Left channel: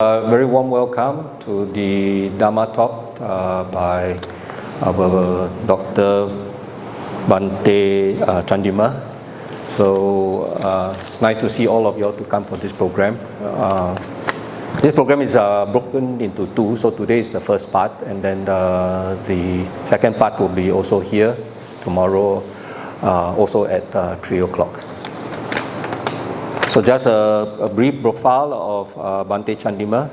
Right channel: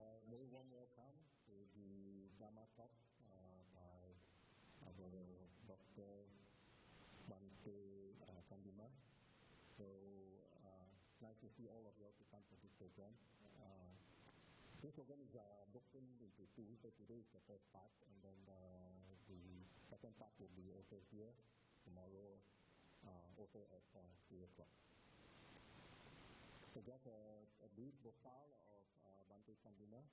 Very warm welcome to the Dharma talk by our Dr. Bhante Chandima. So it's nice to see all of you all to come for this program. This program is broken into two, so today is the first part, and then the second part will be also here tomorrow, also at 3 o'clock. So just a brief profile of Bhante Chandima.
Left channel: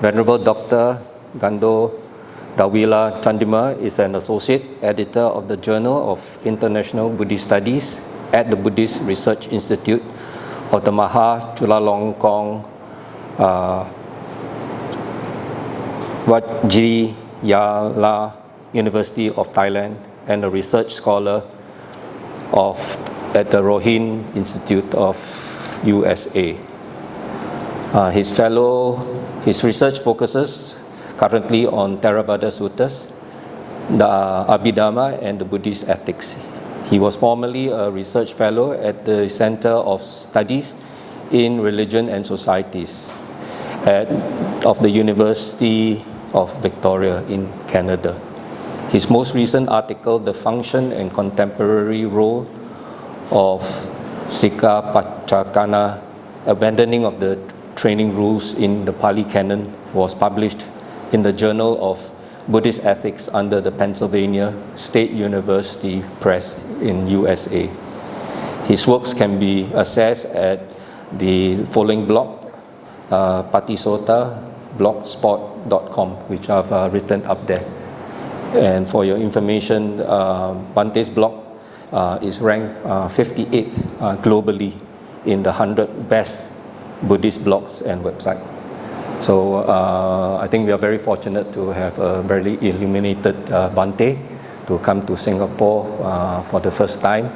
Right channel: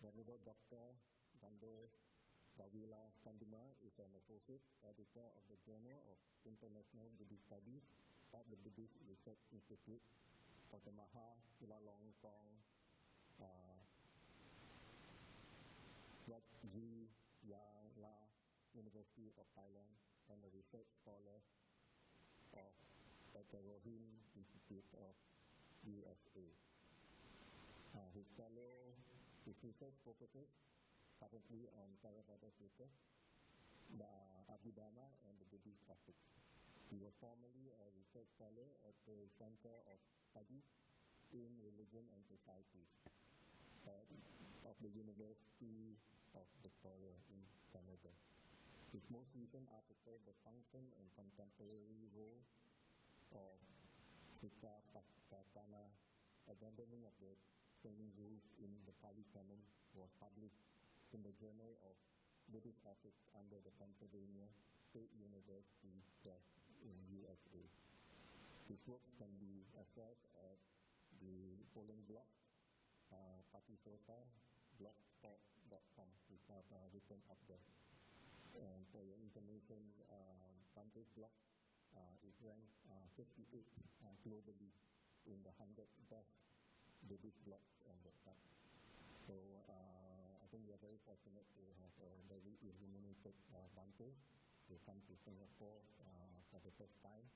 Venerable Dr. Gando Dawila Chandima is an associate editor of the Journal of International Buddhist Studies at the Buddhist Research Institute of the Maha Chulalongkorn Vajrayana University of Thailand and a research scholar at the Rohin Institute of USA. His research focuses currently on Theravada Suttas, the Abhidharma, and the Buddhist ethics. He was formerly a research fellow at the Center of Studies in Religion and Societies of the University of Victoria in Canada. His most recent article, The Function and Contemporary Role of Sikha Pachakana, Abandoning of the Training Rules in the Pali Canon, was published in the Journal of Buddhist Ethics under the Pennsylvania State University Press in USA. His works can be accessed at the following blog, patisotablogspot.com, which I've written up there. And for your information, Bhante's blog is ranked 58th globally in the 100 best Buddhist blogs and websites. So I think we are very fortunate to have a very illuminated Bhante to come to Singapore for the first time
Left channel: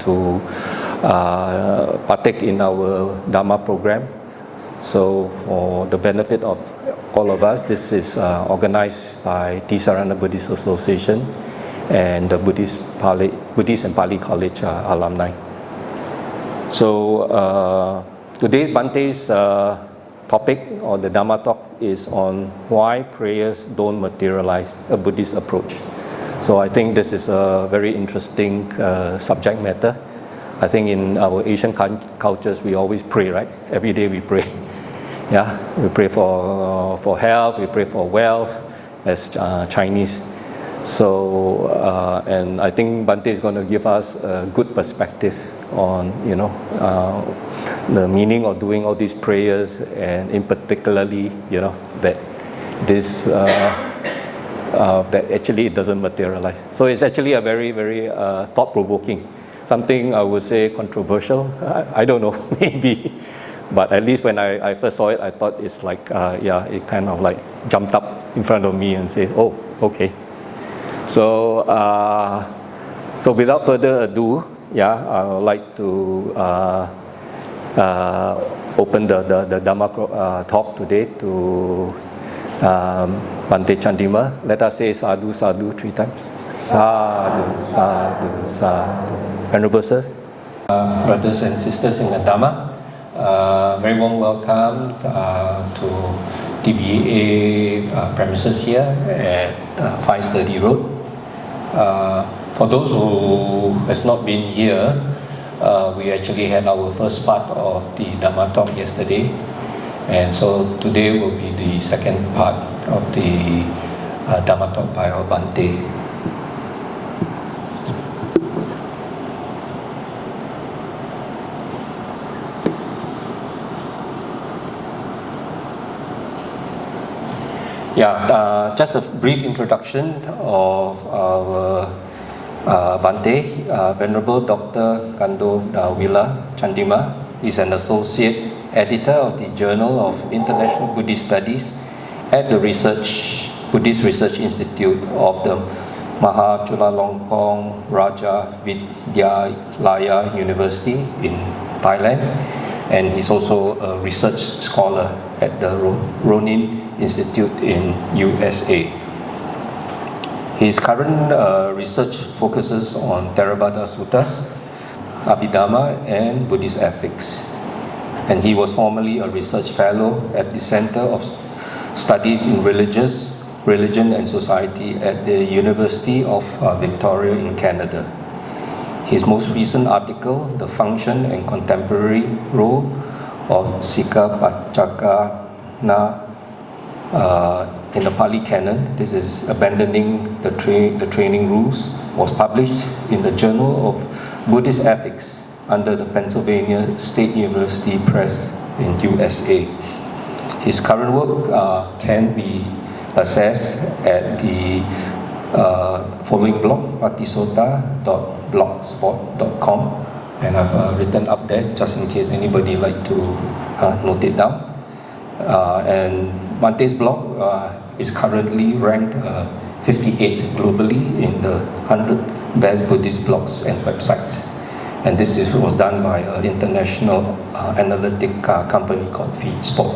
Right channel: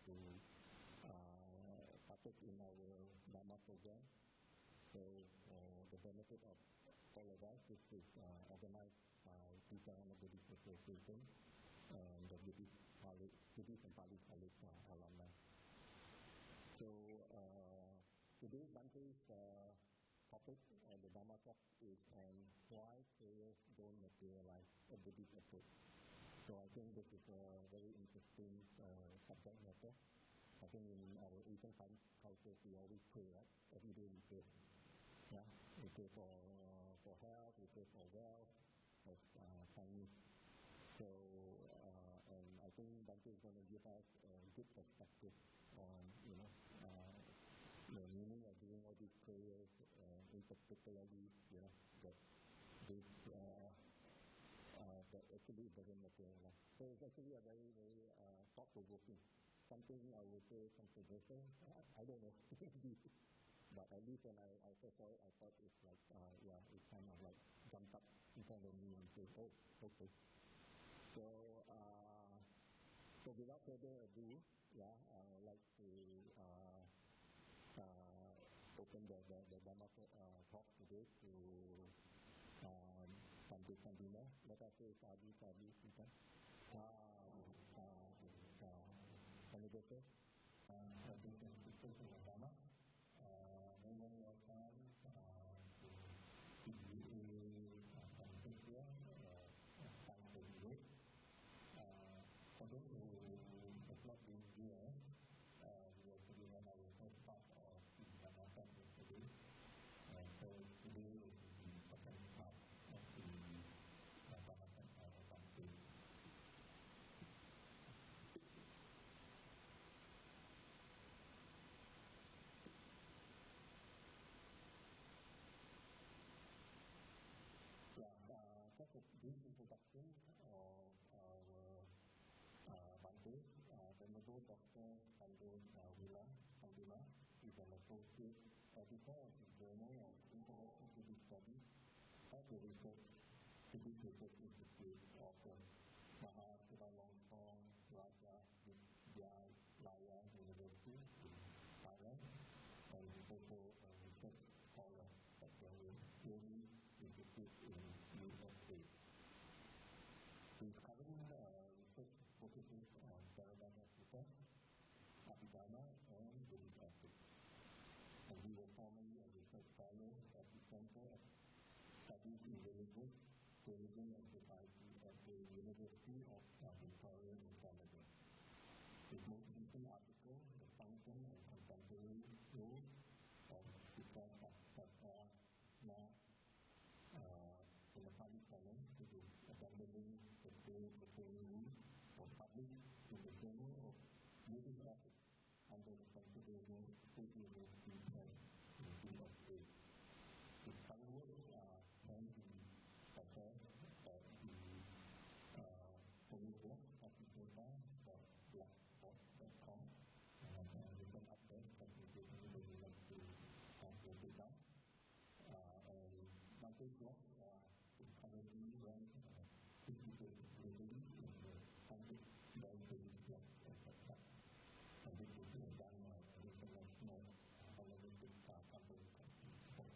to partake in our Dharma program. So for the benefit of all of us, this is organized by Ti-Sarana Buddhist Association and the Buddhist and Pali College alumni. So today Bhante's topic or the Dharma talk is on why prayers don't materialize, a Buddhist approach. So I think this is a very interesting subject matter. I think in our Asian cultures we always pray, right? Every day we pray. Yeah, we pray for health, we pray for wealth as Chinese. So, and I think Bhante is going to give us a good perspective on, the meaning of doing all these prayers, and in particularly, that this, that actually it doesn't materialize. So it's actually a very, very thought-provoking, something I would say controversial. I don't know, maybe, but at least when I first saw it, I thought it's like, it kind of like jumped up in front of me and said, oh, okay. So, so without further ado, I would like to open the Dharma talk today to Bhante Chandima. Let us say sadhu, sadhu 3 times. Sadhu, sadhu, sadhu. Venerable sirs, brothers and sisters in the Dharma, very warm welcome to TBA premises here at 530 Road. For those who has not been here, we actually had our first part of the Dharma talk yesterday, and so today will be the second part of the Dharma talk by our Bhante. Just a brief introduction of our Bhante. Venerable Dr. Gando Dawila Chandima is an associate editor of the Journal of International Buddhist Studies at the Buddhist Research Institute of the Maha Chulalongkorn Vidyalaya University in Thailand, and he's also a research scholar at the Ronin Institute in USA. His current research focuses on Theravada Suttas, Abhidharma, and Buddhist ethics. and he was formerly a research fellow at the Center of Studies in Religion and Society at the University of Victoria in Canada. His most recent article, The Function and Contemporary Role of Sikha Pachakana in the Pali Canon, this is Abandoning the Training Rules, was published in the Journal of Buddhist Ethics under the Pennsylvania State University Press in USA. His current work can be accessed at the following blog, patisota.blogspot.com, and I've written up there just in case anybody like to note it down. And Bhante's blog is currently ranked 58 globally in the 100 best Buddhist blogs and websites. And this was done by an international analytic company called FeedSpot.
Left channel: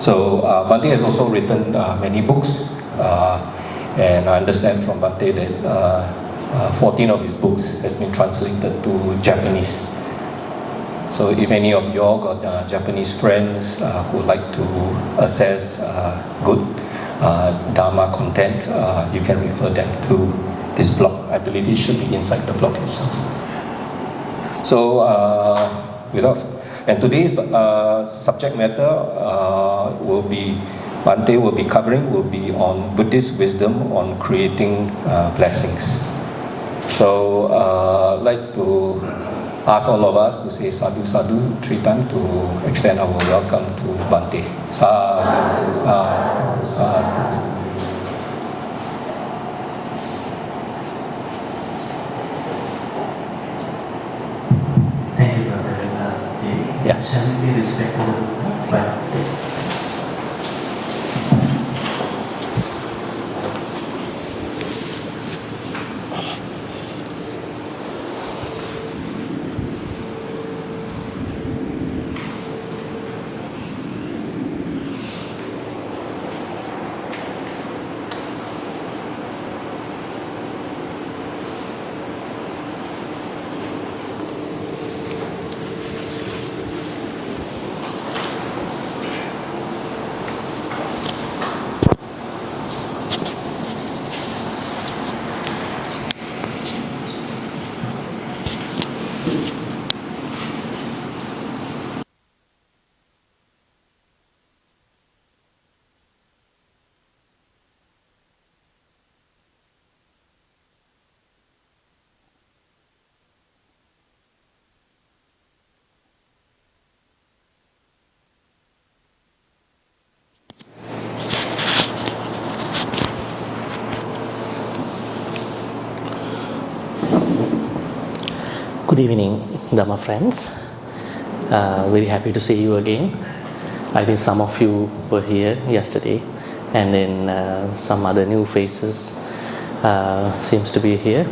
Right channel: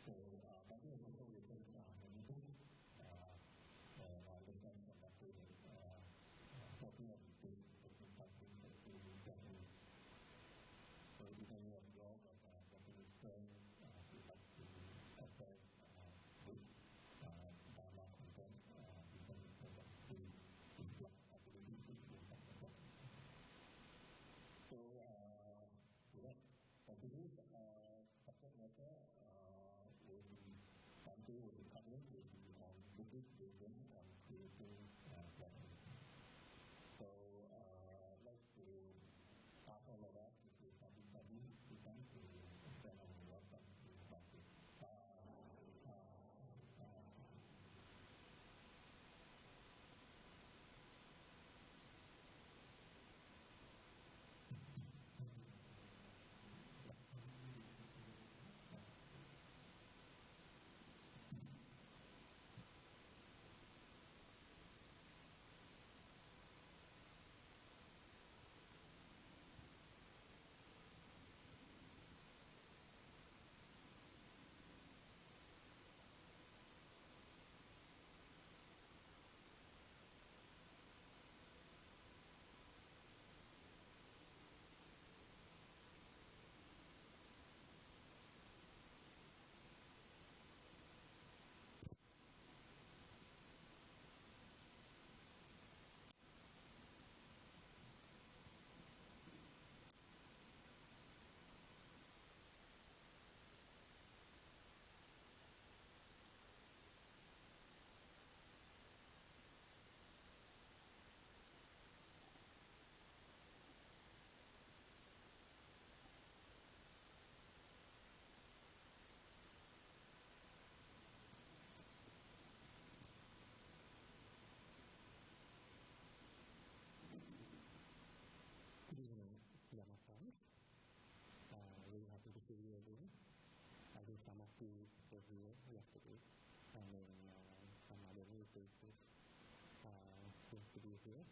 So Bhante has also written many books, and I understand from Bhante that 14 of his books has been translated to Japanese. So if any of you all got Japanese friends who would like to access good Dharma content, you can refer them to this blog. I believe it should be inside the blog itself. So and today's subject matter Bhante will be covering will be on Buddhist wisdom on creating blessings. So I'd like to ask all of us to say sadhu sadhu 3 times to extend our welcome to Bhante. Sadhu, sadhu, sadhu. Thank you, Brother Devi. Yeah. Shall we be respectful of practice? Good evening, Dharma friends. Very happy to see you again. I think some of you were here yesterday, and then some other new faces seems to be here.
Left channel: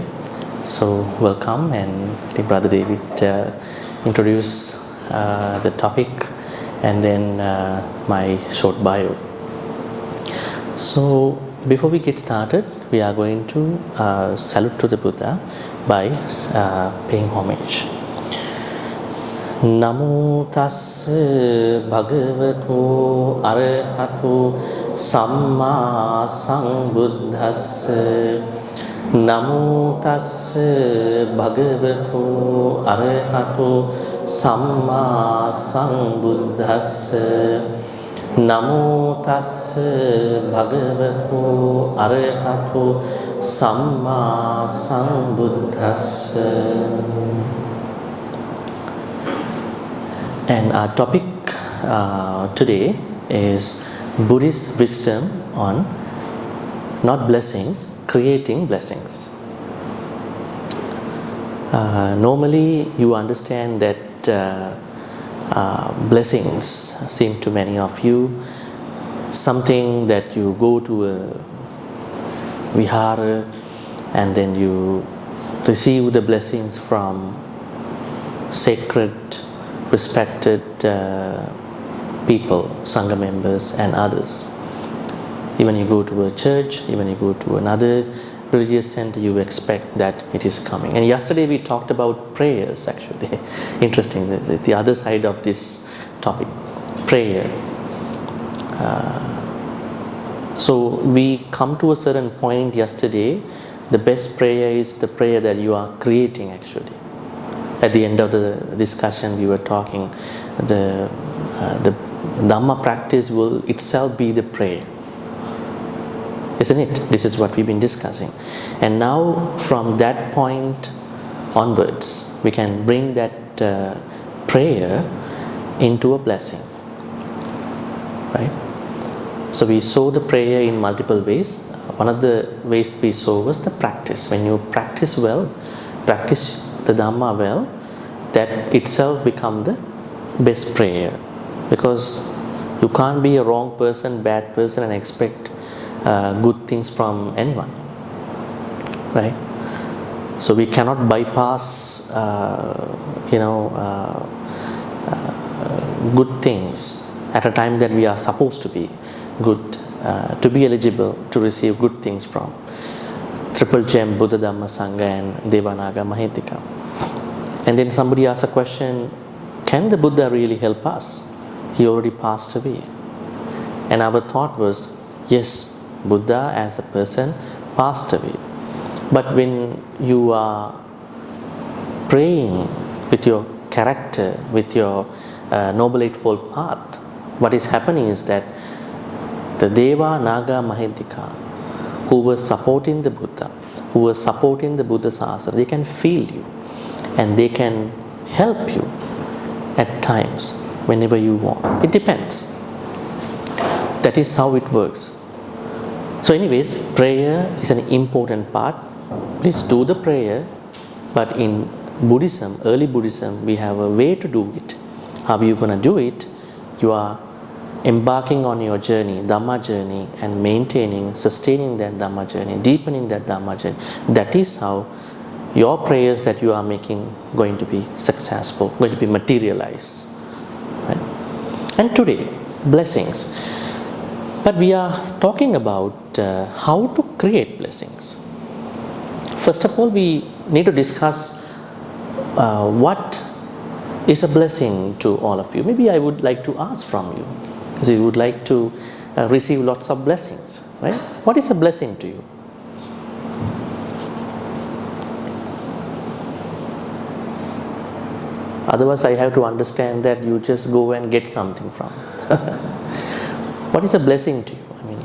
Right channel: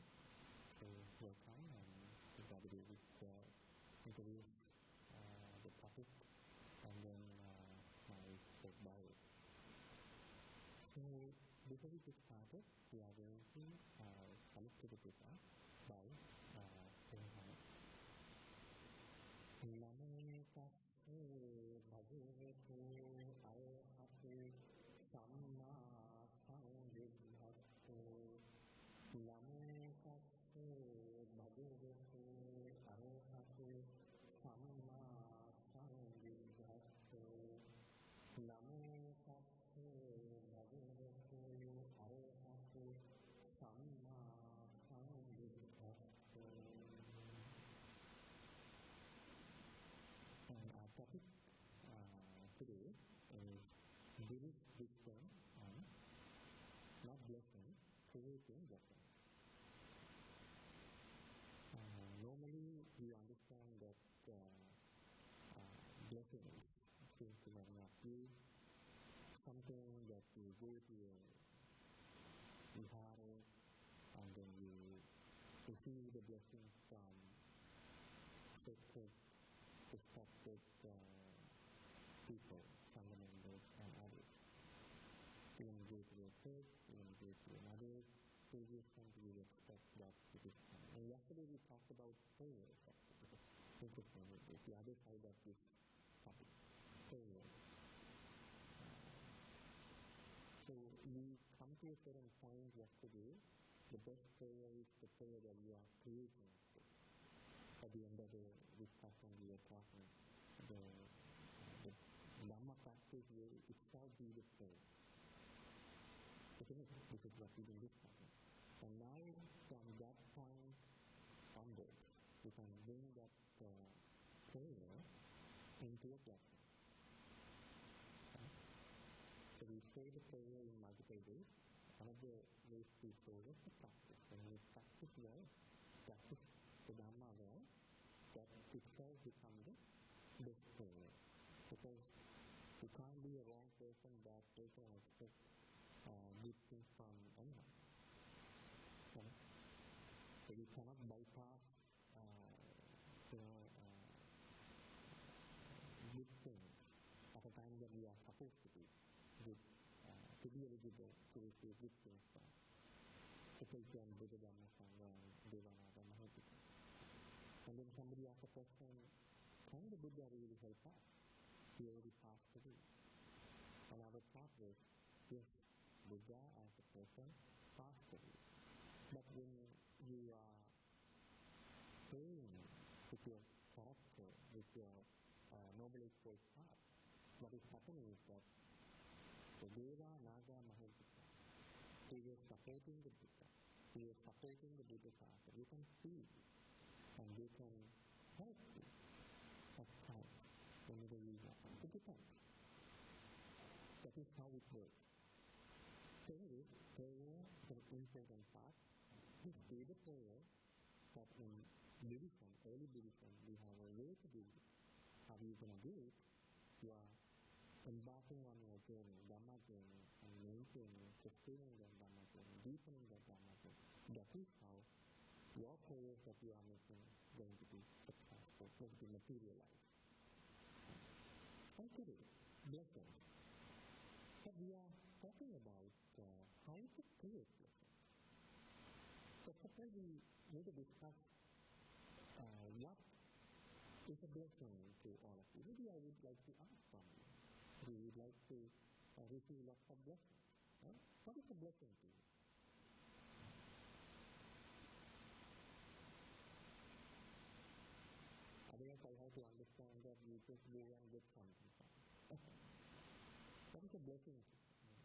So welcome, and I think Brother David introduce the topic, and then my short bio. So before we get started, we are going to salute to the Buddha by paying homage. Namo tassa bhagavato arahato samma sambuddhassa. Namo tassa bhagavato arahato samma sambuddhassa. Namo tassa bhagavato arahato samma sambuddhassa. And our topic today is Buddhist wisdom on not blessings, creating blessings. Normally you understand that blessings seem to many of you something that you go to a vihara and then you receive the blessings from sacred, respected people, Sangha members and others. Even you go to a church, even you go to another religious center, you expect that it is coming. And yesterday we talked about prayers actually. Interesting, the other side of this topic, prayer. So we come to a certain point yesterday. The best prayer is the prayer that you are creating actually. At the end of the discussion we were talking, the Dharma practice will itself be the prayer. Isn't it? This is what we've been discussing. And now from that point onwards, we can bring that prayer into a blessing. Right? So we saw the prayer in multiple ways. One of the ways we saw was the practice. When you practice well, practice the Dhamma well, that itself becomes the best prayer. Because you can't be a wrong person, bad person and expect good things from anyone. Right? So we cannot bypass good things at a time that we are supposed to be good, to be eligible to receive good things from Triple Gem, Buddha, Dhamma, Sangha and Devanaga Mahitika. And then somebody asked a question, can the Buddha really help us? He already passed away. And our thought was, yes, Buddha as a person passed away. But when you are praying with your character, with your Noble Eightfold Path, what is happening is that the Deva, Naga, Mahitika, who were supporting the Buddha, who were supporting the Buddha Sasana, they can feel you and they can help you at times whenever you want. It depends. That is how it works. So anyways, prayer is an important part. Please do the prayer, but in Buddhism, early Buddhism, we have a way to do it. How are you going to do it? You are embarking on your journey, Dhamma journey, and maintaining, sustaining that Dhamma journey, deepening that Dhamma journey. That is how your prayers that you are making going to be successful, going to be materialized. Right? And today, blessings. But we are talking about how to create blessings. First of all, we need to discuss what is a blessing to all of you. Maybe I would like to ask from you, because you would like to receive lots of blessings, right? What is a blessing to you? Otherwise, I have to understand that you just go and get something from. What is a blessing to you? I mean,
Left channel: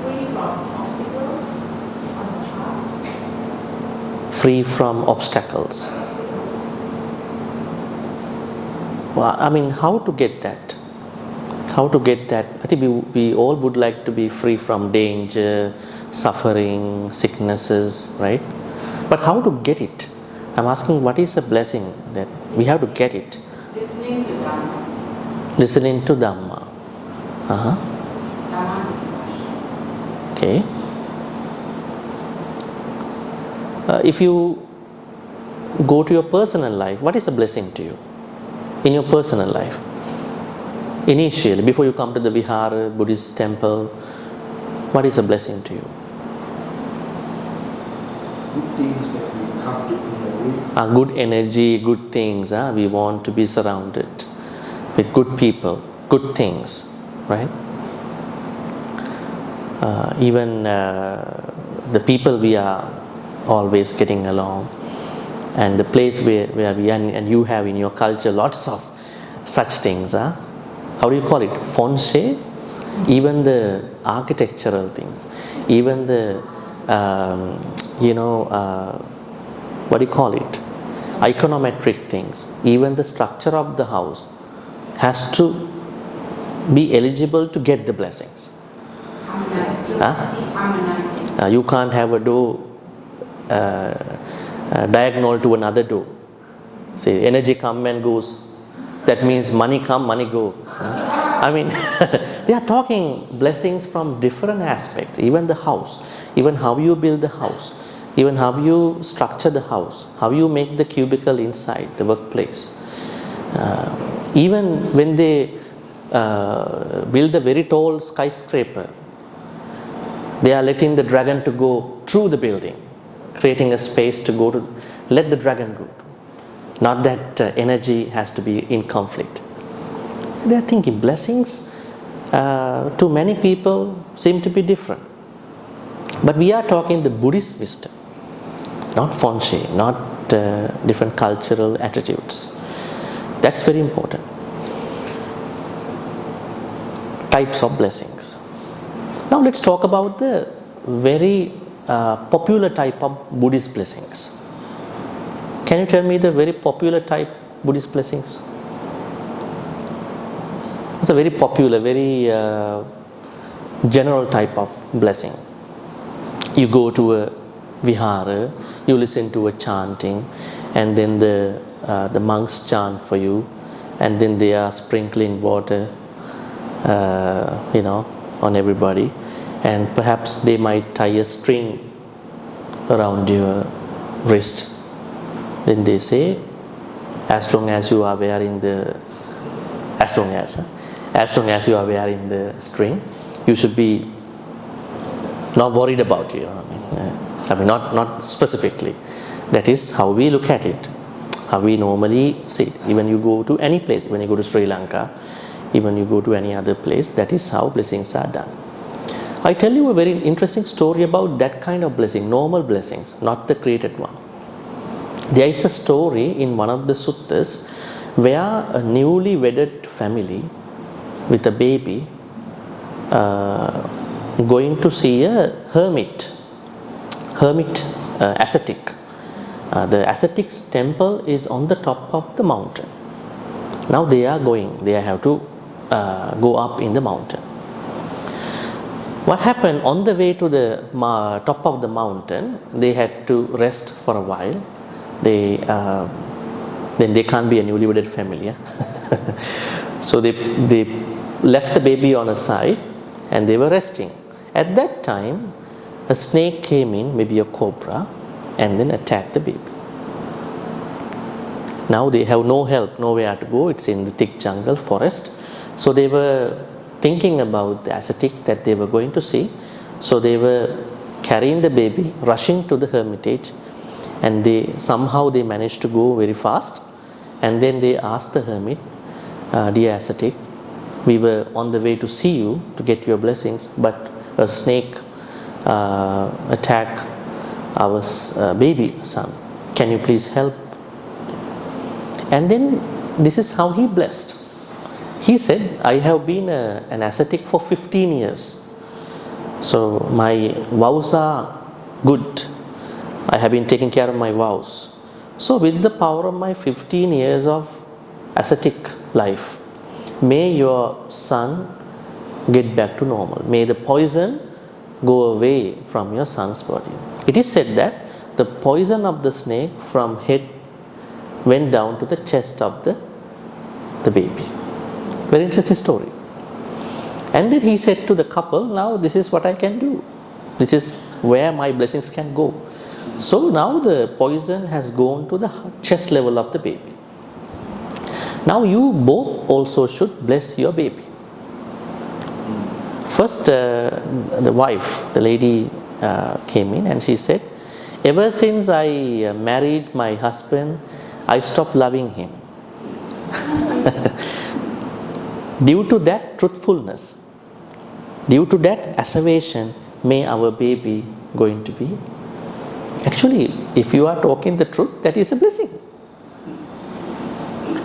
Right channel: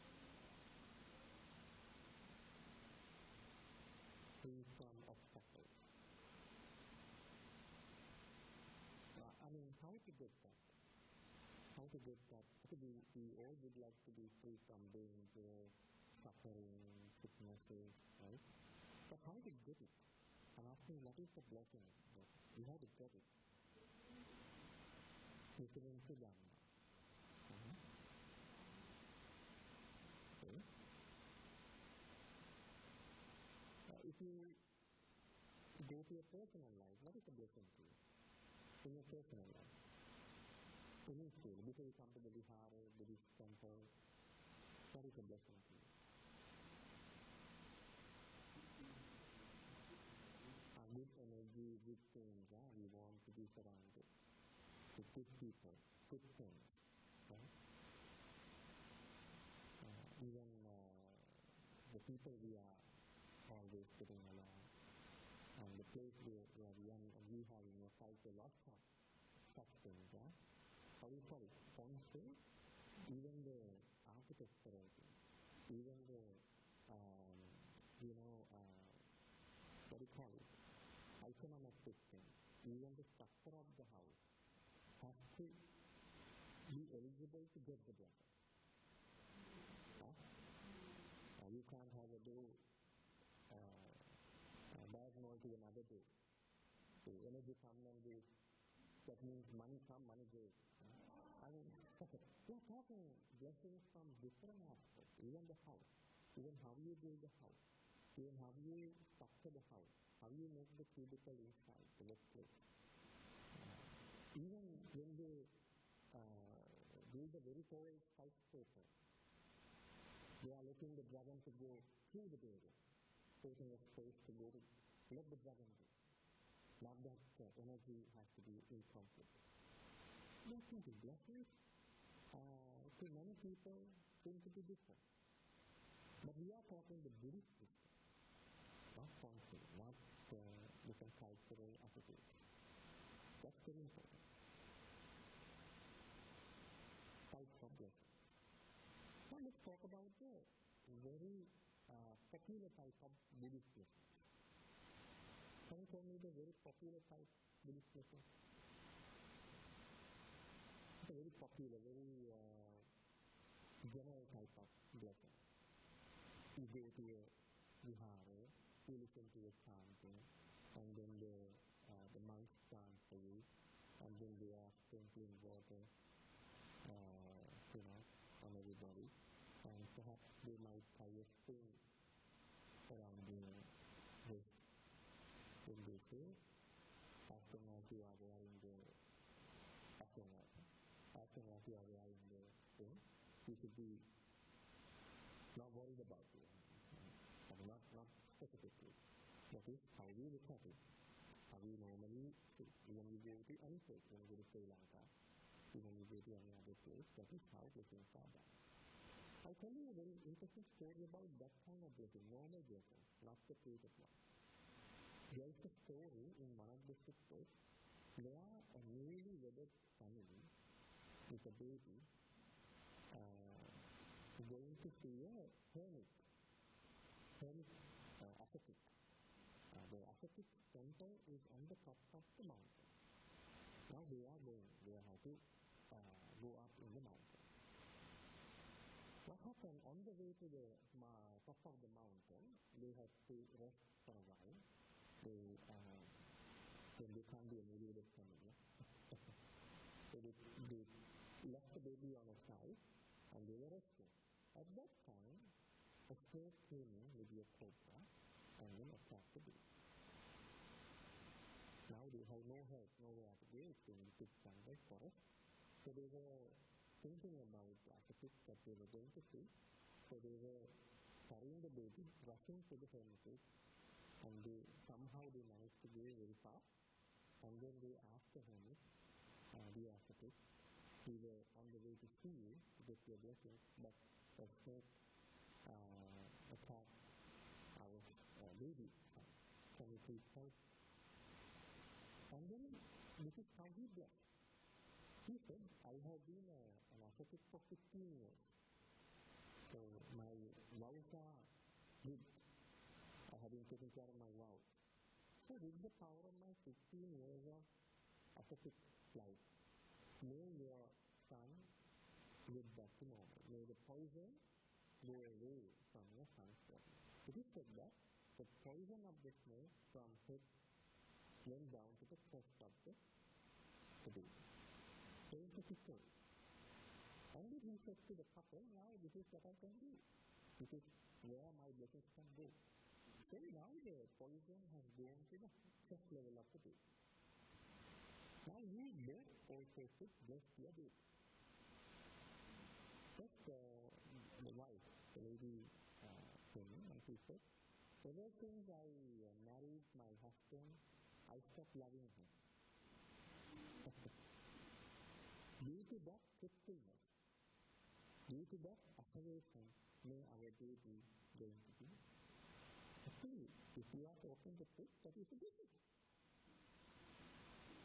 free from obstacles on the path. Free from obstacles. Well, I mean, how to get that? How to get that? I think we all would like to be free from danger, suffering, sicknesses, right? But how to get it? I'm asking, what is a blessing that we have to get it? Listening to Dharma. Listening to Dhamma. Dharma discussion. Okay. If you go to your personal life, what is a blessing to you? In your personal life, initially, before you come to the Vihara, Buddhist temple, what is a blessing to you? Good things that we come to in a way. Good energy, good things. We want to be surrounded with good people, good things, right? Even the people we are always getting along. And the place where we are, and you have in your culture lots of such things. How do you call it? Feng even the architectural things, even the, what do you call it? Iconometric things, even the structure of the house has to be eligible to get the blessings. You can't have a door diagonal to another door. See, energy come and goes. That means money come, money go. I mean, they are talking blessings from different aspects. Even the house, even how you build the house, even how you structure the house, how you make the cubicle inside the workplace. Even when they build a very tall skyscraper, They are letting the dragon to go through the building, creating a space to go to, let the dragon go. Not that energy has to be in conflict. They are thinking blessings to many people seem to be different. But we are talking the Buddhist wisdom, not feng shui, not different cultural attitudes. That's very important. Types of blessings. Now let's talk about the very popular type of Buddhist blessings. Can you tell me the very popular type Buddhist blessings? It's a very popular, very general type of blessing. You go to a vihara, you listen to a chanting, and then the monks chant for you, and then they are sprinkling water, on everybody, and perhaps they might tie a string around your wrist. Then they say, as long as you are wearing the string, you should be not worried about it. Not specifically. That is how we look at it, how we normally see it. Even you go to any place, when you go to Sri Lanka, even you go to any other place, that is how blessings are done. I tell you a very interesting story about that kind of blessing, normal blessings, not the created one. There is a story in one of the suttas where a newly wedded family with a baby going to see a hermit ascetic. The ascetic's temple is on the top of the mountain. Now they have to go up in the mountain. What happened on the way to the top of the mountain, they had to rest for a while. Then they can't be a newly wedded family. Yeah? So they left the baby on a side and they were resting. At that time, a snake came in, maybe a cobra, and then attacked the baby. Now they have no help, nowhere to go. It's in the thick jungle, forest. So they were thinking about the ascetic that they were going to see. So they were carrying the baby, rushing to the hermitage, and somehow they managed to go very fast. And then they asked the hermit, dear ascetic, we were on the way to see you to get your blessings, but a snake attacked our baby son. Can you please help? And then this is how he blessed. He said, I have been an ascetic for 15 years. So my vows are good. I have been taking care of my vows. So with the power of my 15 years of ascetic life, may your son get back to normal. May the poison go away from your son's body. It is said that the poison of the snake from head went down to the chest of the baby. Very interesting story. And then he said to the couple, now this is what I can do. This is where my blessings can go. So now the poison has gone to the chest level of the baby. Now you both also should bless your baby. First, the wife, the lady came in and she said, ever since I married my husband, I stopped loving him. Due to that truthfulness, due to that asseveration, may our baby going to be. Actually, if you are talking the truth, that is a blessing.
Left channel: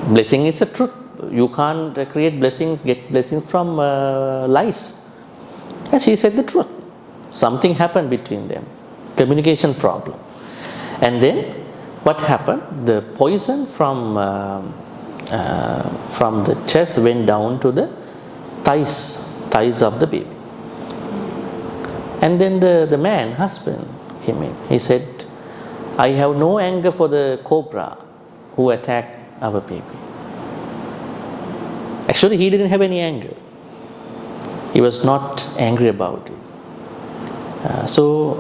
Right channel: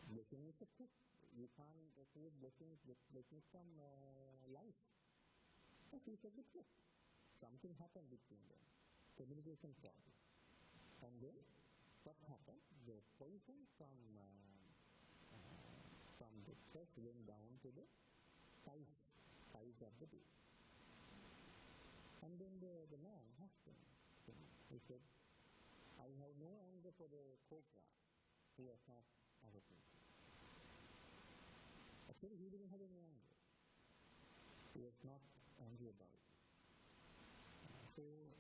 Blessing is a truth. You can't create blessings, get blessings from lies. And she said the truth. Something happened between them. Communication problem. And then what happened? The poison from the chest went down to the thighs of the baby. And then the man, husband, came in. He said, I have no anger for the cobra who attacked our baby. Actually, he didn't have any anger. He was not angry about it. So,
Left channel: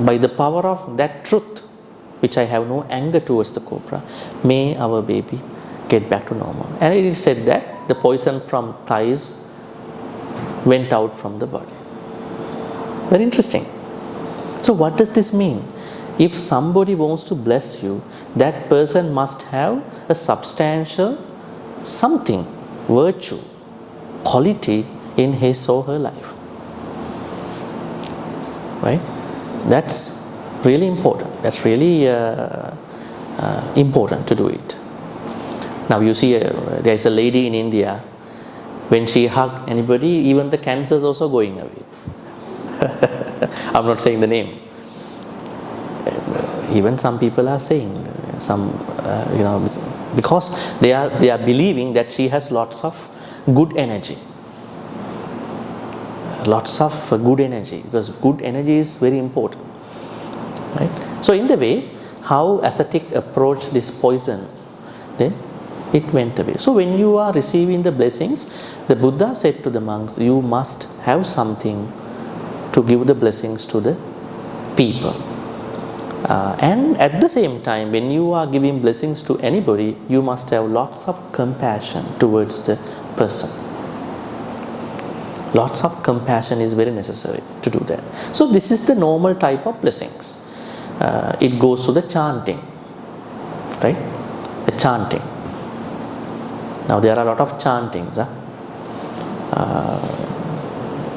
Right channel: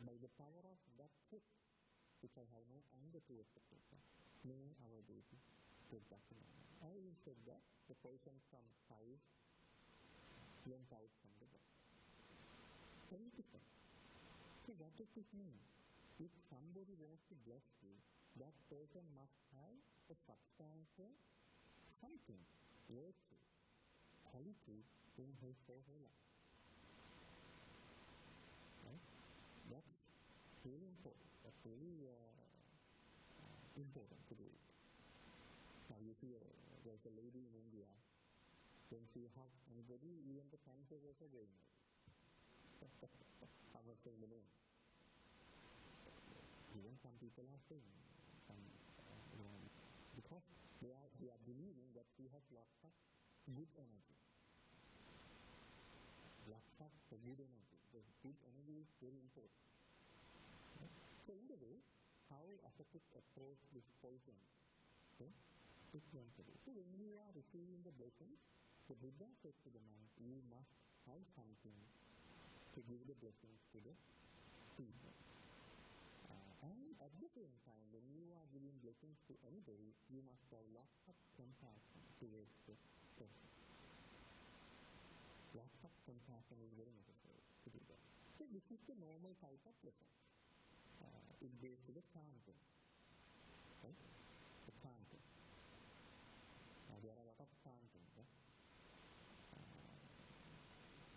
by the power of that truth, which I have no anger towards the cobra, may our baby get back to normal. And it is said that the poison from thighs went out from the body. Very interesting. So what does this mean? If somebody wants to bless you, that person must have a substantial something, virtue, quality in his or her life. Right? That's really important. That's really important to do it. Now you see, there is a lady in India, when she hugs anybody, even the cancer is also going away. I'm not saying the name. Even some people are saying, because they are believing that she has lots of good energy. Lots of good energy, because good energy is very important. Right? So in the way, how ascetic approached this poison, then it went away. So when you are receiving the blessings, the Buddha said to the monks, you must have something to give the blessings to the people. And at the same time, when you are giving blessings to anybody, you must have lots of compassion towards the person. Lots of compassion is very necessary to do that. So this is the normal type of blessings. It goes to the chanting, right? The chanting. Now there are a lot of chantings.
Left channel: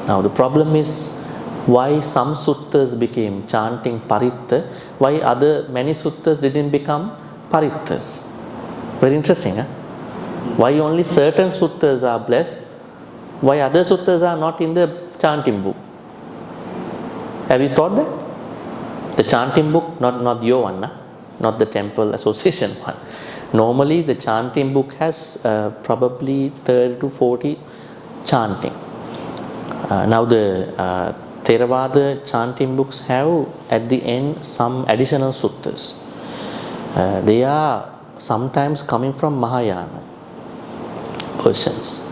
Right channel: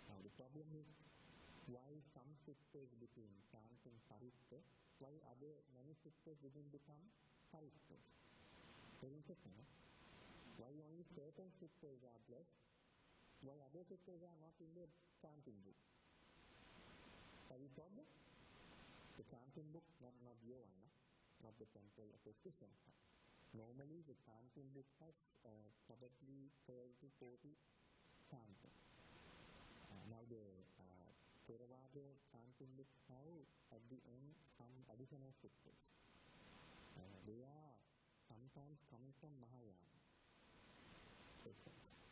Now the problem is why some suttas became chanting paritta, why many suttas didn't become parittas. Very interesting. Why only certain suttas are blessed, why other suttas are not in the chanting book? Have you thought that? The chanting book, not your one, not the temple association one. Normally the chanting book has probably 30 to 40 chanting. Now the Theravada chanting books have at the end some additional suttas. They are sometimes coming from Mahayana versions.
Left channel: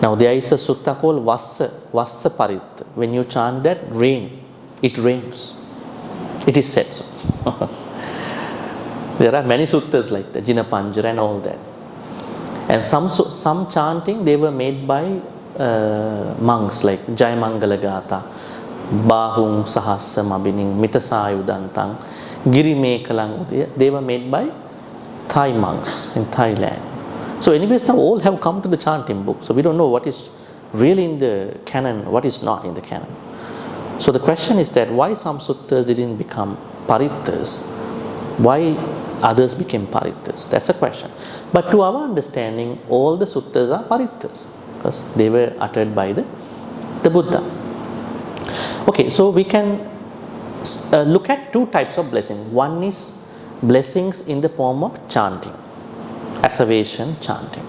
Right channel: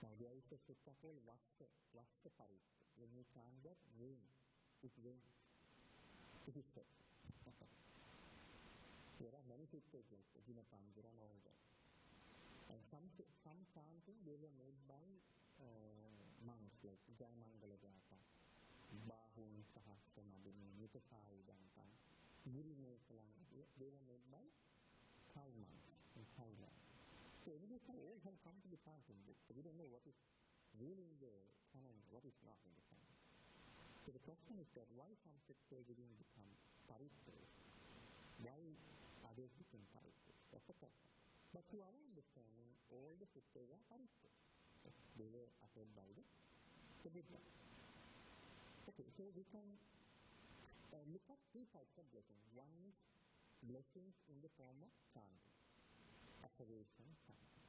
Now there is a sutta called Vassa Paritta. When you chant that, it rains. It is said so. There are many suttas like that, Jinapanjara and all that. And some chanting, they were made by monks like Jayamangala Gatha, Bahung Sahasam Abining, Mitasayudantang, Girimekalang. They were made by Thai monks in Thailand. So anyways, now all have come to the chanting book. So we don't know what is really in the canon, what is not in the canon. So the question is that why some suttas didn't become parittas? Why others became parittas? That's a question. But to our understanding, all the suttas are parittas because they were uttered by the Buddha. Okay, so we can look at two types of blessings. One is blessings in the form of chanting, asseveration, chanting.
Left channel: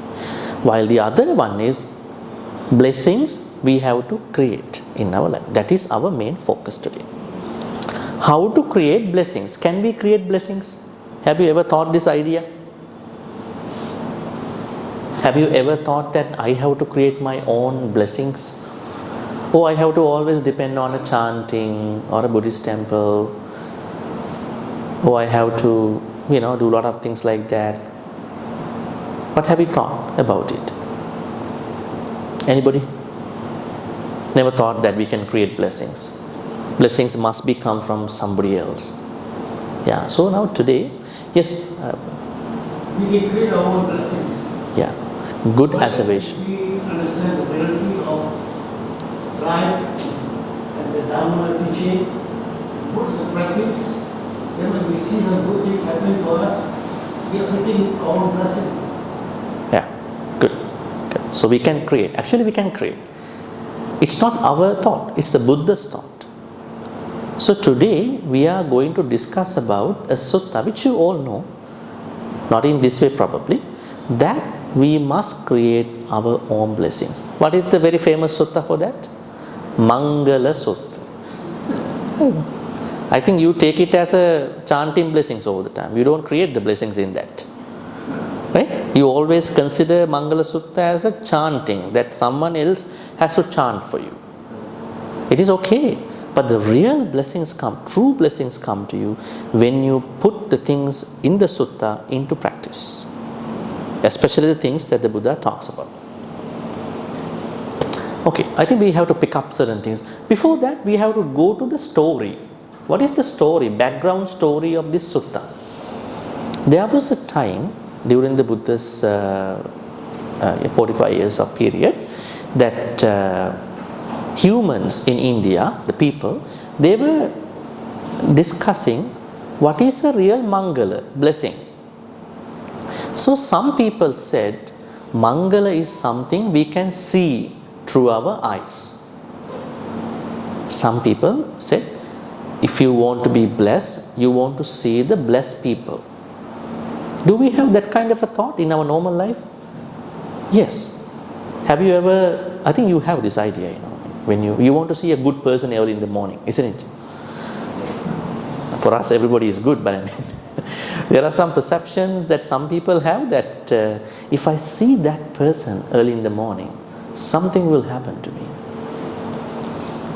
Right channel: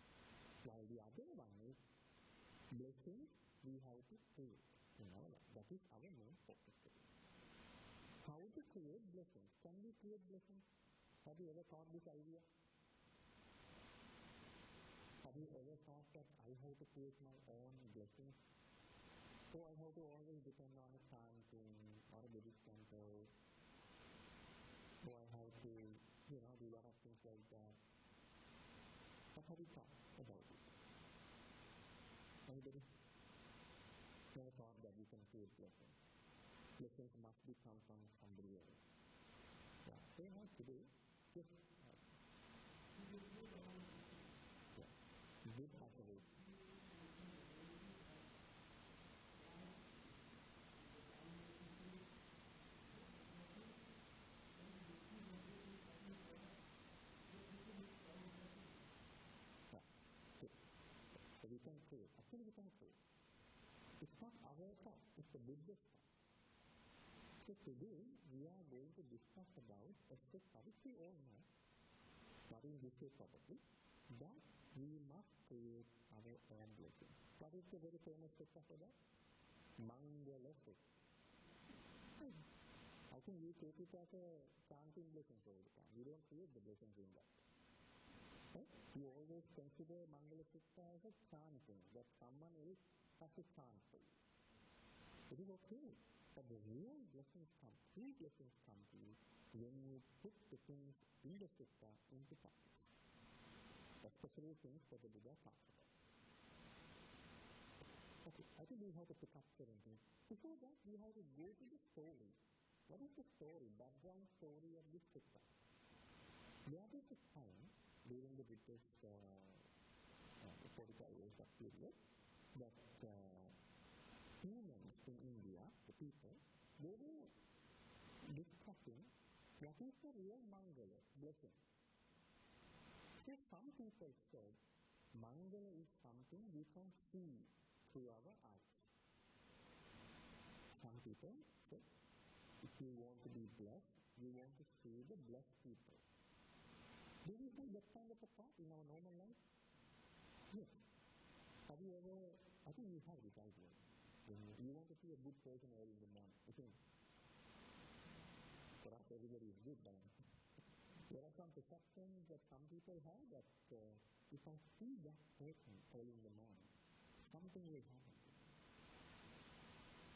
While the other one is blessings we have to create in our life. That is our main focus today. How to create blessings? Can we create blessings? Have you ever thought this idea? Have you ever thought that I have to create my own blessings? Oh, I have to always depend on a chanting or a Buddhist temple. Oh, I have to, do a lot of things like that. What have you thought about it? Anybody? Never thought that we can create blessings. Blessings must come from somebody else. Yeah, so now today, yes. We can create our own blessings. Yeah, good But asseveration. we understand the reality of life and the Dharma teaching, put the practice, then when we see some good things happening to us, we are creating our own blessing. Yeah, good. So we can create. Actually, we can create. It's not our thought, it's the Buddha's thought. So today we are going to discuss about a sutta which you all know, not in this way probably, that we must create our own blessings. What is the very famous sutta for that? Mangala Sutta. I think you take it as a chanting blessings all the time. You don't create the blessings in that. Right? You always consider Mangala Sutta as a chanting, that someone else has to chant for you. It is okay, but the real blessings come, true blessings come to you when you put the things in the sutta into practice, especially the things that the Buddha talks about. Okay, I think we have to pick up certain things. Before that, we have to go to the story. What is the story, background story of this sutta? There was a time during the Buddha's 45 years of period that humans in India, the people, they were discussing what is a real Mangala, blessing. So some people said Mangala is something we can see through our eyes. Some people said if you want to be blessed, you want to see the blessed people. Do we have that kind of a thought in our normal life? Yes. Have you ever, I think you have this idea, when you want to see a good person early in the morning, isn't it? For us, everybody is good, but I mean, there are some perceptions that some people have that if I see that person early in the morning, something will happen to me.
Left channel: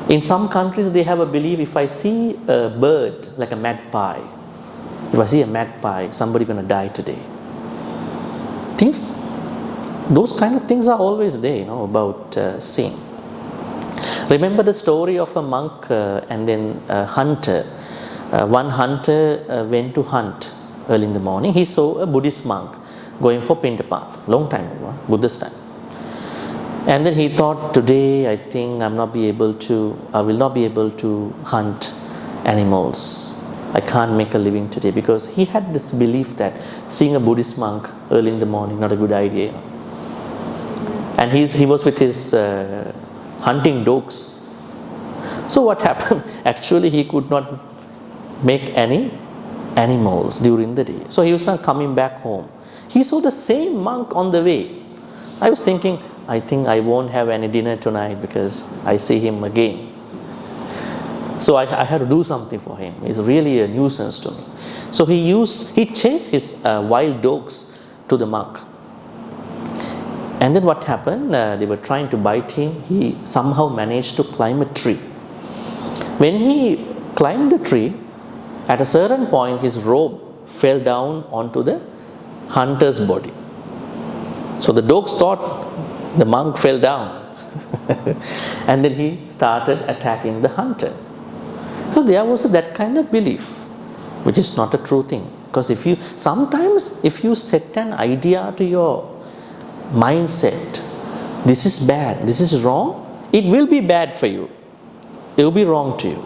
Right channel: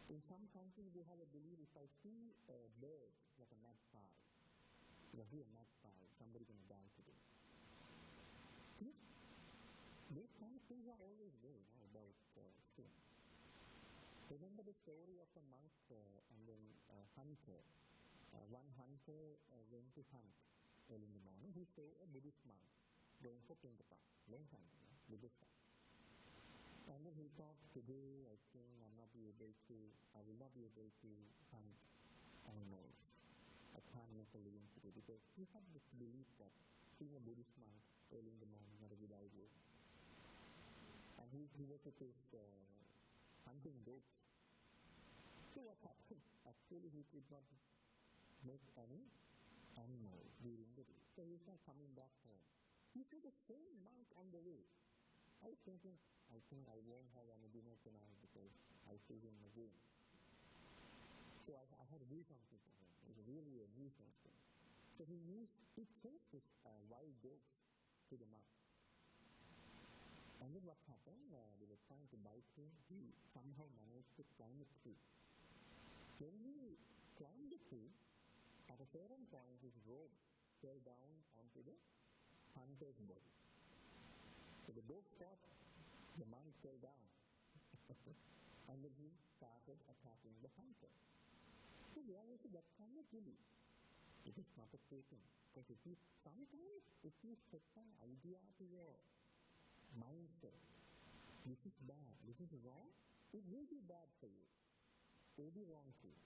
In some countries, they have a belief if I see a bird like a magpie, if I see a magpie, somebody's going to die today. Those kind of things are always there, about seeing. Remember the story of a monk and then a hunter. One hunter went to hunt early in the morning. He saw a Buddhist monk going for Pindapath, long time ago, Buddhist time. And then he thought, today I think I will not be able to hunt animals. I can't make a living today, because he had this belief that seeing a Buddhist monk early in the morning, not a good idea. And he was with his hunting dogs. So what happened? Actually, he could not make any animals during the day. So he was not coming back home. He saw the same monk on the way. I was thinking, I think I won't have any dinner tonight because I see him again. So I had to do something for him. It's really a nuisance to me. So he chased his wild dogs to the monk. And then what happened? They were trying to bite him. He somehow managed to climb a tree. When he climbed the tree, at a certain point his robe fell down onto the hunter's body. So the dogs thought the monk fell down. And then he started attacking the hunter. So there was that kind of belief, which is not a true thing. Because sometimes if you set an idea to your mindset, this is bad, this is wrong, it will be bad for you. It will be wrong to you.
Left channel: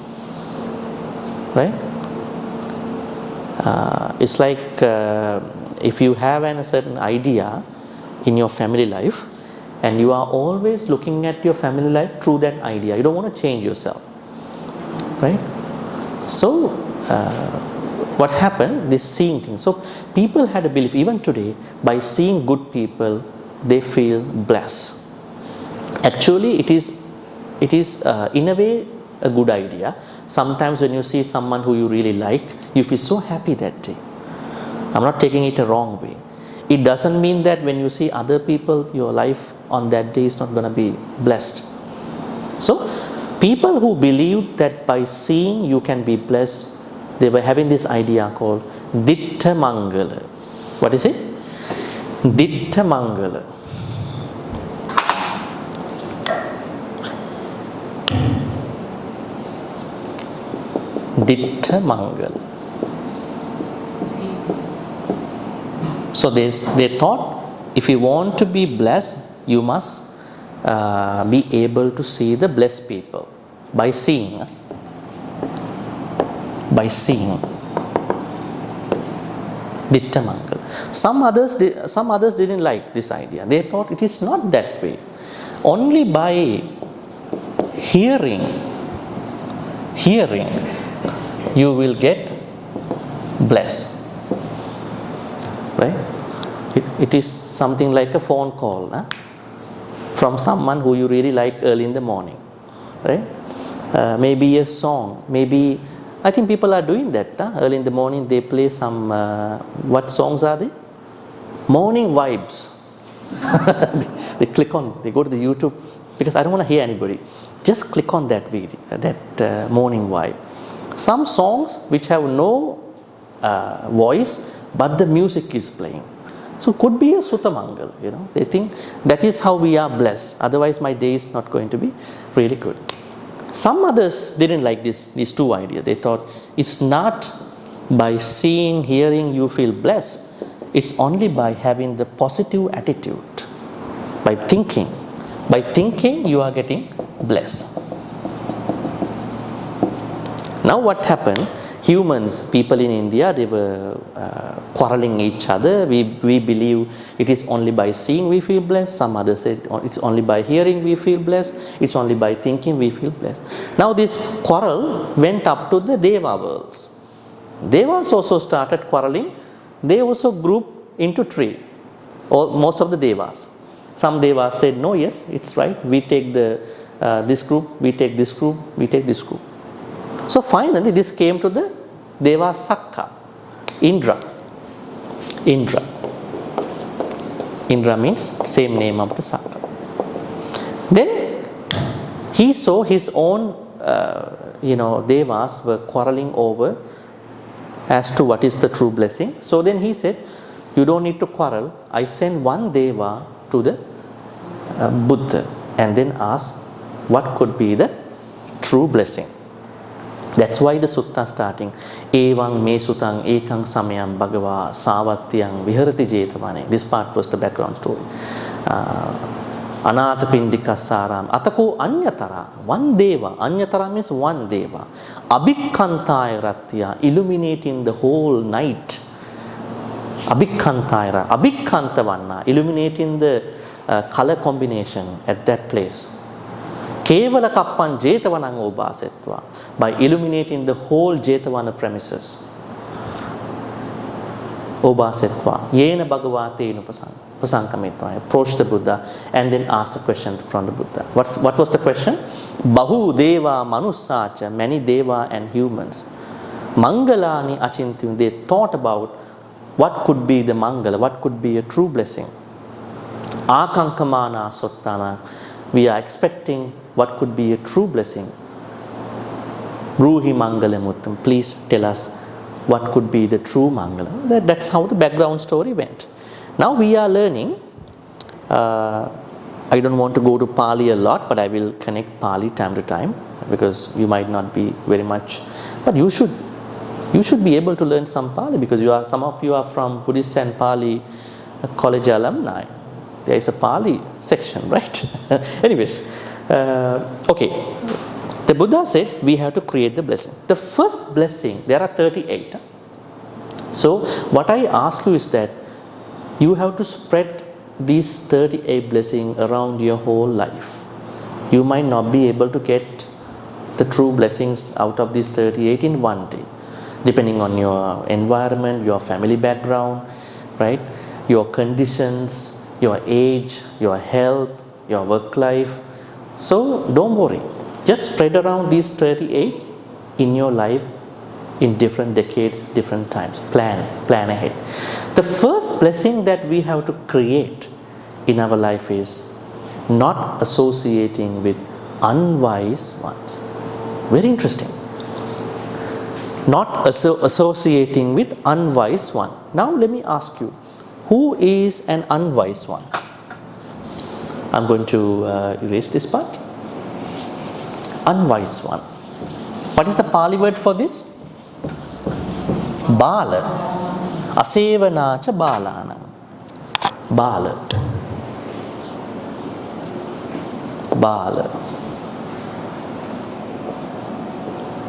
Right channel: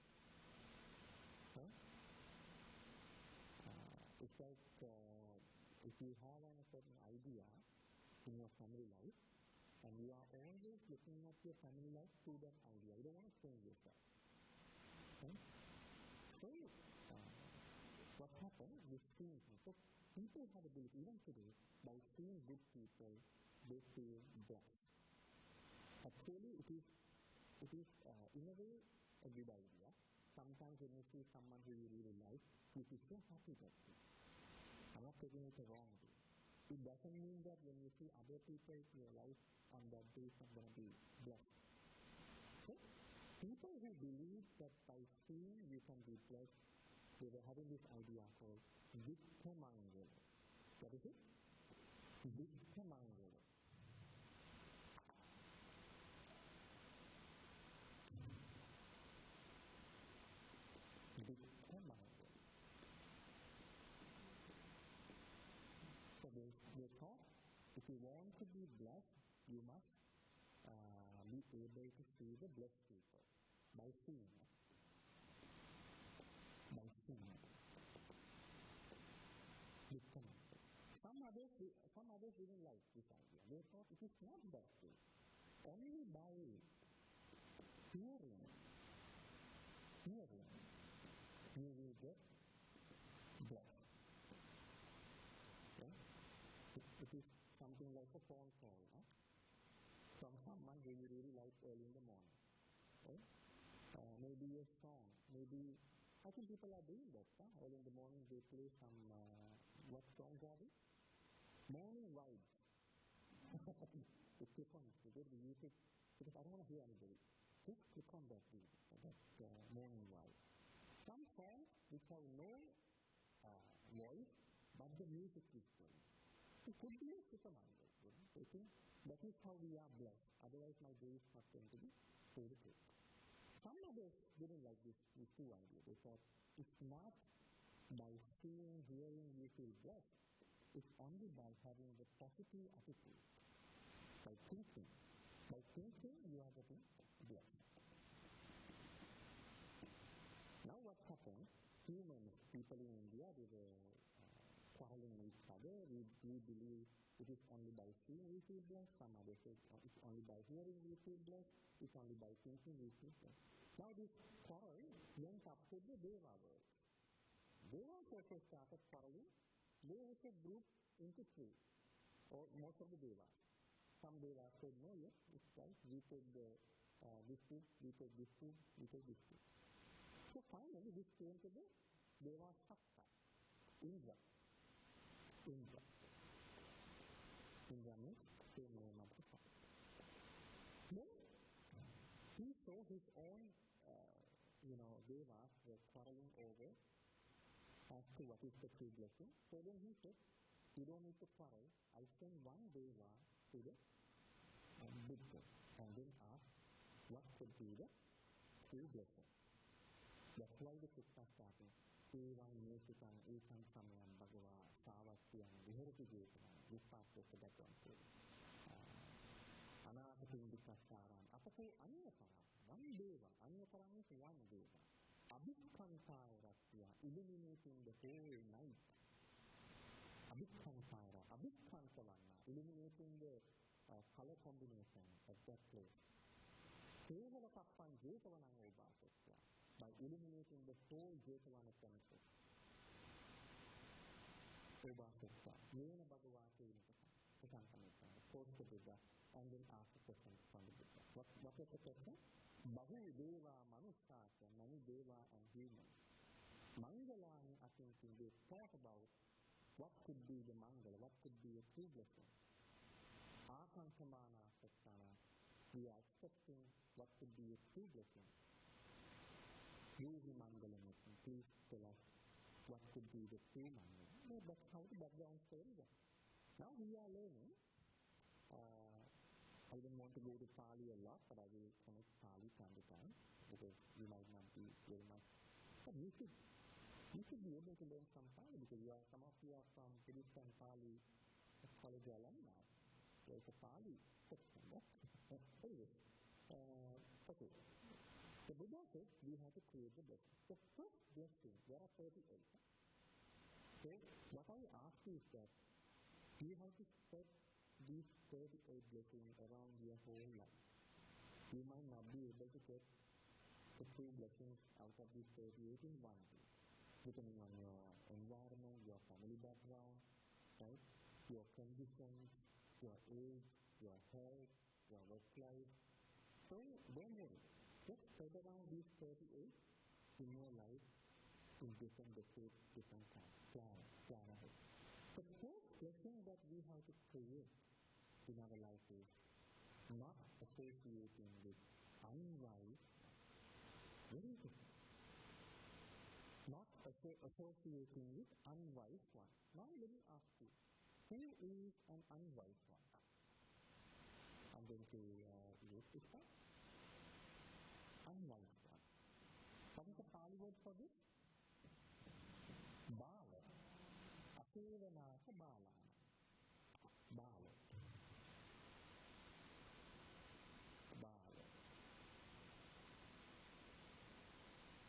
Right? It's like if you have a certain idea in your family life, and you are always looking at your family life through that idea. You don't want to change yourself. Right? So, what happened? This seeing thing. So, people had a belief, even today, by seeing good people, they feel blessed. Actually, it is in a way a good idea. Sometimes when you see someone who you really like, you feel so happy that day. I'm not taking it a wrong way. It doesn't mean that when you see other people, your life on that day is not going to be blessed. So, people who believed that by seeing you can be blessed, they were having this idea called Ditta Mangala. What is it? Ditta Mangala. Ditta Mangala. So they thought, if you want to be blessed, you must be able to see the blessed people by seeing. Ditta Mangala. Some others didn't like this idea. They thought it is not that way. Only by hearing, you will get blessed. Right? It is something like a phone call from someone who you really like early in the morning. Right? Maybe a song. Maybe, I think people are doing that. Early in the morning they play some, what songs are they? Morning vibes. They go to the YouTube, because I don't want to hear anybody. Just click on that video, that morning vibe. Some songs which have no voice, but the music is playing. So could be a Sutamangal, They think that is how we are blessed. Otherwise my day is not going to be really good. Some others didn't like these two ideas. They thought it's not by seeing, hearing you feel blessed. It's only by having the positive attitude. By thinking. By thinking you are getting blessed. Now what happened? Humans, people in India, they were quarreling each other. We believe it is only by seeing we feel blessed. Some others said it's only by hearing we feel blessed. It's only by thinking we feel blessed. Now this quarrel went up to the Deva worlds. Devas also started quarreling. They also grouped into three. Most of the Devas. Some Devas said, no, yes, it's right. We take this group, we take this group, we take this group. So finally this came to the Deva Sakka, Indra. Indra means same name of the Sakka. Then he saw his own, Devas were quarreling over as to what is the true blessing. So then he said, you don't need to quarrel. I send one Deva to the Buddha and then ask what could be the true blessing. That's why the sutta starting Evang me sutang ekang samayam bhagava savatyang viharati jetavane. This part was the background story. Anatha pindikasaram atako anyatara, one deva. Anyatara means one deva. Abhikkantaya ratya, illuminating the whole night. Abhikkantaya, abhikkantavanna, illuminating the color combination at that place. Kevala kappan jetavanang obasetva, by illuminating the whole jetavana premises. Obasetva, yena bhagavate upasankamitva. Approach the Buddha and then ask the question from the Buddha. What was the question? Bahu deva manusacha, many deva and humans. Mangalani achintyam, they thought about what could be the mangala, what could be a true blessing. Akankamana sottana, we are expecting what could be a true blessing. Bruhi mangalamuttam, please tell us what could be the true mangala. That's how the background story went. Now we are learning, I don't want to go to Pali a lot, but I will connect Pali time to time because you might not be very much, but you should be able to learn some Pali because some of you are from Buddhist and Pali college alumni. There is a Pali section, right? Anyways, okay. The Buddha said we have to create the blessing. The first blessing, there are 38. So what I ask you is that you have to spread these 38 blessings around your whole life. You might not be able to get the true blessings out of these 38 in one day, depending on your environment, your family background, right? Your conditions, your age, your health, your work life. So don't worry. Just spread around these 38 in your life in different decades, different times. Plan ahead. The first blessing that we have to create in our life is not associating with unwise ones. Very interesting. Not associating with unwise one. Now let me ask you, who is an unwise one? I'm going to erase this part. Unwise one. What is the Pali word for this? Bala. Asevanacha balana. Bala. Bala.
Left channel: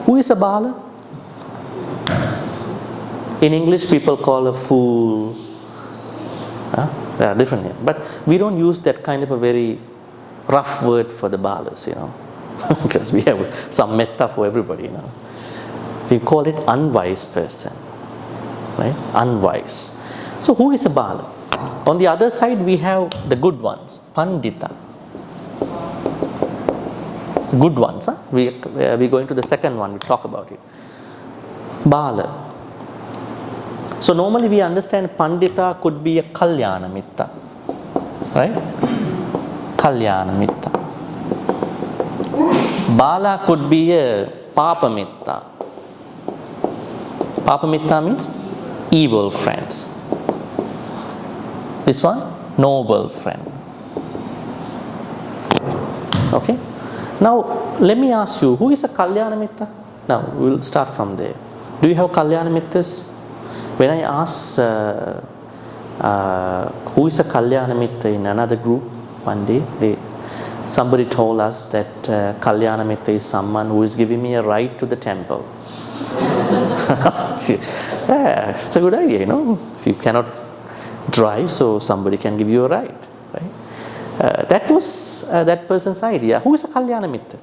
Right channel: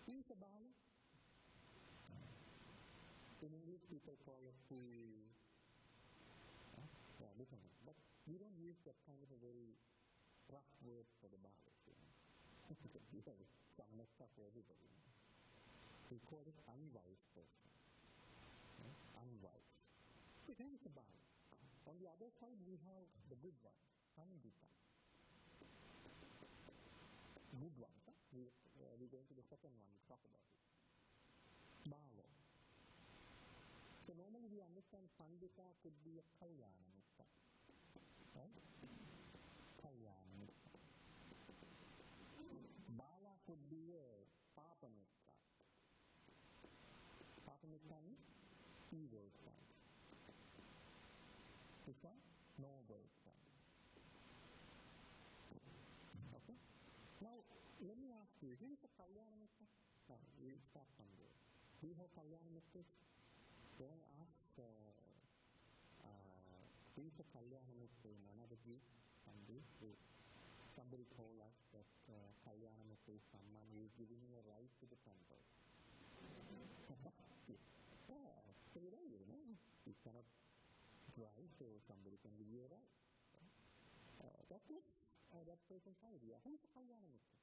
Who is a bala? In English, people call a fool. There are different names. But we don't use that kind of a very rough word for the balas, because we have some metta for everybody, We call it unwise person, right? Unwise. So who is a bala? On the other side, we have the good ones, pandita. Good ones. We go into the second one, we talk about it. Bala. So normally we understand pandita could be a kalyana mitta, right? Kalyana mitta. Bala could be a papa mitta. Papa mitta means evil friends. This one, noble friend. Okay. Now let me ask you, who is a Kalyana Mitta? Now we'll start from there. Do you have Kalyana Mittas? When I asked who is a Kalyana Mitta in another group one day, somebody told us that Kalyana Mitta is someone who is giving me a ride to the temple. Yeah, it's a good idea, if you cannot drive, so somebody can give you a ride, right? That was that person's idea. Who is a Kalyana Mitta?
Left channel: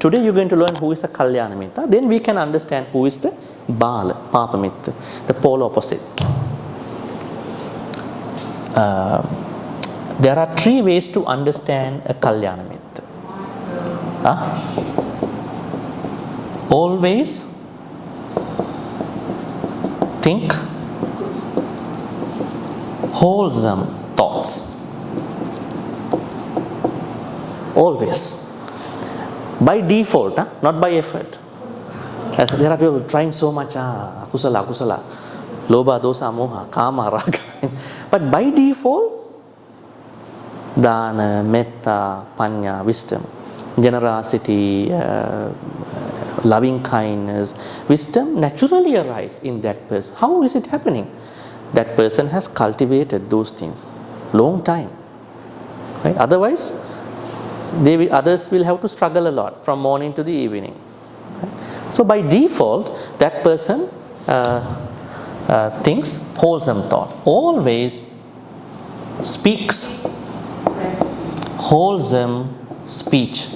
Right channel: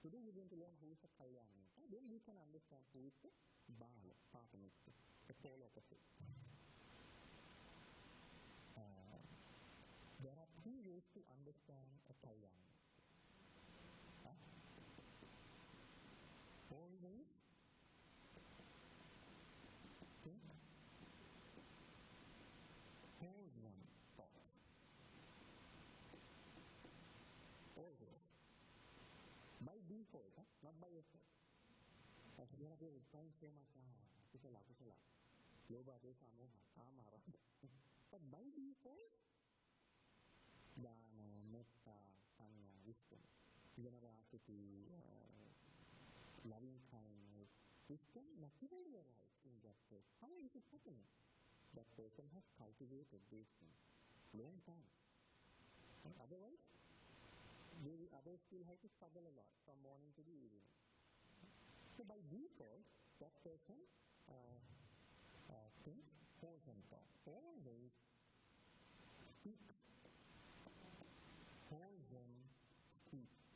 Today you're going to learn who is a Kalyana Mitta. Then we can understand who is the Bala, Papa Mitta, the polar opposite. There are 3 ways to understand a Kalyana Mitta. Always think wholesome thoughts. Always. By default, not by effort. As there are people trying so much, akusala, lobha, dosa, moha, kama, raga. But by default, dana, metta, panya, wisdom, generosity, loving kindness, wisdom naturally arise in that person. How is it happening? That person has cultivated those things long time. Right? Otherwise, others will have to struggle a lot from morning to the evening. Right? So by default, that person thinks wholesome thought. Always speaks wholesome speech,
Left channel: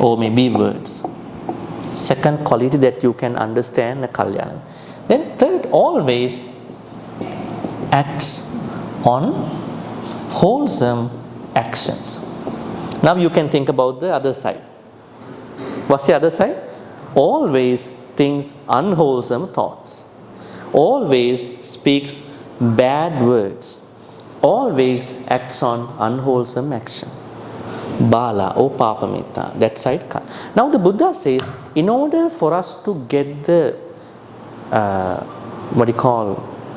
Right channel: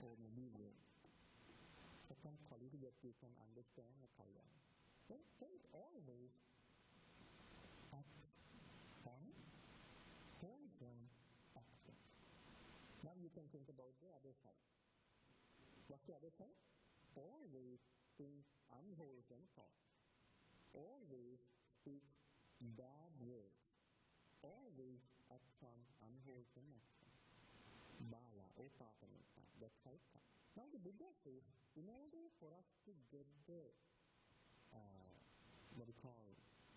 or maybe words. Second quality that you can understand a Kalyana. Then third, always acts on wholesome actions. Now you can think about the other side. What's the other side? Always thinks unwholesome thoughts. Always speaks bad words. Always acts on unwholesome action. Bala or Papa Mitta, that side. Now the Buddha says, in order for us to get the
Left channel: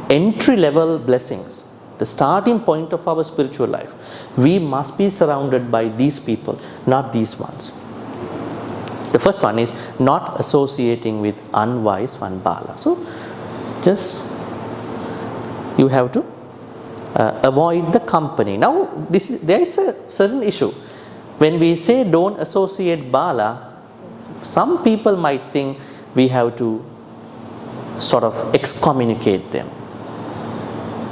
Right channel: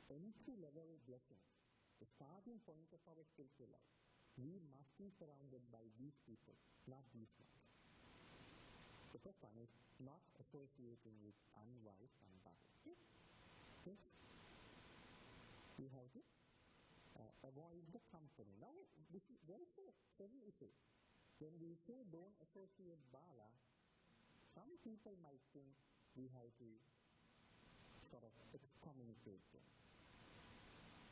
entry level blessings, the starting point of our spiritual life, we must be surrounded by these people, not these ones. The first one is not associating with unwise one, Bala. So just you have to avoid the company. Now there is a certain issue. When we say don't associate Bala, some people might think we have to sort of excommunicate them.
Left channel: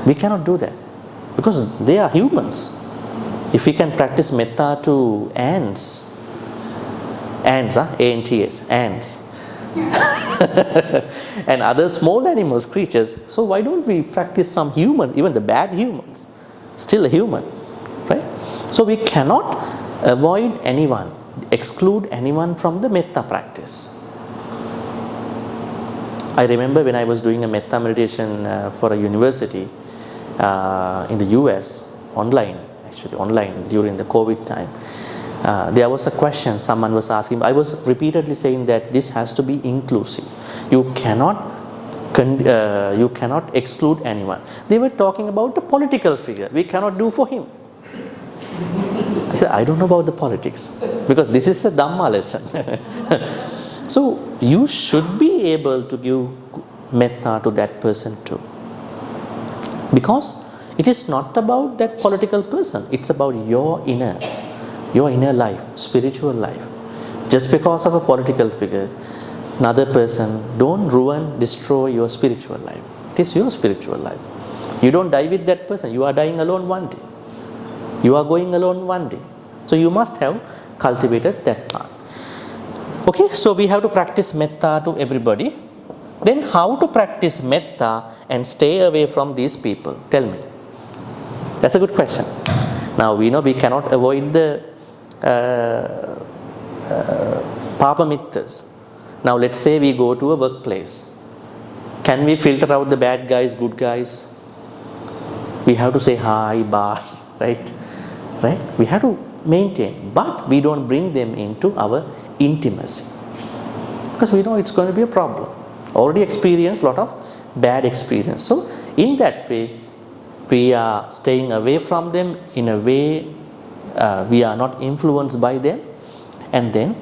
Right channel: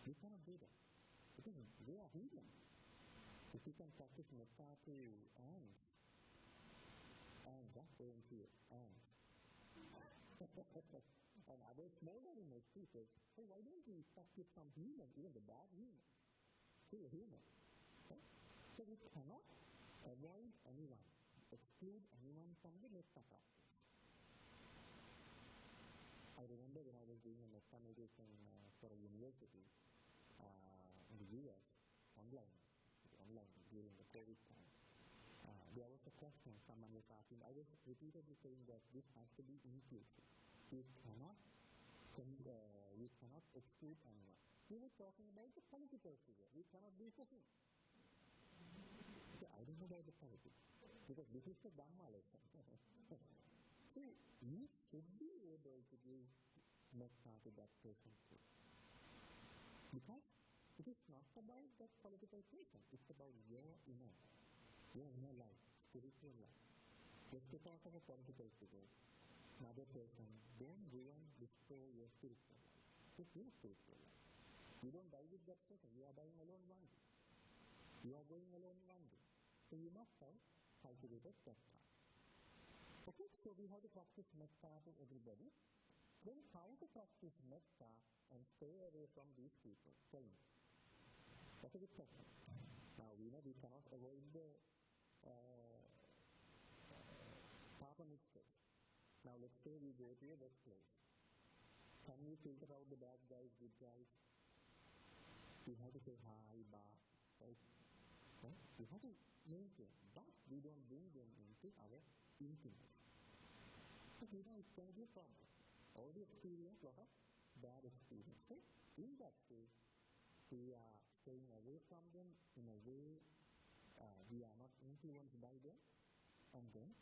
We cannot do that because they are humans. If we can practice metta to ants, A-N-T-S, ants, and other small animals, creatures, so why don't we practice some humans, even the bad humans, still a human, right? So we cannot avoid anyone, exclude anyone from the metta practice. I remember when I was doing a metta meditation for a university in the US, online during the COVID time. There was a question someone was asking. I was repeatedly saying that this has to be inclusive. You cannot exclude anyone. They were talking about the political figure. We cannot do for him. I said, I don't know about the politics because this is a Dhamma lesson. So you should be able to give metta to that person too. Because it is not about that political person. It's about your inner life, spiritual life. Just because of a political figure, another person, don't destroy your spiritual life. It is your spiritual life. You don't die with that person. You are dying alone one day. You are going alone one day. So you must have cultivated that part. Okay, so we have to practice metta to everybody. Then how to practice metta and stay away from these people? Tell me. That's a good question. Now we know we cannot avoid the Papa Mittas. Now let's say we go to a workplace. Can we filter out the bad guys, good guys? We have to say hi, bye, right? We have to maintain, but we don't bring them into our intimacy because we know it's going to be a problem. Already experienced a lot of bad experience. So in that way, we are staying away from them in a way we are not influenced by them, and then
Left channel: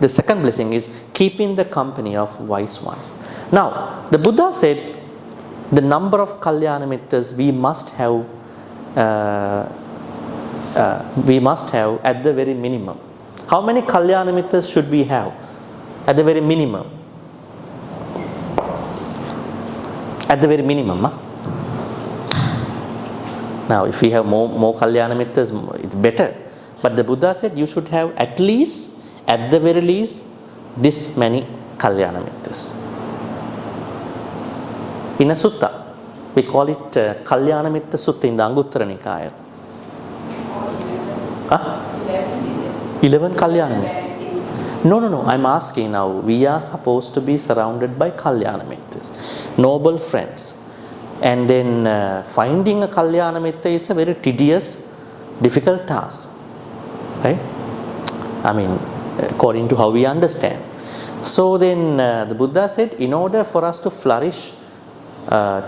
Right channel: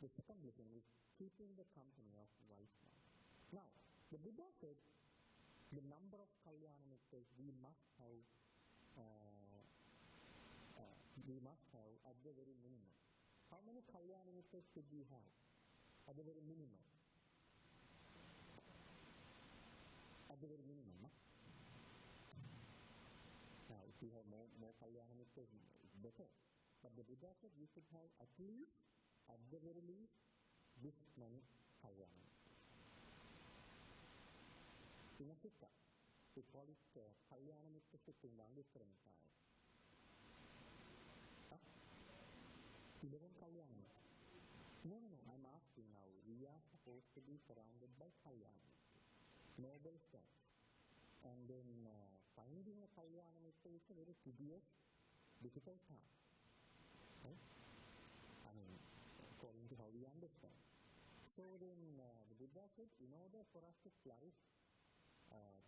the second blessing is keeping the company of wise ones. Now, the Buddha said the number of Kalyana Mittas we must have at the very minimum. How many Kalyana Mittas should we have at the very minimum? At the very minimum. Huh? Now, if we have more Kalyana Mittas, it's better. But the Buddha said you should have at the very least, this many Kalyana Mittas. In a sutta, we call it Kalyana Mitta Sutta in the Anguttara Nikaya. 11 Kalyana Mittas. No. I'm asking now. We are supposed to be surrounded by Kalyana Mittas, noble friends. And then finding a Kalyana Mitta is a very tedious, difficult task. Right? I mean, according to how we understand. So then the Buddha said, in order for us to flourish,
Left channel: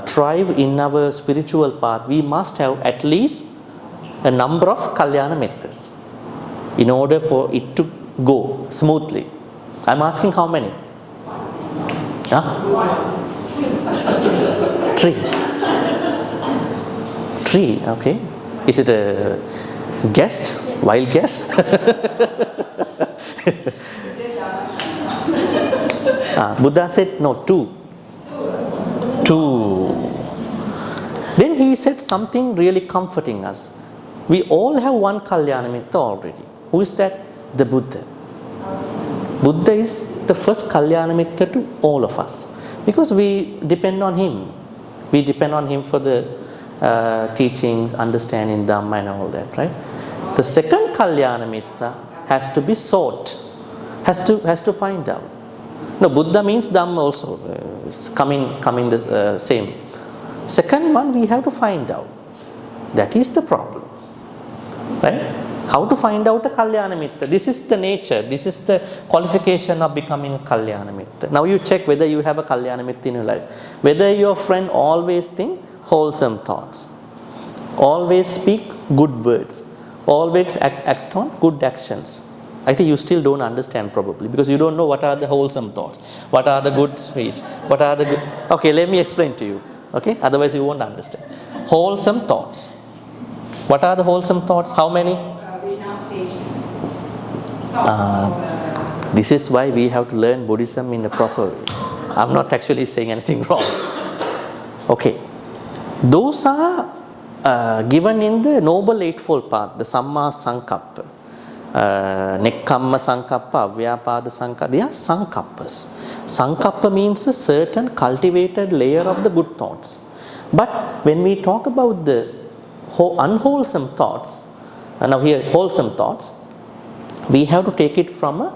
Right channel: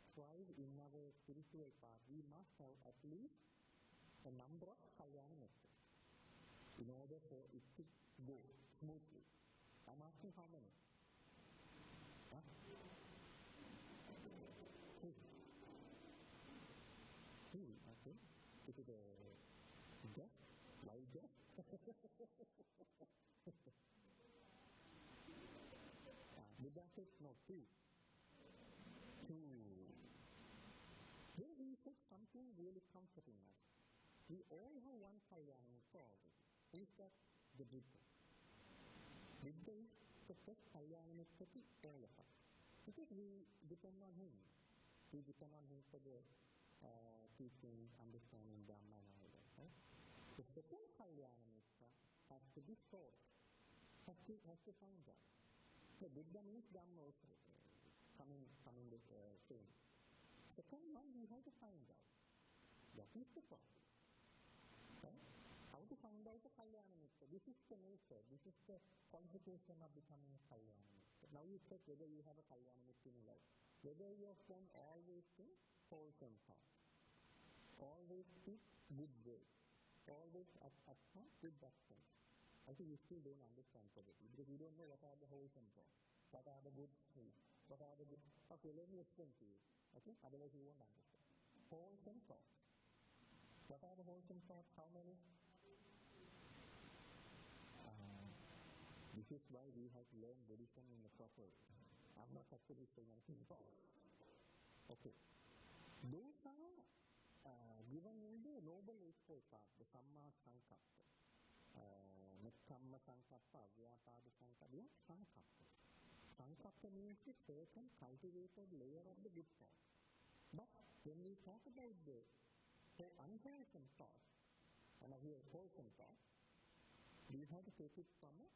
thrive in our spiritual path, we must have at least a number of Kalyana Mittas in order for it to go smoothly. I'm asking how many? Three, okay. Is it a guest? Wild guess? Buddha said, no, two. Then he said something really comforting us. We all have one Kalyana Mitta already. Who is that? The Buddha. Buddha is the first Kalyana Mitta to all of us. Because we depend on him. We depend on him for the teachings, understanding Dharma and all that, right? The second Kalyana Mitta has to be sought, has to find out. No, Buddha means Dhamma also. It's coming the same. Second one we have to find out. That is the problem. Right? How to find out a Kalyana Mitta? This is the nature. This is the qualification of becoming a Kalyana Mitta. Now you check whether you have a Kalyana Mitta in your life. Whether your friend always think wholesome thoughts. Always speak good words. Always act on good actions. I think you still don't understand probably because you don't know what are the wholesome thoughts. What are the good speech. What are the good... Okay, let me explain to you. Okay? Otherwise you won't understand. Wholesome thoughts. What are the wholesome thoughts? How many? This is why we have to learn Buddhism in a proper way. I'm not actually saying anything wrong. Okay. Those are given in the Noble Eightfold Path, the Samma Sankappa, Nekkamma Sankappa, Avyapada Sankappa. They are Sankappas. Sankappa means a certain cultivated layer of the good thoughts. But when we talk about the unwholesome thoughts, now here wholesome thoughts, we have to take it from a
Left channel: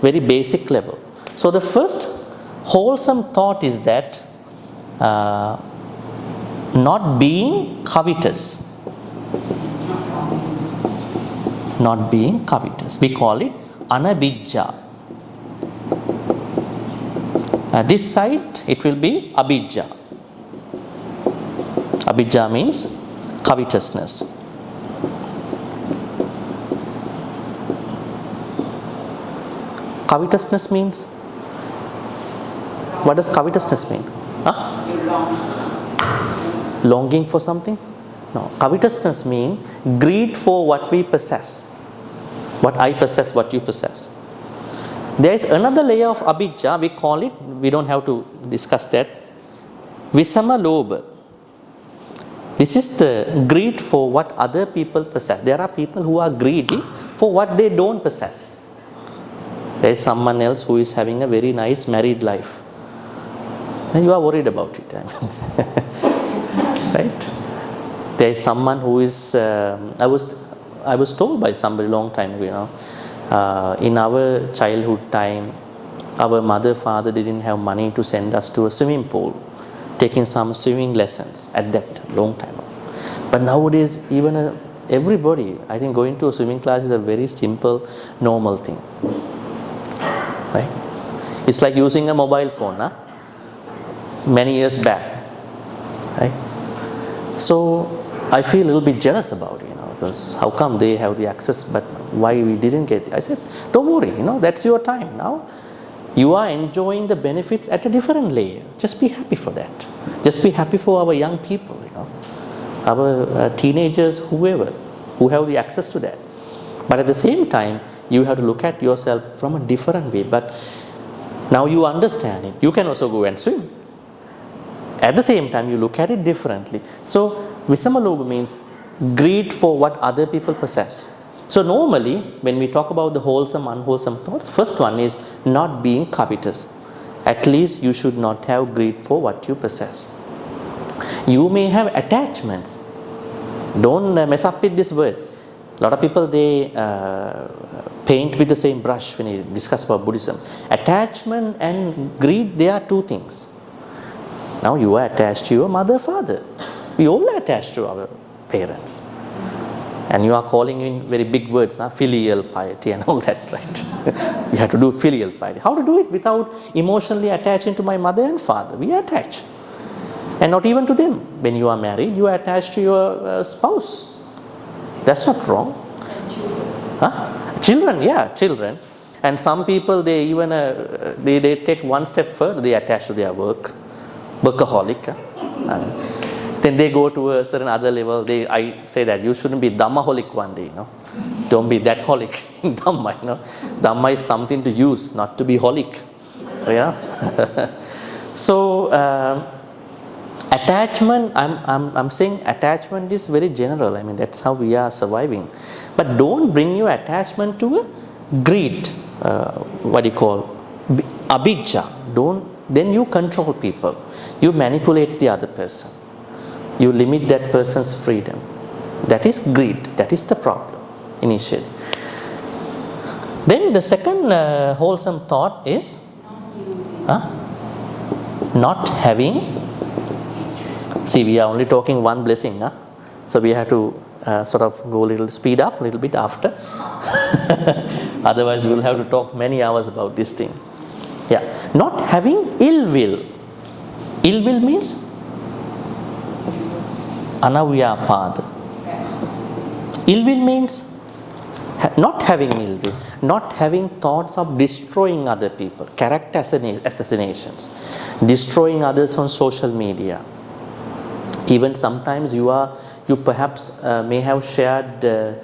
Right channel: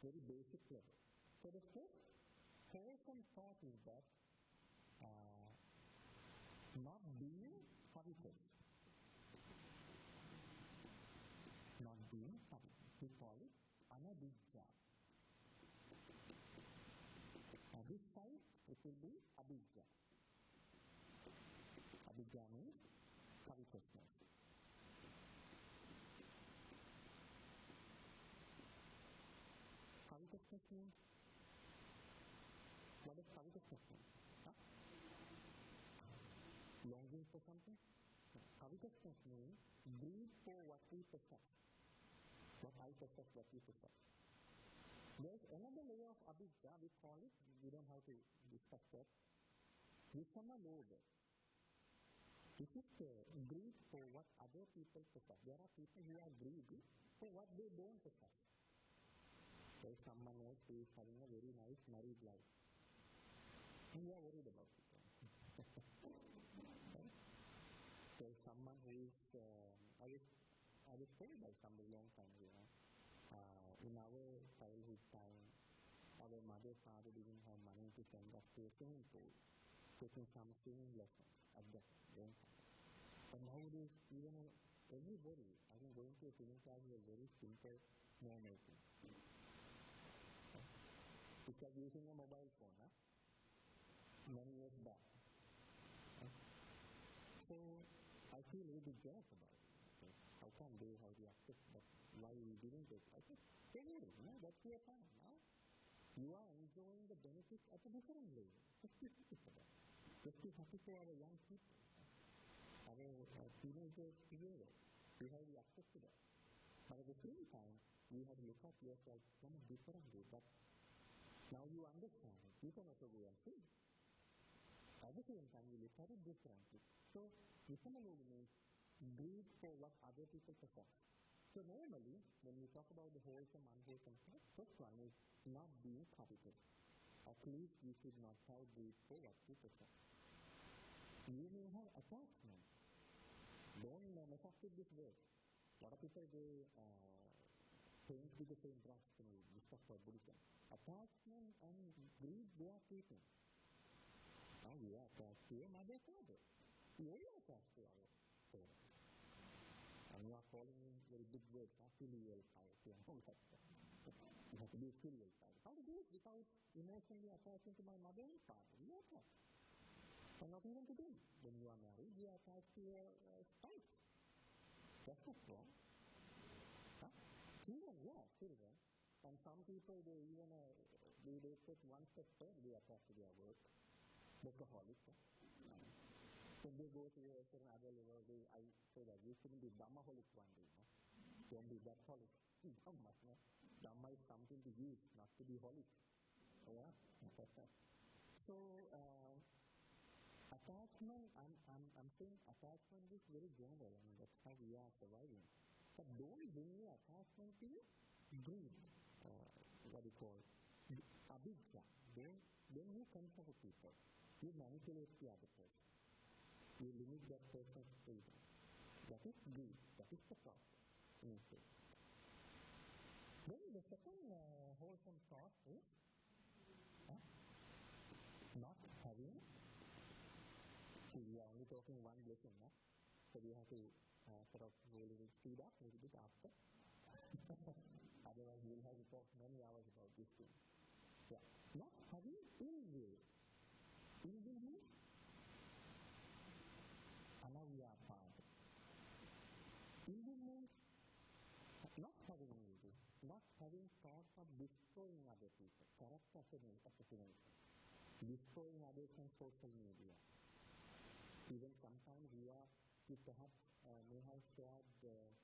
very basic level. So the first wholesome thought is that not being covetous. Not being covetous. We call it anabijja. This side it will be abijja. Abijja means covetousness. Covetousness means? What does covetousness mean? Longing for something? No. Covetousness means greed for what we possess. What I possess, what you possess. There is another layer of abijja, we call it, we don't have to discuss that, visama lobha. This is the greed for what other people possess. There are people who are greedy for what they don't possess. There is someone else who is having a very nice married life. And you are worried about it. Right? There is someone who is, I was told by somebody long time ago, in our childhood time, our mother, father didn't have money to send us to a swimming pool, taking some swimming lessons at that time, long time ago. But nowadays, even everybody, I think going to a swimming class is a very simple, normal thing. Right? It's like using a mobile phone, many years back. Right? So I feel a little bit jealous about it, because how come they have the access, but why we didn't get it? I said, don't worry, that's your time now. You are enjoying the benefits at a different layer. Just be happy for that. Just be happy for our young people, our teenagers, whoever, who have the access to that. But at the same time, you have to look at yourself from a different way. But now you understand it. You can also go and swim. At the same time, you look at it differently. So Visamaloga means greed for what other people possess. So normally, when we talk about the wholesome, unwholesome thoughts, first one is not being covetous. At least you should not have greed for what you possess. You may have attachments. Don't mess up with this word. A lot of people, they paint with the same brush when you discuss about Buddhism. Attachment and greed, they are two things. Now you are attached to your mother, father. We all are attached to our parents. And you are calling in very big words, filial piety and all that, right? You have to do filial piety. How to do it without emotionally attaching to my mother and father? We are attached. And not even to them. When you are married, you are attached to your spouse. That's not wrong. Children, yeah, children. And some people, they even they take one step further. They attach to their work. Workaholic. Then they go to a certain other level. I say that you shouldn't be Dhammaholic one day, Don't be that holic in Dhamma, Dhamma is something to use, not to be holic. Yeah. So attachment, I'm saying attachment is very general. I mean, that's how we are surviving. But don't bring your attachment to a greed. What do you call? Abhijja. Then you control people. You manipulate the other person. You limit that person's freedom. That is greed. That is the problem initially. Then the second wholesome thought is not having. See, we are only talking one blessing, so we have to sort of go a little speed up a little bit after. Otherwise, we will have to talk many hours about this thing. Yeah, not having ill will. Ill will means anavyapada. Ill will means not having ill will, not having thoughts of destroying other people, character assassinations, destroying others on social media. Even sometimes you perhaps may have shared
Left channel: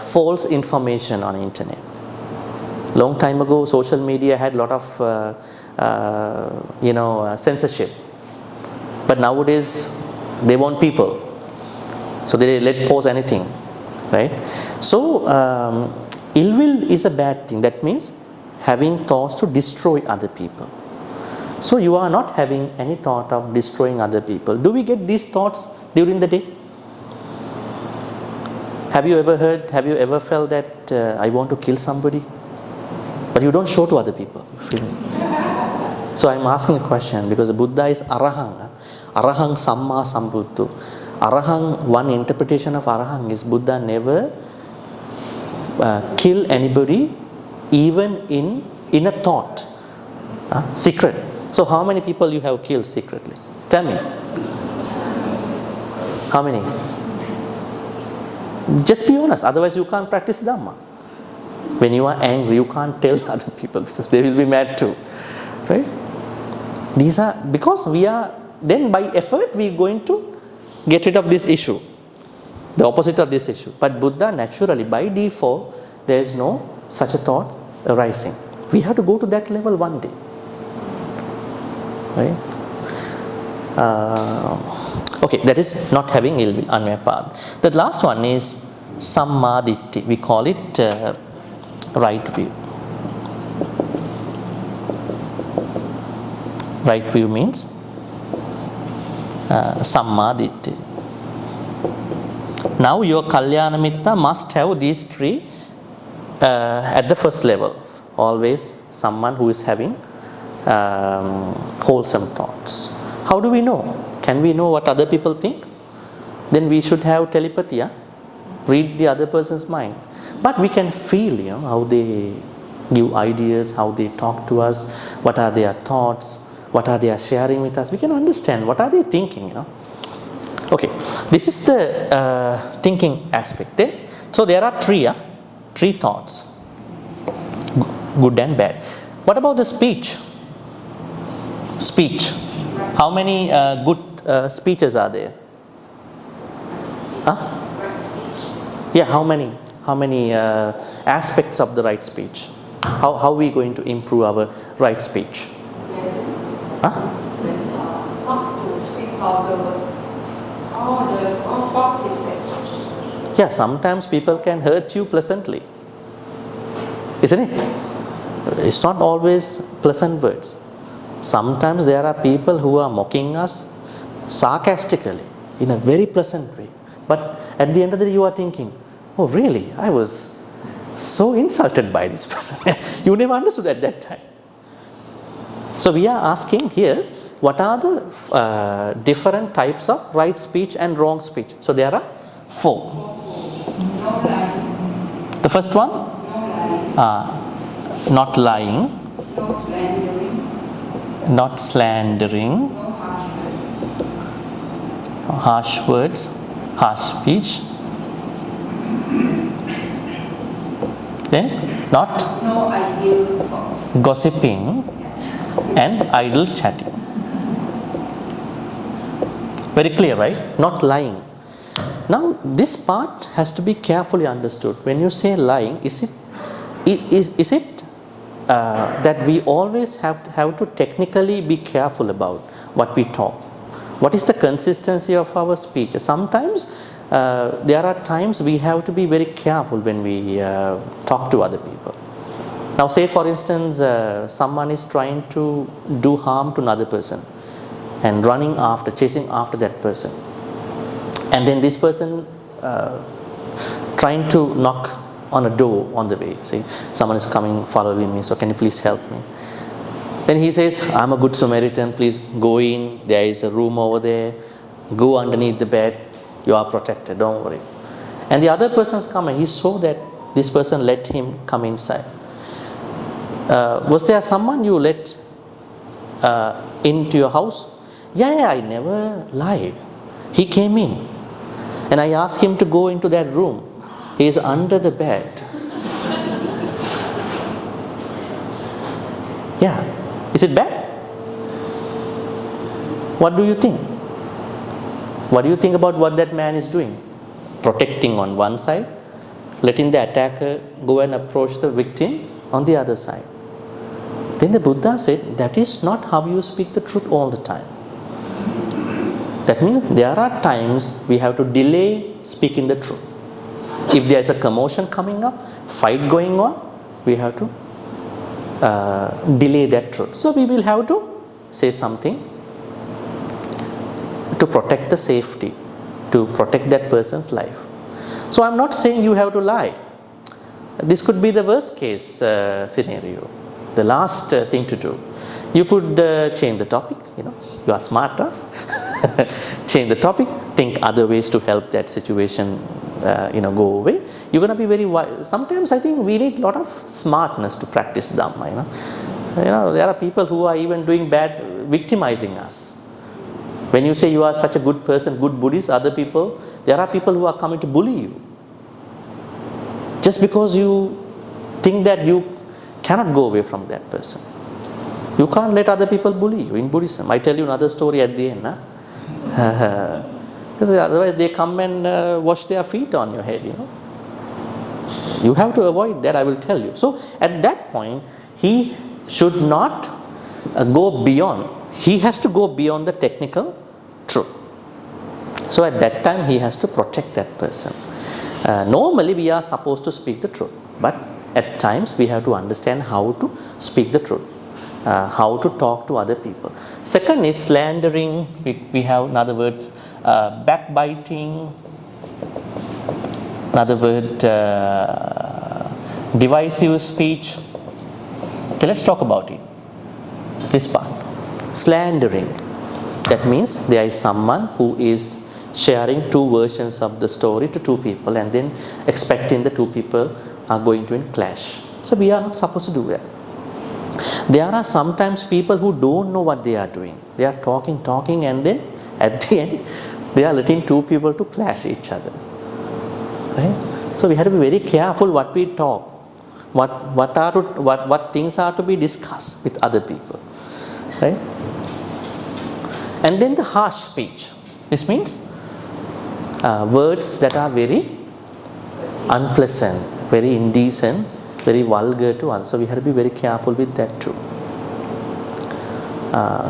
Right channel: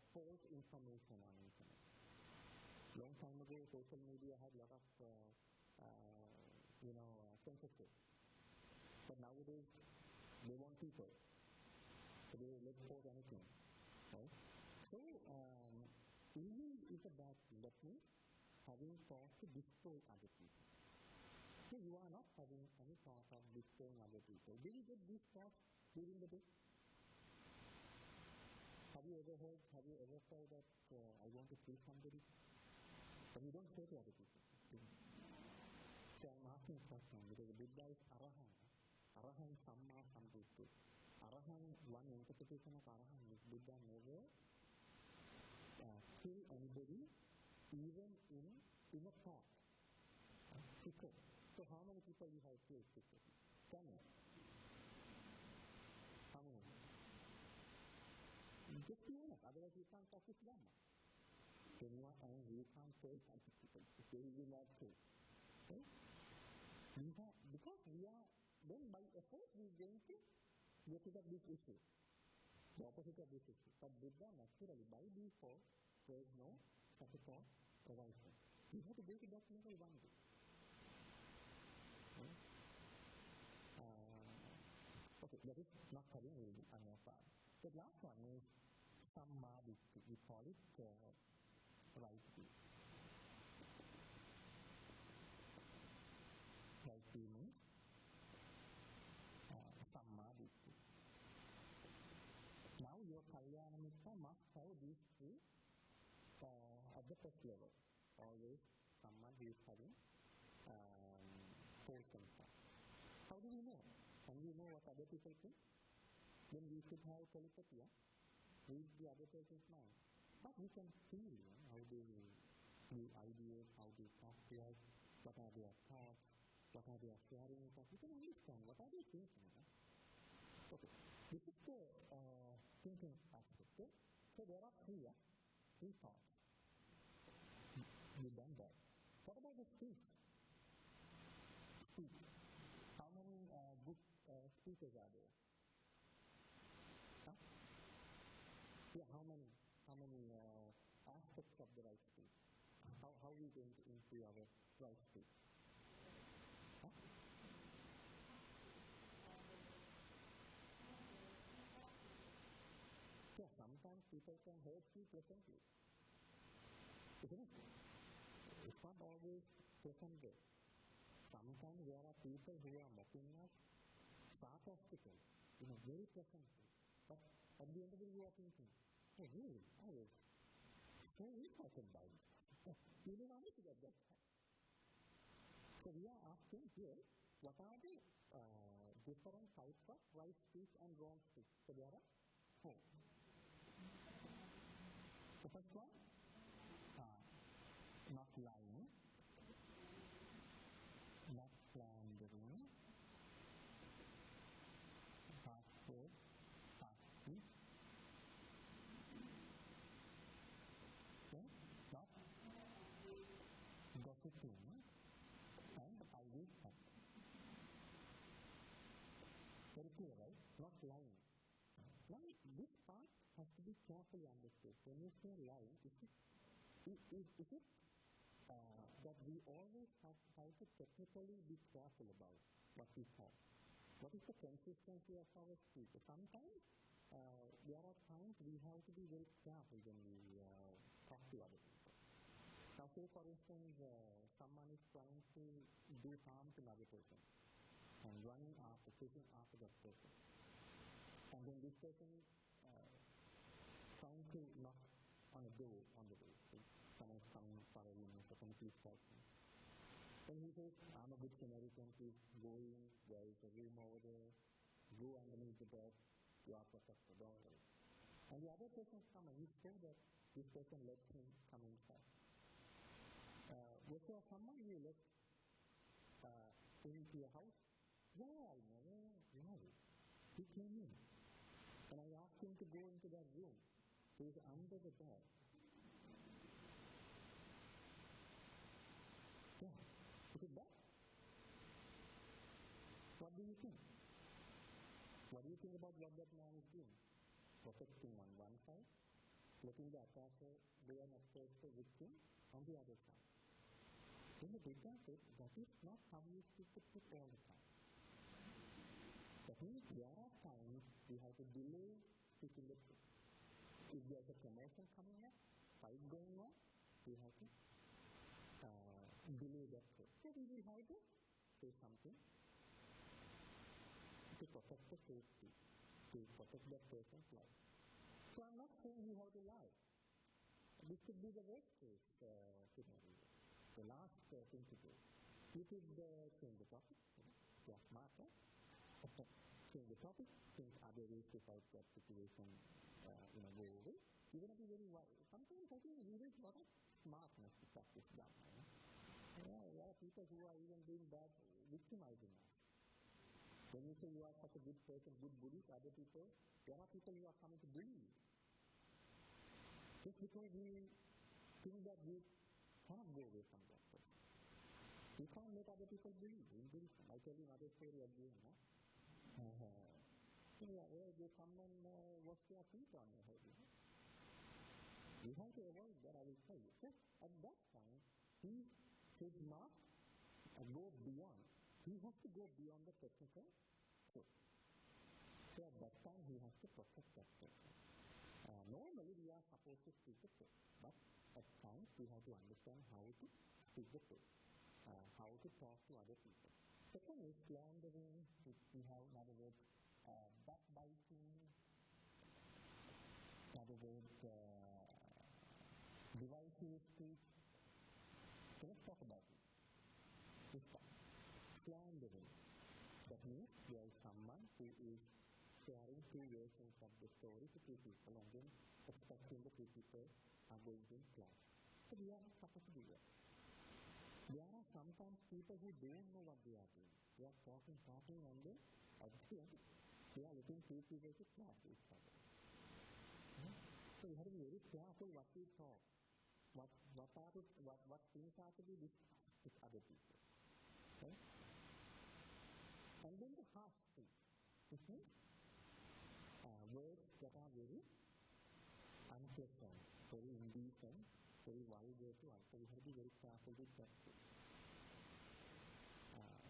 false information on the internet. Long time ago, social media had a lot of censorship, but nowadays they want people, so they let post anything, right? So ill will is a bad thing. That means having thoughts to destroy other people. So you are not having any thought of destroying other people. Do we get these thoughts during the day? Have you ever felt that I want to kill somebody? But you don't show to other people. So I'm asking a question because Buddha is Arahang. Arahang Samma Sambuddho. Arahang, one interpretation of Arahang is Buddha never kill anybody even in a thought. Secret. So how many people you have killed secretly? Tell me. How many? Just be honest, otherwise you can't practice Dhamma. When you are angry, you can't tell other people because they will be mad too. Right? These are, because we are, then by effort we are going to get rid of this issue. The opposite of this issue. But Buddha naturally, by default, there is no such a thought arising. We have to go to that level one day. Right? Okay, that is not having ill will, anvyapada. The last one is sammaditthi. We call it right view. Right view means sammaditthi. Now your kalyana mitta must have these three at the first level. Always someone who is having wholesome thoughts. How do we know? Can we know what other people think? Then we should have telepathy, read the other person's mind. But we can feel, how they give ideas, how they talk to us, what are their thoughts, what are they sharing with us. We can understand what are they thinking, Okay, this is the thinking aspect then. So there are three thoughts, good and bad. What about the speech? Speech. How many good speeches are there? Huh? Yeah, how many aspects of the right speech? How are we going to improve our right speech? Huh? Not to speak vulgar words. All form is that. Yeah, sometimes people can hurt you pleasantly, isn't it? It's not always pleasant words. Sometimes there are people who are mocking us sarcastically in a very pleasant way. But at the end of the day, you are thinking, oh, really? I was so insulted by this person. You never understood at that time. So we are asking here, what are the different types of right speech and wrong speech? So there are 4. No lying. The first one? Not lying, No slandering. not slandering, No harsh words, harsh speech. Then not No ideal thoughts. gossiping and idle chatting. Very clear, right? Not lying. Now this part has to be carefully understood. When you say lying, is it that we always have to technically be careful about what we talk? What is the consistency of our speech? Sometimes there are times we have to be very careful when we talk to other people. Now say for instance someone is trying to do harm to another person and chasing after that person, and then this person trying to knock on a door on the way, say someone is coming following me, so can you please help me? Then he says, I'm a good Samaritan, please go in, there is a room over there, go underneath the bed, you are protected, don't worry. And the other person's come and he saw that this person let him come inside. Was there someone you let into your house? Yeah, I never lied. He came in and I asked him to go into that room. He is under the bed. Yeah. Is it bad? What do you think? What do you think about what that man is doing? Protecting on one side, letting the attacker go and approach the victim on the other side. Then the Buddha said, that is not how you speak the truth all the time. That means there are times we have to delay speaking the truth. If there is a commotion coming up, fight going on, we have to delay that truth. So we will have to say something to protect the safety, to protect that person's life. So I'm not saying you have to lie. This could be the worst case scenario, the last thing to do. You could change the topic, you are smarter. Change the topic, think other ways to help that situation go away. You're going to be very wise. Sometimes I think we need a lot of smartness to practice Dhamma. There are people who are even doing bad, victimizing us. When you say you are such a good person, good Buddhist, there are people who are coming to bully you. Just because you think that you cannot go away from that person. You can't let other people bully you in Buddhism. I tell you another story at the end. Because otherwise they come and wash their feet on your head. You have to avoid that, I will tell you. So at that point, he should not go beyond. He has to go beyond the technical truth. So at that time, he has to protect that person. Normally, we are supposed to speak the truth. But at times, we have to understand how to speak the truth. How to talk to other people. Second is slandering. We have another word, backbiting. Another word, divisive speech. Okay, let's talk about it. This part. Slandering. That means there is someone who is sharing two versions of the story to two people and then expecting the two people are going to clash. So we are not supposed to do that. There are sometimes people who don't know what they are doing. They are talking and then at the end They are letting two people to clash each other. Right? So we have to be very careful what we talk, what things are to be discussed with other people. Right? And then the harsh speech. This means words that are very unpleasant, very indecent, very vulgar to others. So we have to be very careful with that too.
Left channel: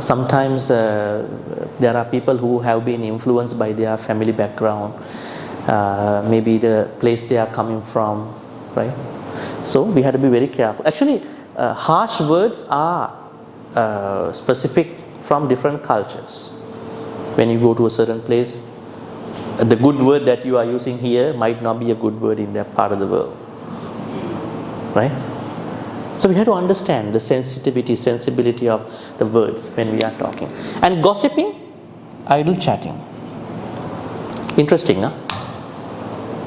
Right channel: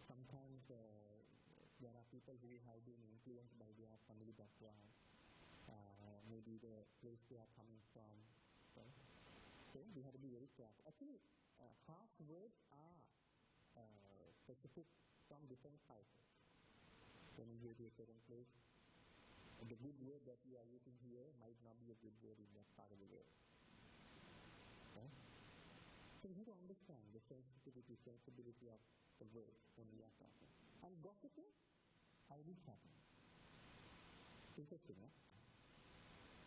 Sometimes there are people who have been influenced by their family background, maybe the place they are coming from, right? So we have to be very careful. Actually, harsh words are specific from different cultures. When you go to a certain place, the good word that you are using here might not be a good word in that part of the world, right? So we have to understand the sensibility of the words when we are talking. And gossiping, idle chatting. Interesting, huh?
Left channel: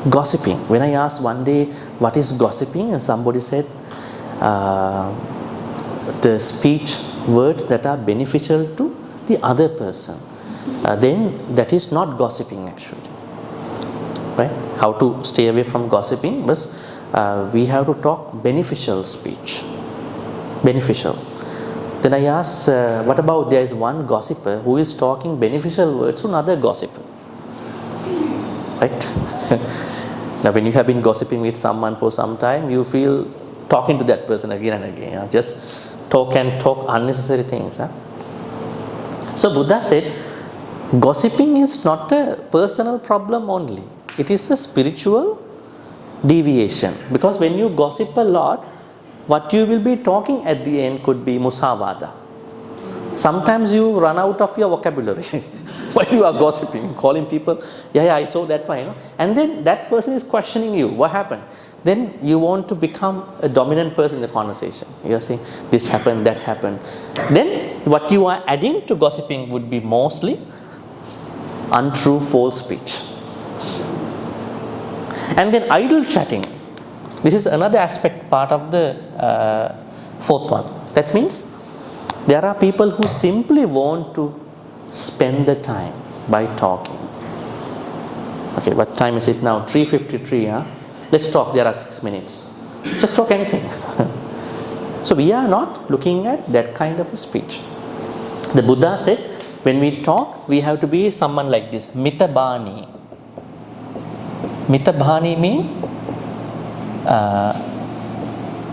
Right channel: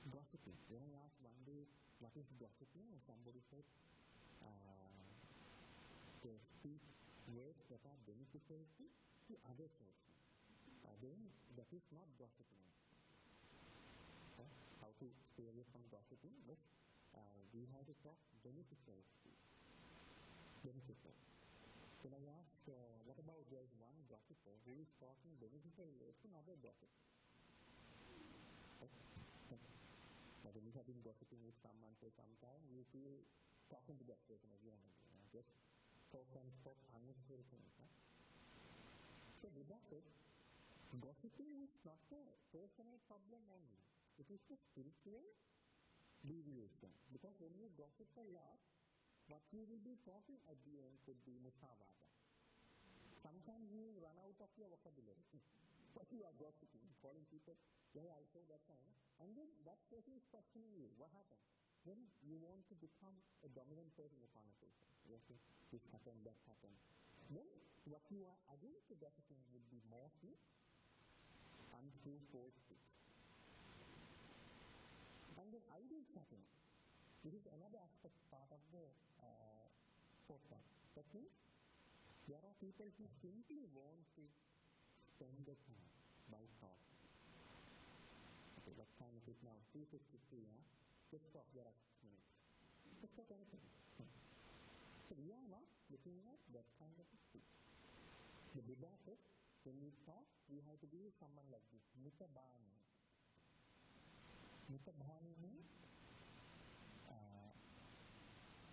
Gossiping. When I asked one day what is gossiping, and somebody said the speech words that are beneficial to the other person, then that is not gossiping actually. Right? How to stay away from gossiping? But we have to talk beneficial speech. Beneficial. Then I asked, what about there is one gossiper who is talking beneficial words to another gossiper? Right? Now when you have been gossiping with someone for some time, you feel talking to that person again and again. Just talk unnecessary things. Huh? So Buddha said, gossiping is not a personal problem only. It is a spiritual deviation. Because when you gossip a lot, what you will be talking at the end could be musavada. Sometimes you run out of your vocabulary while you are gossiping, calling people, yeah, I saw that one, you know. And then that person is questioning you, what happened? Then you want to become a dominant person in the conversation. You are saying, this happened, that happened. Then what you are adding to gossiping would be mostly untrue, false speech. And then idle chatting. This is another aspect, part of the fourth one. That means there are people who simply want to spend the time by talking. Okay, what time is it now? 3:53, huh? Let's talk, there are 6 minutes. Just talk anything. So we are not looking at that kind of a speech. The Buddha said, when we talk, we have to be someone like this, mitabhani. Mitabhani means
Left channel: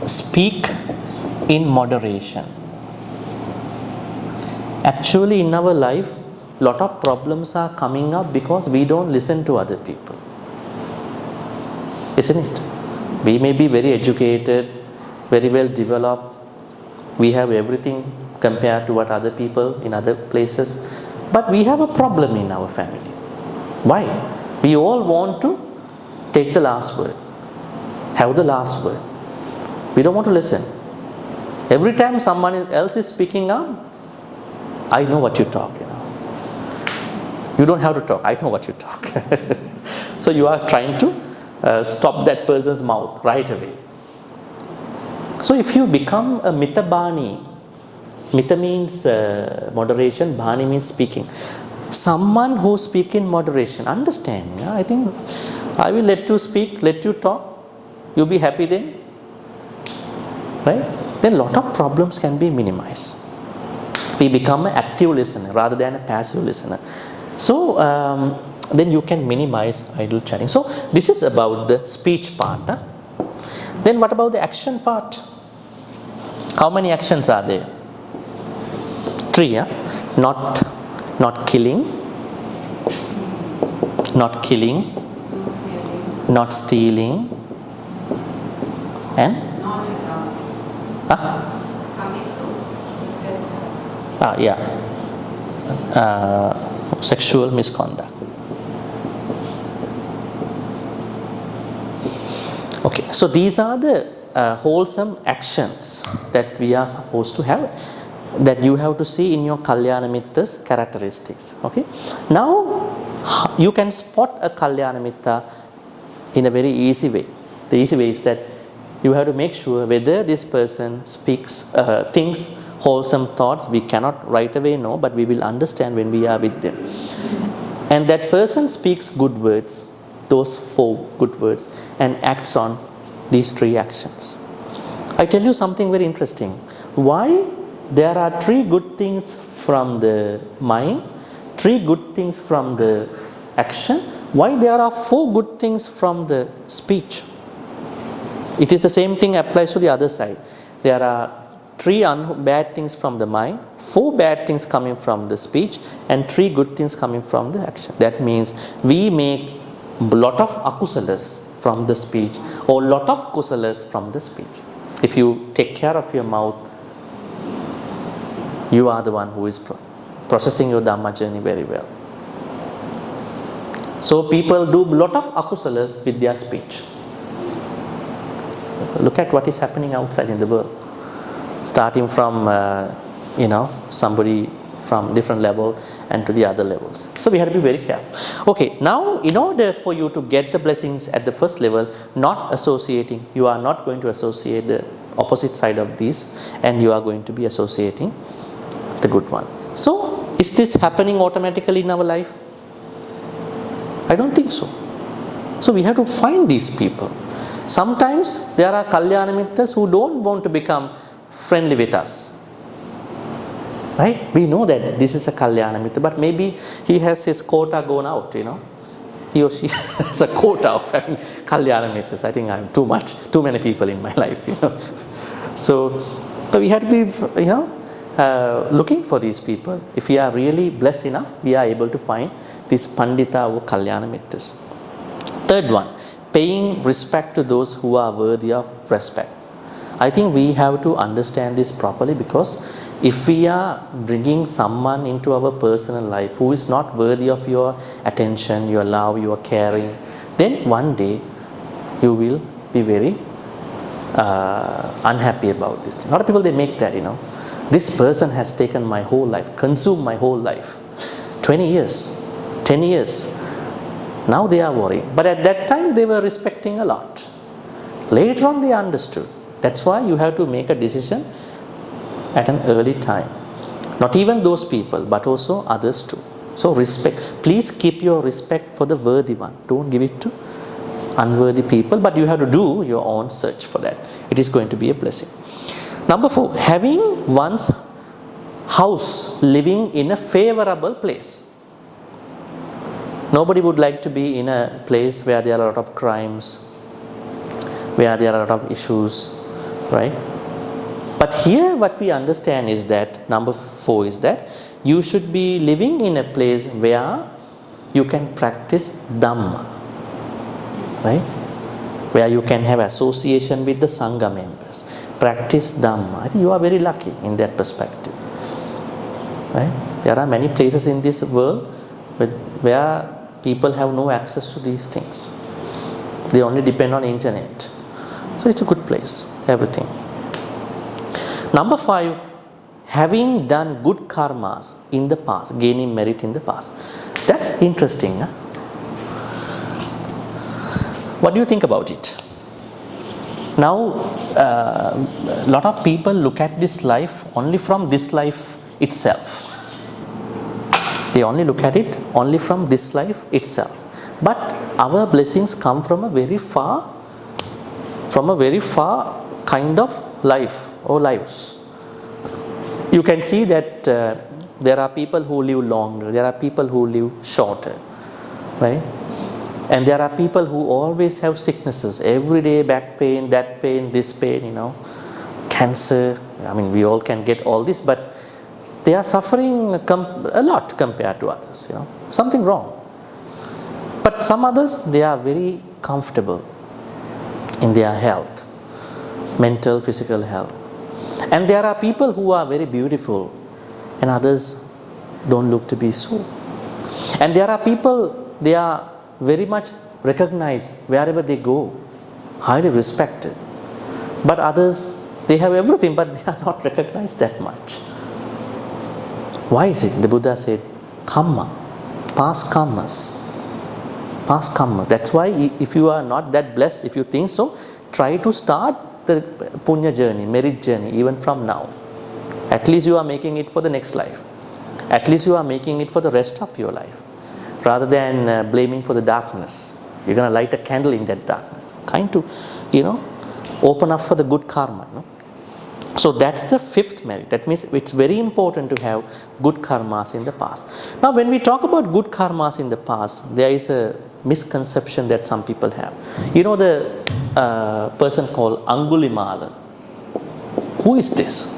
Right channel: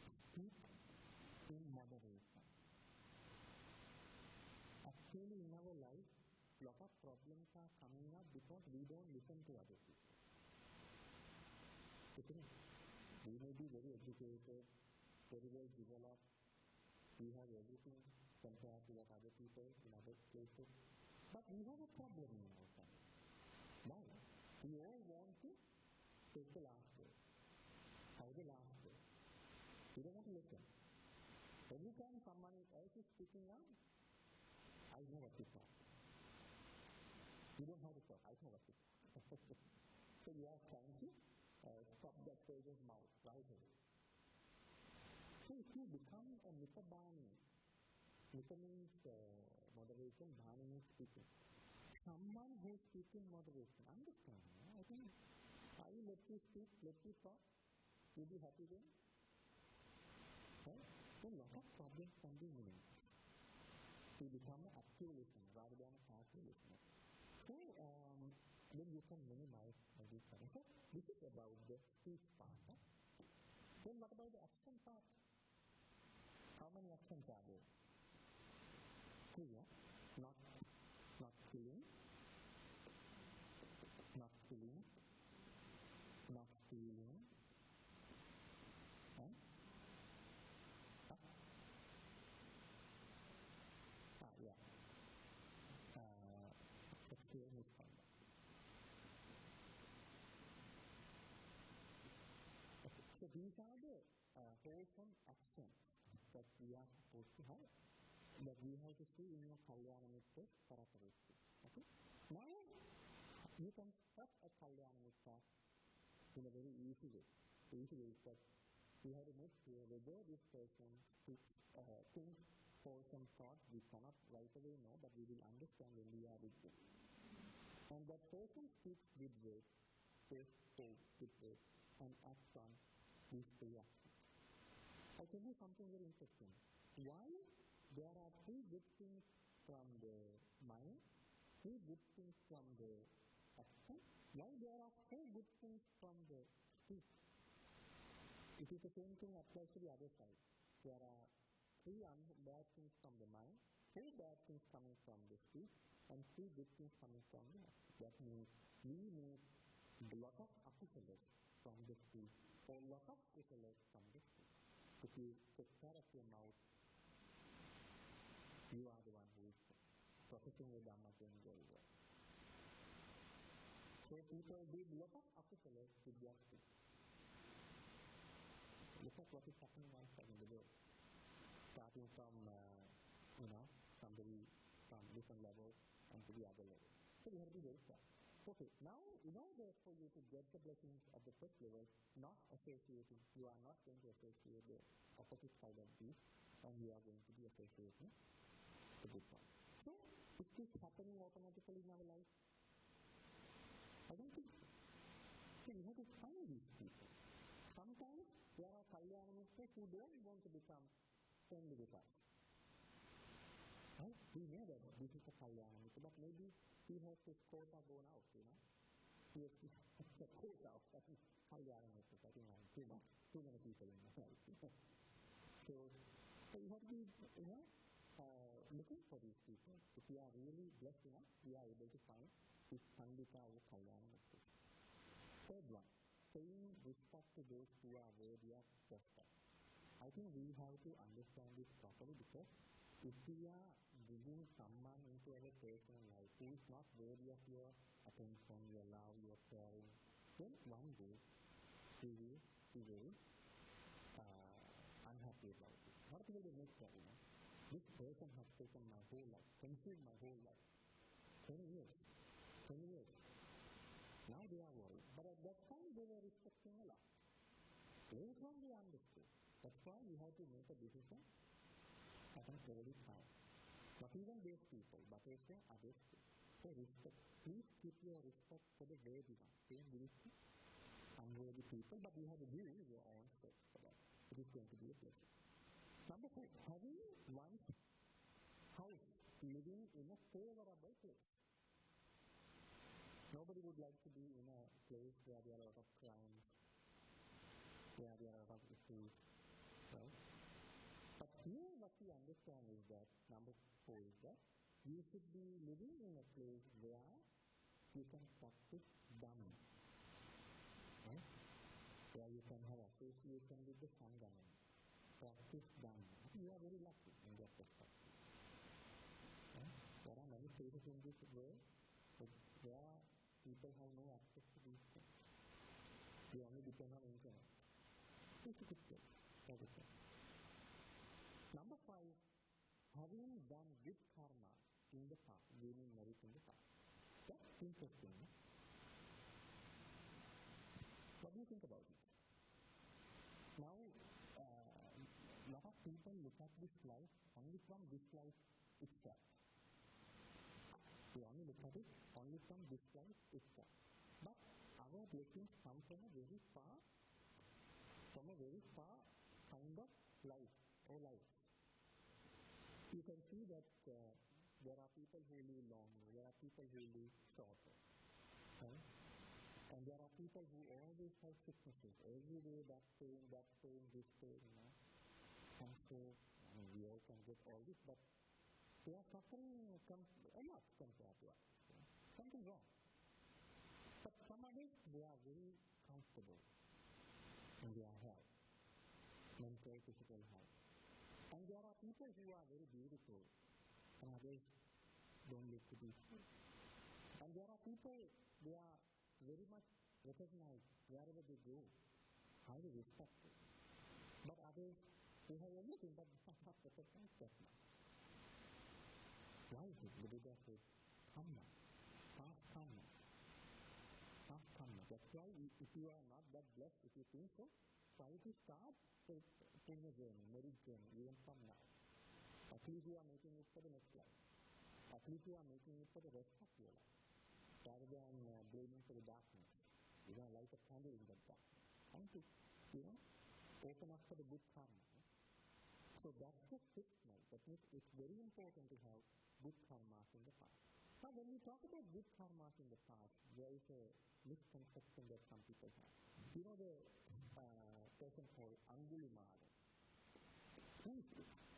speak in moderation. Actually, in our life, lot of problems are coming up because we don't listen to other people. Isn't it? We may be very educated, very well developed. We have everything compared to what other people in other places. But we have a problem in our family. Why? We all want to take the last word, have the last word. We don't want to listen. Every time someone else is speaking up, I know what you talk, you know. You don't have to talk, I know what you talk. So you are trying to stop that person's mouth right away. So if you become a mitabhani, mita means moderation, bhani means speaking. Someone who speaks in moderation, understand, yeah? I think I will let you speak, let you talk, you'll be happy then, right? Then a lot of problems can be minimized. We become an active listener rather than a passive listener. So then you can minimize idle chatting. So this is about the speech part. Huh? Then what about the action part? How many actions are there? 3. Huh? Not killing, not stealing, and sexual misconduct. Okay, so these are the wholesome actions that we are supposed to have, that you have to see in your Kalyana Mitta's characteristics. Okay, now you can spot a Kalyana Mitta in a very easy way. The easy way is that you have to make sure whether this person thinks wholesome thoughts. We cannot right away know, but we will understand when we are with them. and that person speaks good words, those 4 good words, and acts on these 3 actions. I tell you something very interesting. Why there are 3 good things from the mind, 3 good things from the action, why there are 4 good things from the speech? It is the same thing applies to the other side. There are 3 bad things from the mind, 4 bad things coming from the speech, and 3 good things coming from the action. That means we make a lot of akusalas from the speech, or lot of kusalas from the speech. If you take care of your mouth, you are the one who is processing your Dharma journey very well. So people do a lot of akusalas with their speech. Look at what is happening outside in the world. Starting from, somebody from different level and to the other levels. So we have to be very careful. Okay, now in order for you to get the blessings at the first level, not associating, you are not going to associate the opposite side of these, and you are going to be associating the good one. So is this happening automatically in our life? I don't think so. So we have to find these people. Sometimes there are Kalyana Mittas who don't want to become friendly with us. Right? We know that this is a Kalyana Mitta, but maybe he has his quota gone out, He or she has a quota of having Kalyana Mittas. I think I have too many people in my life, So we have to be, looking for these people. If we are really blessed enough, we are able to find these Pandita or Kalyana Mittas. Third one, paying respect to those who are worthy of respect. I think we have to understand this properly, because if we are bringing someone into our personal life who is not worthy of your attention, your love, your caring, then one day you will be very unhappy about this. A lot of people, they make that, this person has taken my whole life, consumed my whole life, 20 years, 10 years. Now they are worried. But at that time they were respecting a lot. Later on they understood. That's why you have to make a decision at an early time. Not even those people, but also others too. So respect. Please keep your respect for the worthy one. Don't give it to unworthy people, but you have to do your own search for that. It is going to be a blessing. Number 4, having one's house, living in a favorable place. Nobody would like to be in a place where there are a lot of crimes, where there are a lot of issues, right? But here what we understand is that, number 4 is that you should be living in a place where you can practice Dhamma, right? Where you can have association with the Sangha members, practice Dhamma. I think you are very lucky in that perspective, right? There are many places in this world where people have no access to these things. They only depend on internet. So it's a good place, everything. Number 5, having done good karmas in the past, gaining merit in the past. That's interesting. Huh? What do you think about it? Now, a lot of people look at this life only from this life itself. They only look at it only from this life itself. But our blessings come from a very far kind of life or lives. You can see that there are people who live longer, there are people who live shorter, right? And there are people who always have sicknesses, every day, back pain, that pain, this pain, cancer. I mean, we all can get all this, but they are suffering a lot compared to others, something wrong. But some others, they are very comfortable in their health, mental, physical health. And there are people who are very beautiful and others don't look to be so. And there are people, they are very much recognized wherever they go, highly respected. But others, they have everything, but they are not recognized that much. Why is it? The Buddha said, karma, past karmas. Past karma. That's why if you are not that blessed, if you think so, try to start the punya journey, merit journey, even from now. At least you are making it for the next life. At least you are making it for the rest of your life. rather than blaming for the darkness. You're going to light a candle in that darkness. Kind to, open up for the good karma. So that's the fifth merit. That means it's very important to have good karmas in the past. Now when we talk about good karmas in the past, there is a misconception that some people have. You know the person called Angulimala. Who is this?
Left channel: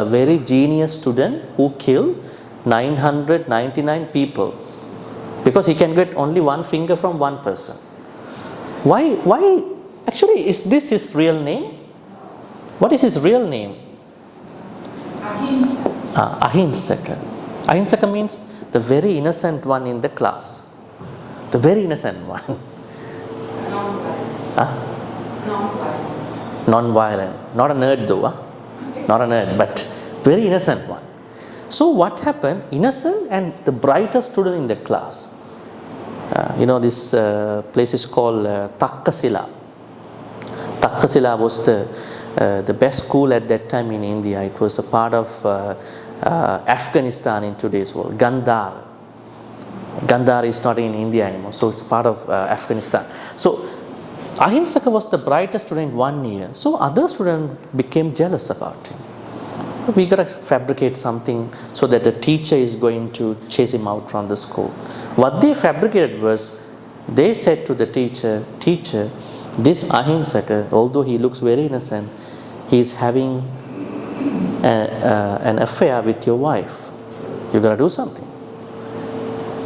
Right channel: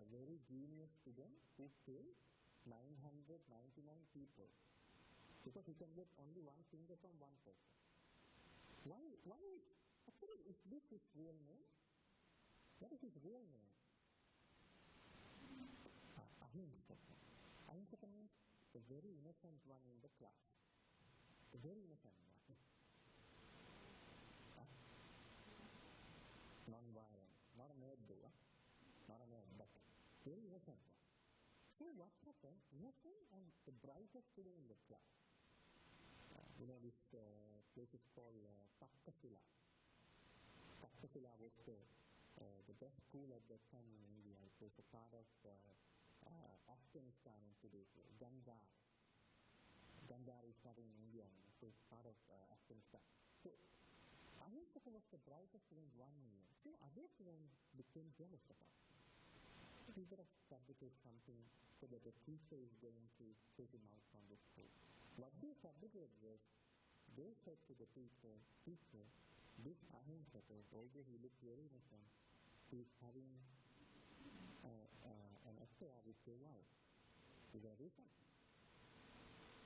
A very genius student who killed 999 people because he can get only one finger from one person. Why? Actually, is this his real name? What is his real name? Ahinsaka. Ahinsaka means the very innocent one in the class. The very innocent one. Non-violent. Not a nerd though. Not a nerd, but very innocent one. So what happened? Innocent and the brightest student in the class. This place is called Takkasila. Takkasila was the best school at that time in India. It was a part of Afghanistan in today's world. Gandhar. Gandhar is not in India anymore, so it's part of Afghanistan. So Ahinsaka was the brightest student 1 year. So other students became jealous about him. We got to fabricate something so that the teacher is going to chase him out from the school. What they fabricated was, they said to the teacher, "Teacher, this Ahinsaka, although he looks very innocent, he is having an affair with your wife. You got to do something."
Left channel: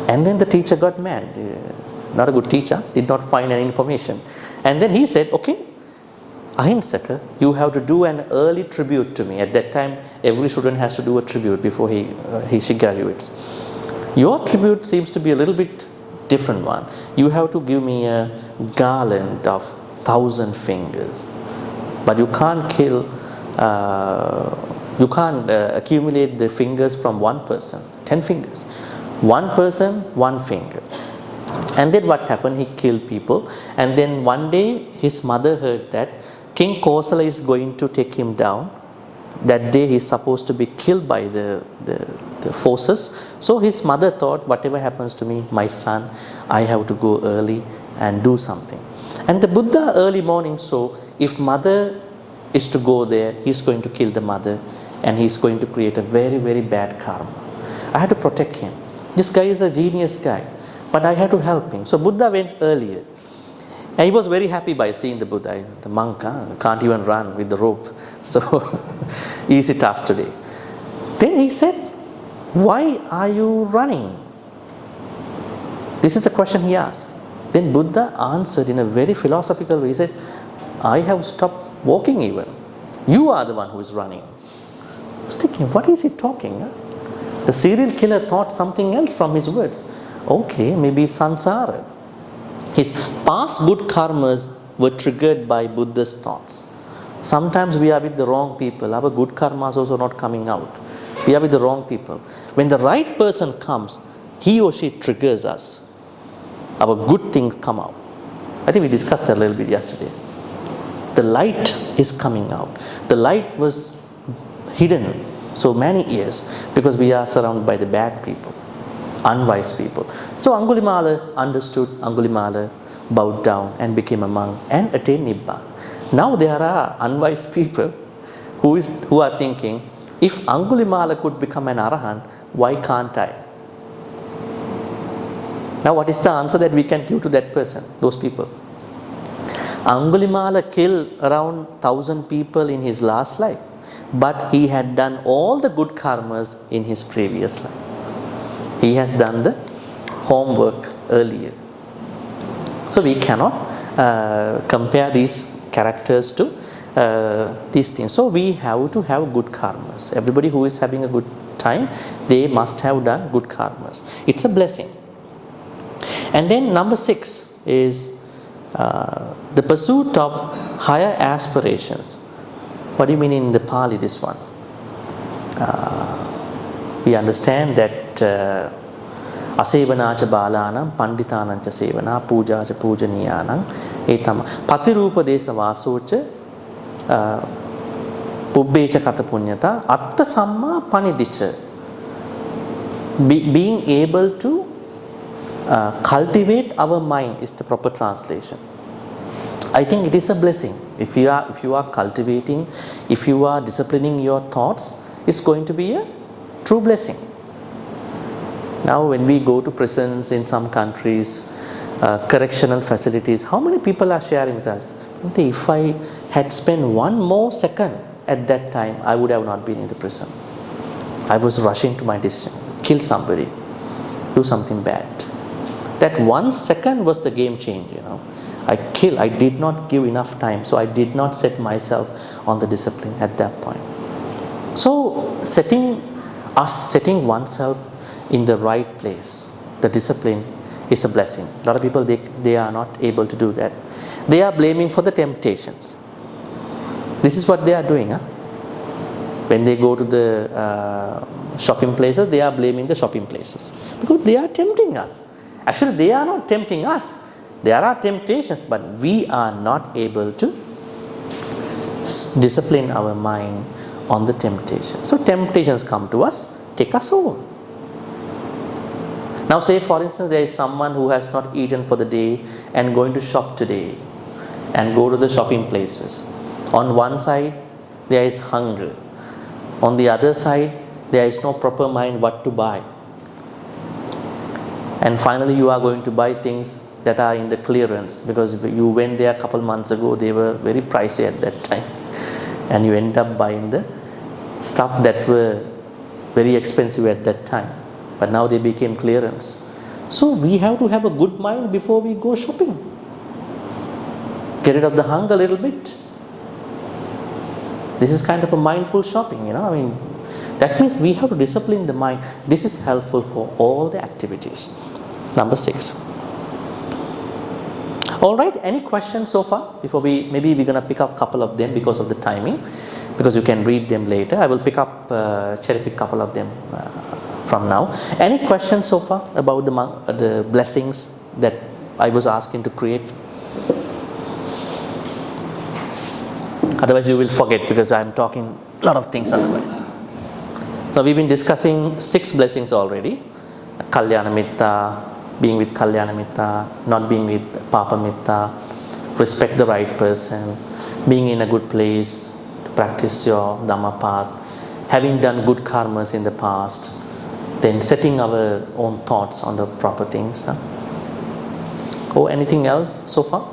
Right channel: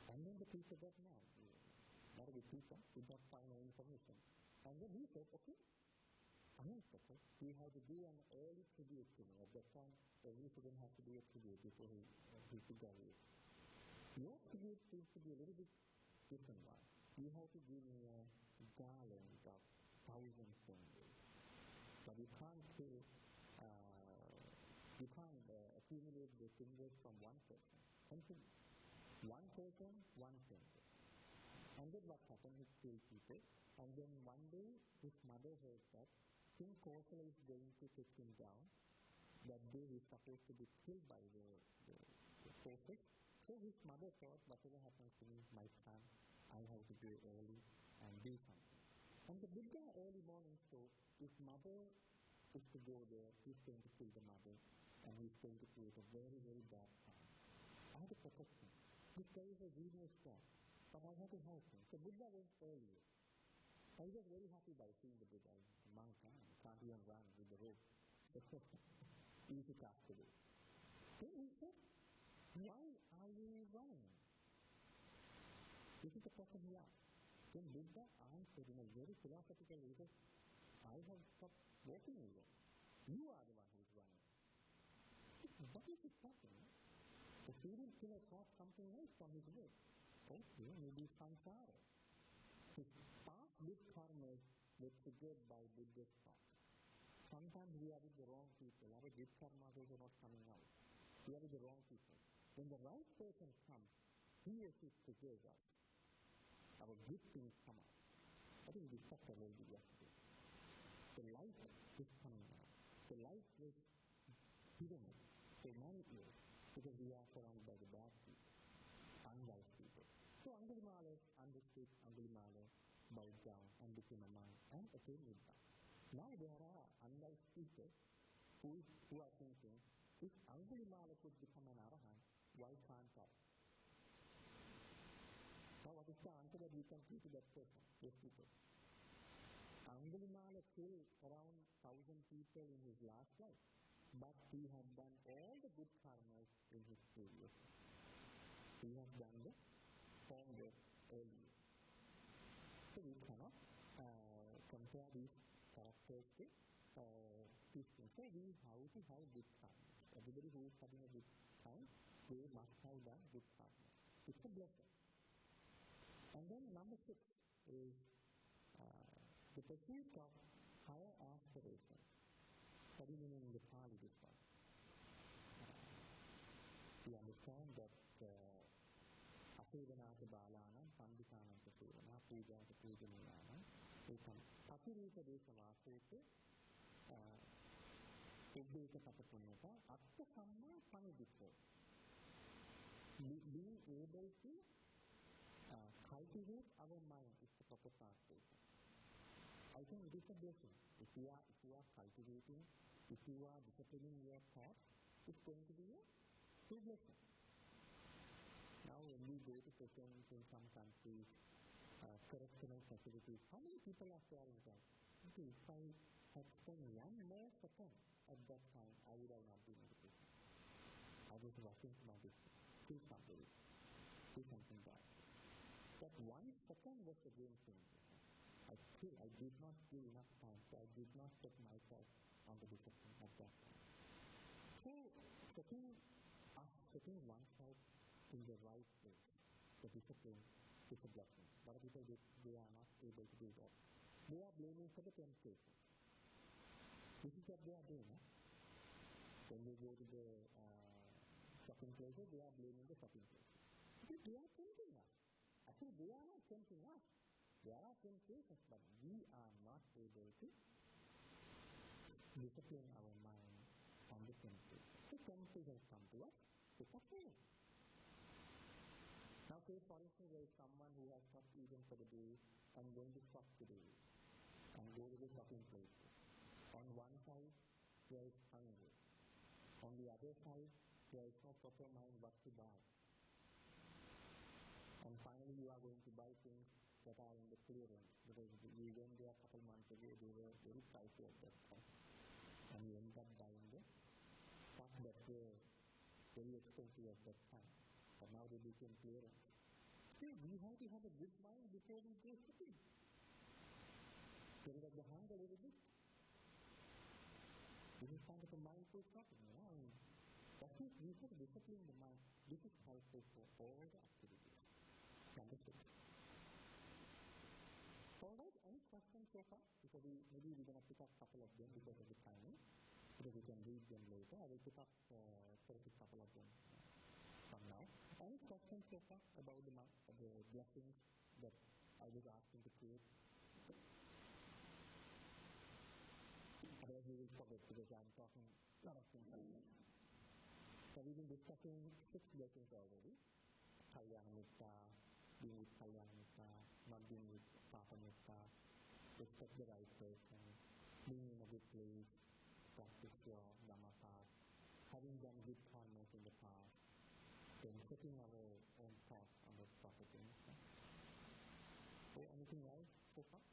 And then the teacher got mad. Not a good teacher, did not find any information. And then he said, "Okay, Ahinsaka, you have to do an early tribute to me." At that time, every student has to do a tribute before she graduates. Your tribute seems to be a little bit different one. You have to give me a garland of 1,000 fingers. But you can't accumulate the fingers from one person, 10 fingers. One person, one finger. And then what happened? He killed people. And then one day his mother heard that King Kosala is going to take him down. That day he's supposed to be killed by the forces. So his mother thought, whatever happens to me, my son, I have to go early and do something. And the Buddha early morning saw, if mother is to go there, he's going to kill the mother and he's going to create a very, very bad karma. I had to protect him. This guy is a genius guy, but I had to help him. So Buddha went earlier. And he was very happy by seeing the Buddha. The monk can't even run with the rope. So easy task today. Then he said, "Why are you running?" This is the question he asked. Then Buddha answered in a very philosophical way. He said, "I have stopped walking even. You are the one who is running." I was thinking, what is he talking? The serial killer thought something else from his words. Okay, maybe samsara. His past good karmas were triggered by Buddha's thoughts. Sometimes we are with the wrong people. Our good karmas also not coming out. We are with the wrong people. When the right person comes, he or she triggers us. Our good things come out. I think we discussed that a little bit yesterday. The light is coming out. The light was hidden so many years because we are surrounded by the bad people, unwise people. So Angulimala understood. Angulimala bowed down and became a monk and attained Nibbana. Now there are unwise people who are thinking, if Angulimala could become an Arahant, why can't I? Now what is the answer that we can give to that person, those people? Angulimala killed around 1,000 people in his last life, but he had done all the good karmas in his previous life. He has done the homework earlier. So we cannot compare these characters to these things. So we have to have good karmas. Everybody who is having a good time, they must have done good karmas. It's a blessing. And then number 6 is the pursuit of higher aspirations. What do you mean in the Pali, this one? We understand that asevanacha balanam panditanancha sevana pujacha pujaniyanam etama patirupa desa vasocha Ubbecha kata punyata, atta samma panidicca. Being able to cultivate our mind is the proper translation. I think it is a blessing. If you are cultivating, if you are disciplining your thoughts, it's going to be a true blessing. Now when we go to prisons in some countries, correctional facilities, how many people are sharing with us? If I had spent one more second at that time, I would have not been in the prison. I was rushing to my decision, kill somebody, do something bad. That 1 second was the game changer. I did not give enough time, so I did not set myself on the discipline at that point. So setting oneself in the right place, the discipline, is a blessing. A lot of people, they are not able to do that. They are blaming for the temptations. This is what they are doing. When they go to the shopping places, they are blaming the shopping places because they are tempting us. Actually, they are not tempting us. There are temptations, but we are not able to discipline our mind on the temptation. So temptations come to us, take us over. Now say for instance there is someone who has not eaten for the day and going to shop today and go to the shopping places. On one side there is hunger. On the other side there is no proper mind what to buy. And finally you are going to buy things that are in the clearance because you went there a couple months ago, they were very pricey at that time. And you end up buying the stuff that were very expensive at that time. But now they became clearance. So we have to have a good mind before we go shopping. Get rid of the hunger a little bit. This is kind of a mindful shopping, that means we have to discipline the mind. This is helpful for all the activities. Number 6. Alright, any questions so far? Maybe we're going to pick up a couple of them because of the timing, because you can read them later. I will cherry pick a couple of them from now. Any questions so far about the blessings that I was asking to create? Otherwise you will forget because I am talking a lot of things otherwise. So we've been discussing 6 blessings already. Kalyana Mitta, being with Kalyana Mitta, not being with Papa Mitta, respect the right person, being in a good place to practice your Dhamma path, having done good karmas in the past, then setting our own thoughts on the proper things. Or anything else so far?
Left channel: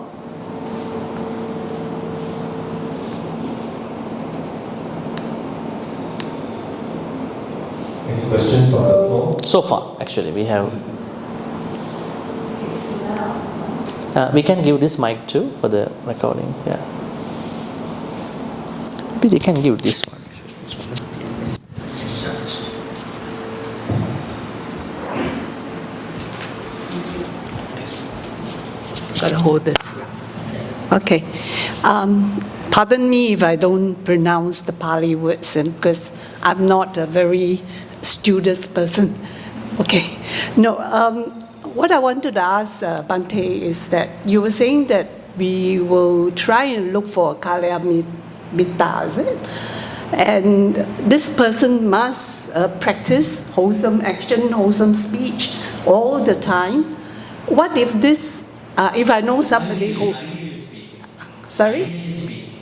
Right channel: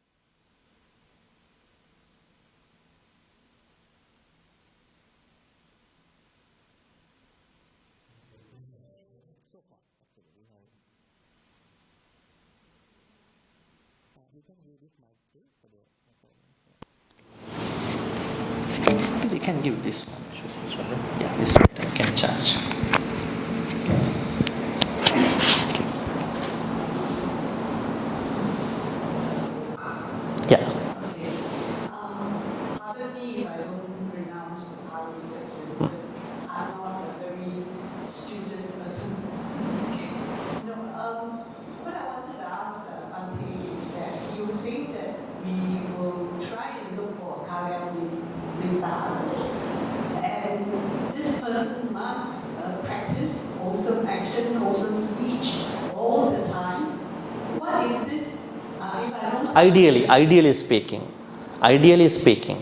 Any questions from the floor? So far, actually, we have. We can give this mic too for the recording. Yeah. Maybe they can give this one. This one. Yeah, this one we can charge. Gotta hold this. Yeah. Okay. Pardon me if I don't pronounce the Pali words because I'm not a very studious person. Okay. No, what I wanted to ask Bhante is that you were saying that we will try and look for Kalyana Mitta, is it? And this person must practice wholesome action, wholesome speech all the time. What if this, if I know somebody Ideally speaking. Sorry? Ideally speaking.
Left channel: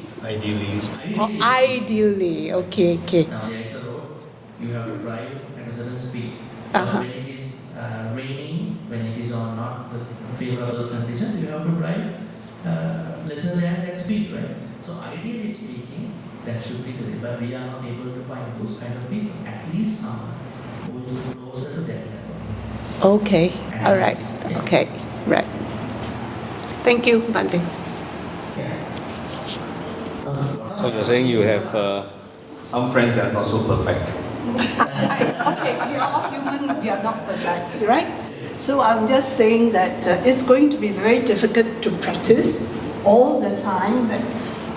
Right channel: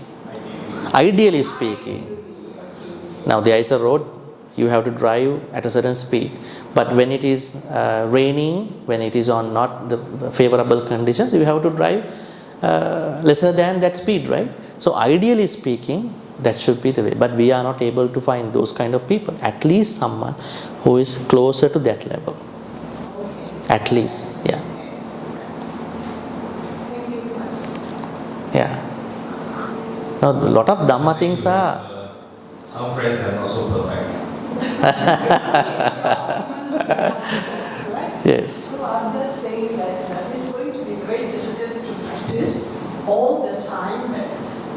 Ideally, okay. Now there is a road, you have to drive at a certain speed. But when it is raining, when it is on not the favorable conditions, you have to drive lesser than that speed, right? So ideally speaking, that should be the way. But we are not able to find those kind of people. At least someone who is closer to that level. Okay. At All least, right. yeah. Okay, right. Thank you, Bhante. Yeah. Now, a lot of Dhamma things are. Some friends that are not so perfect. Right? Yes. So I'm just saying that it's going to be very difficult to practice all the time. That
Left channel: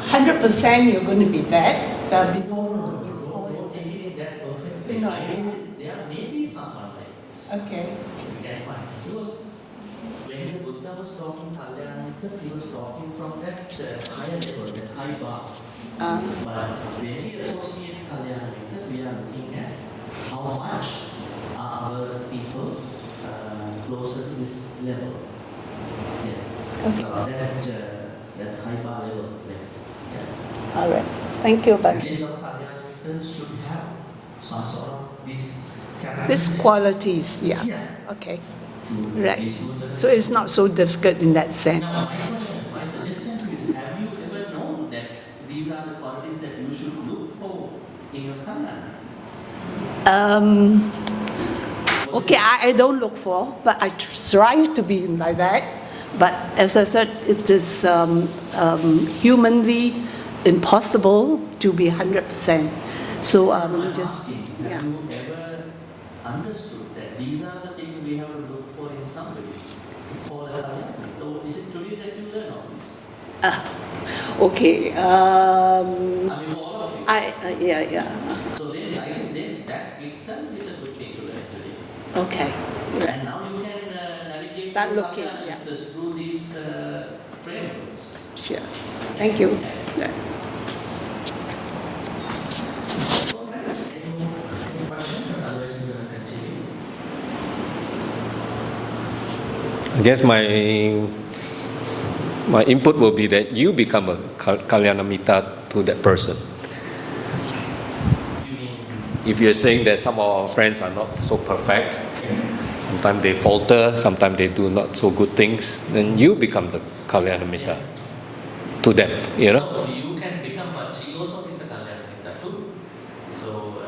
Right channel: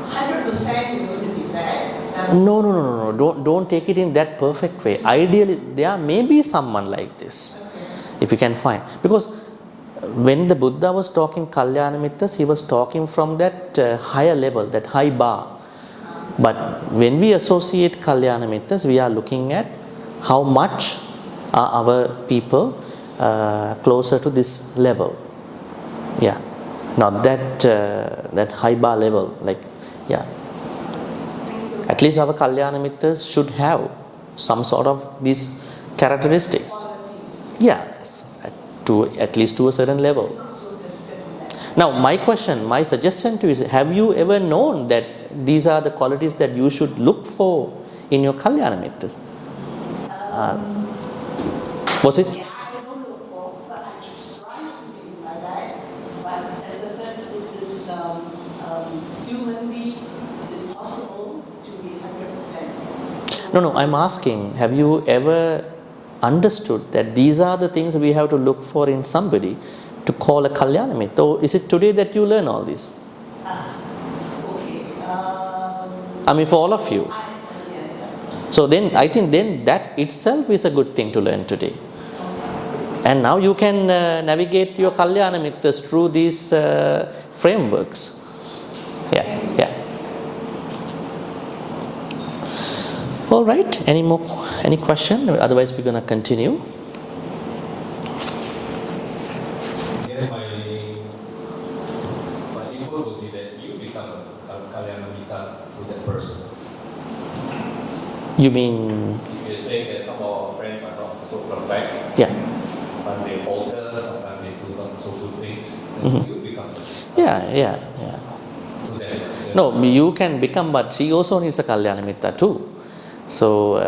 100% you're going to be there. No. Don't take it in that perfect way. Ideally, there may be someone like this. Okay. If you can find. Because when the Buddha was talking Kalyana Mittas, he was talking from that higher level, that high bar. But when we associate Kalyana Mittas, we are looking at how much are our people closer to this level. Yeah, not that high bar level. Like, yeah. All right. Thank you. At least our Kalyana Mittas should have some sort of these characteristics. These qualities, yeah. Yeah. Okay. At least to a certain so level. it's not so difficult in that sense. Now, my suggestion to you is, have you ever known that these are the qualities that you should look for in your Kalyana Mittas? Was Okay, it? I don't look for, but I strive to be like that. But as I said, it is humanly impossible to be 100%. So No, I'm asking, have you ever understood that these are the things we have to look for in somebody to call a Kalyana Mitta? Or is it today that you learn all this? Okay. I mean, for all of you. Yeah. So then, I think then that itself is a good thing to learn today. Okay. And now you can navigate your Kalyana Mittas through these frameworks. Sure. Yeah, Thank you. yeah. All right. Any question? Otherwise, we're going to continue. I guess my input will be that you become a Kalyana Mitta to that person. You mean? If you're saying that some of our friends are not so perfect, Yeah. sometimes they falter, sometimes they do not so good things, then you become the Kalyana Mitta Yeah. to them. You know? No, you can become, but she also needs a Kalyana Mitta too. So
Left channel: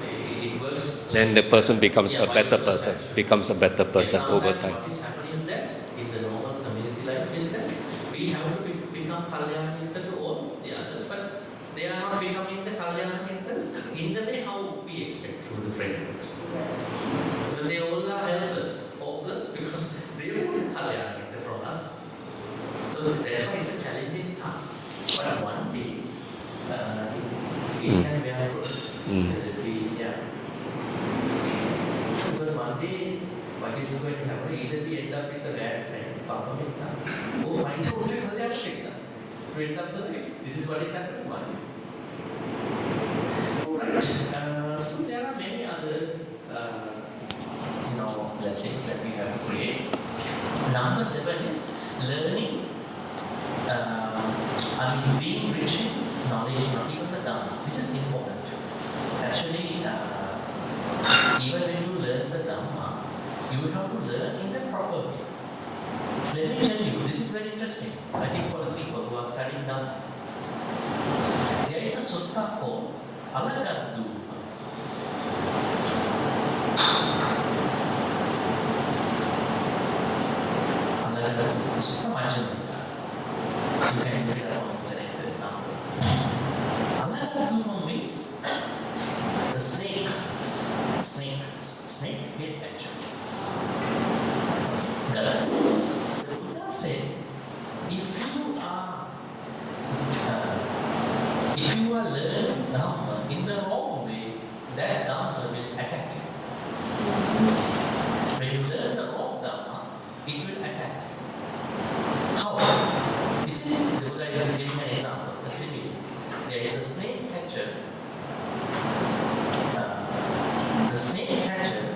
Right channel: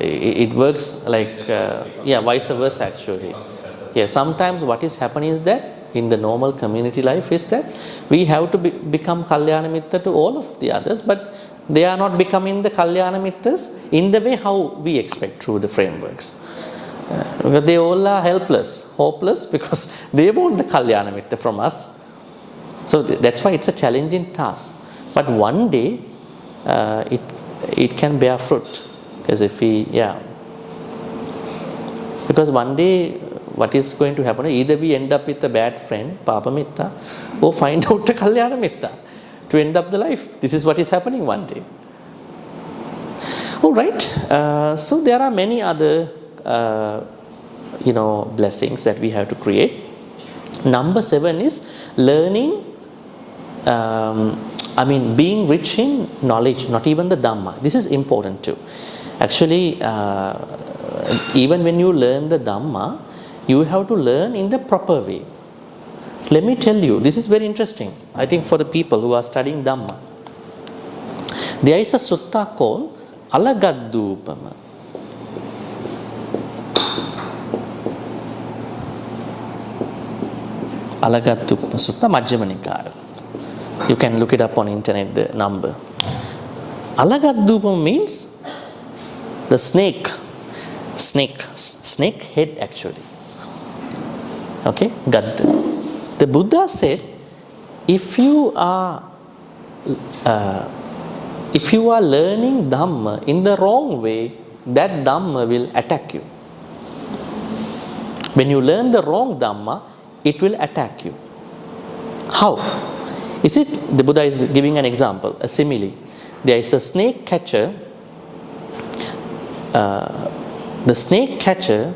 it works like and the person becomes a vice better versa person, actually. becomes a better person. Yeah, sometimes over what is happening is that in the normal community life is that we have to become Kalyana Mitta to all of the others, but they are not becoming the Kalyana Mittas in the way how we expect through the frameworks. But they all are helpless, hopeless, because they want the Kalyana Mitta from us. So that's why it's a challenging task. But one day it can bear fruit. Because if because one day what is going to happen, either we end up with a bad friend, Papa Mitta, or find out a Kalyana Mitta to end up the life. This is what is happening one day. All right. So there are many other blessings that we have to create. Number 7 is learning. Being rich in knowledge, not even the Dhamma. This is important too. Actually, even when you learn the Dhamma, you have to learn in the proper way. Let me tell you, this is very interesting. I think for the people who are studying Dhamma, there is a sutta called Alagadupama. Alagadupama Sutta, Majjhima Nikaya. You can look it up on internet, the number. Alagadupama means the snake head actually. Okay, Gaddu. The Buddha said, if you are learning Dhamma in the wrong way, that Dhamma will attack you. When you learn the wrong Dhamma, it will attack you. How? Is it? The Buddha is giving an example, a simile. There is a snake catcher. The snake catcher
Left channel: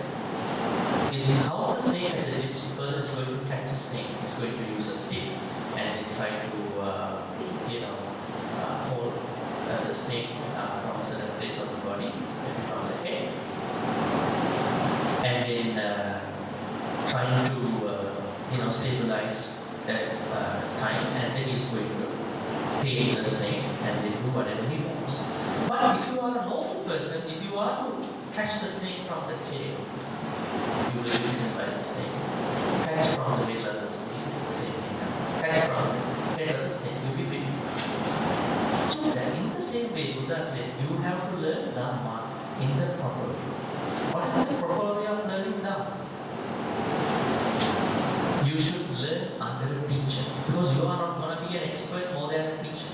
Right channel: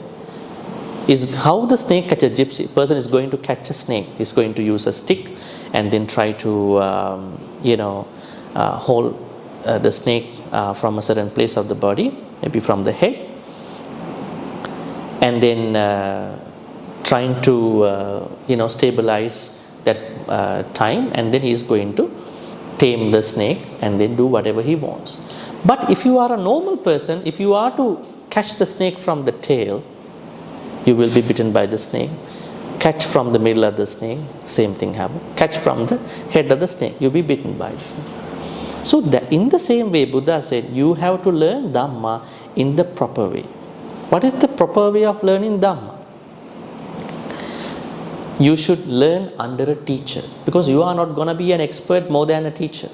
is how the snake catcher gypsy person is going to catch a snake. He's going to use a stick and then try to hold the snake from a certain place of the body, maybe from the head, and then trying to stabilize that time, and then he is going to tame the snake and then do whatever he wants. But if you are a normal person, if you are to catch the snake from the tail, you will be bitten by the snake. Catch from the middle of the snake, same thing happens. Catch from the head of the snake, you'll be bitten by the snake. So that in the same way, Buddha said, you have to learn Dhamma in the proper way. What is the proper way of learning Dhamma? You should learn under a teacher, because you are not going to be an expert more than a teacher,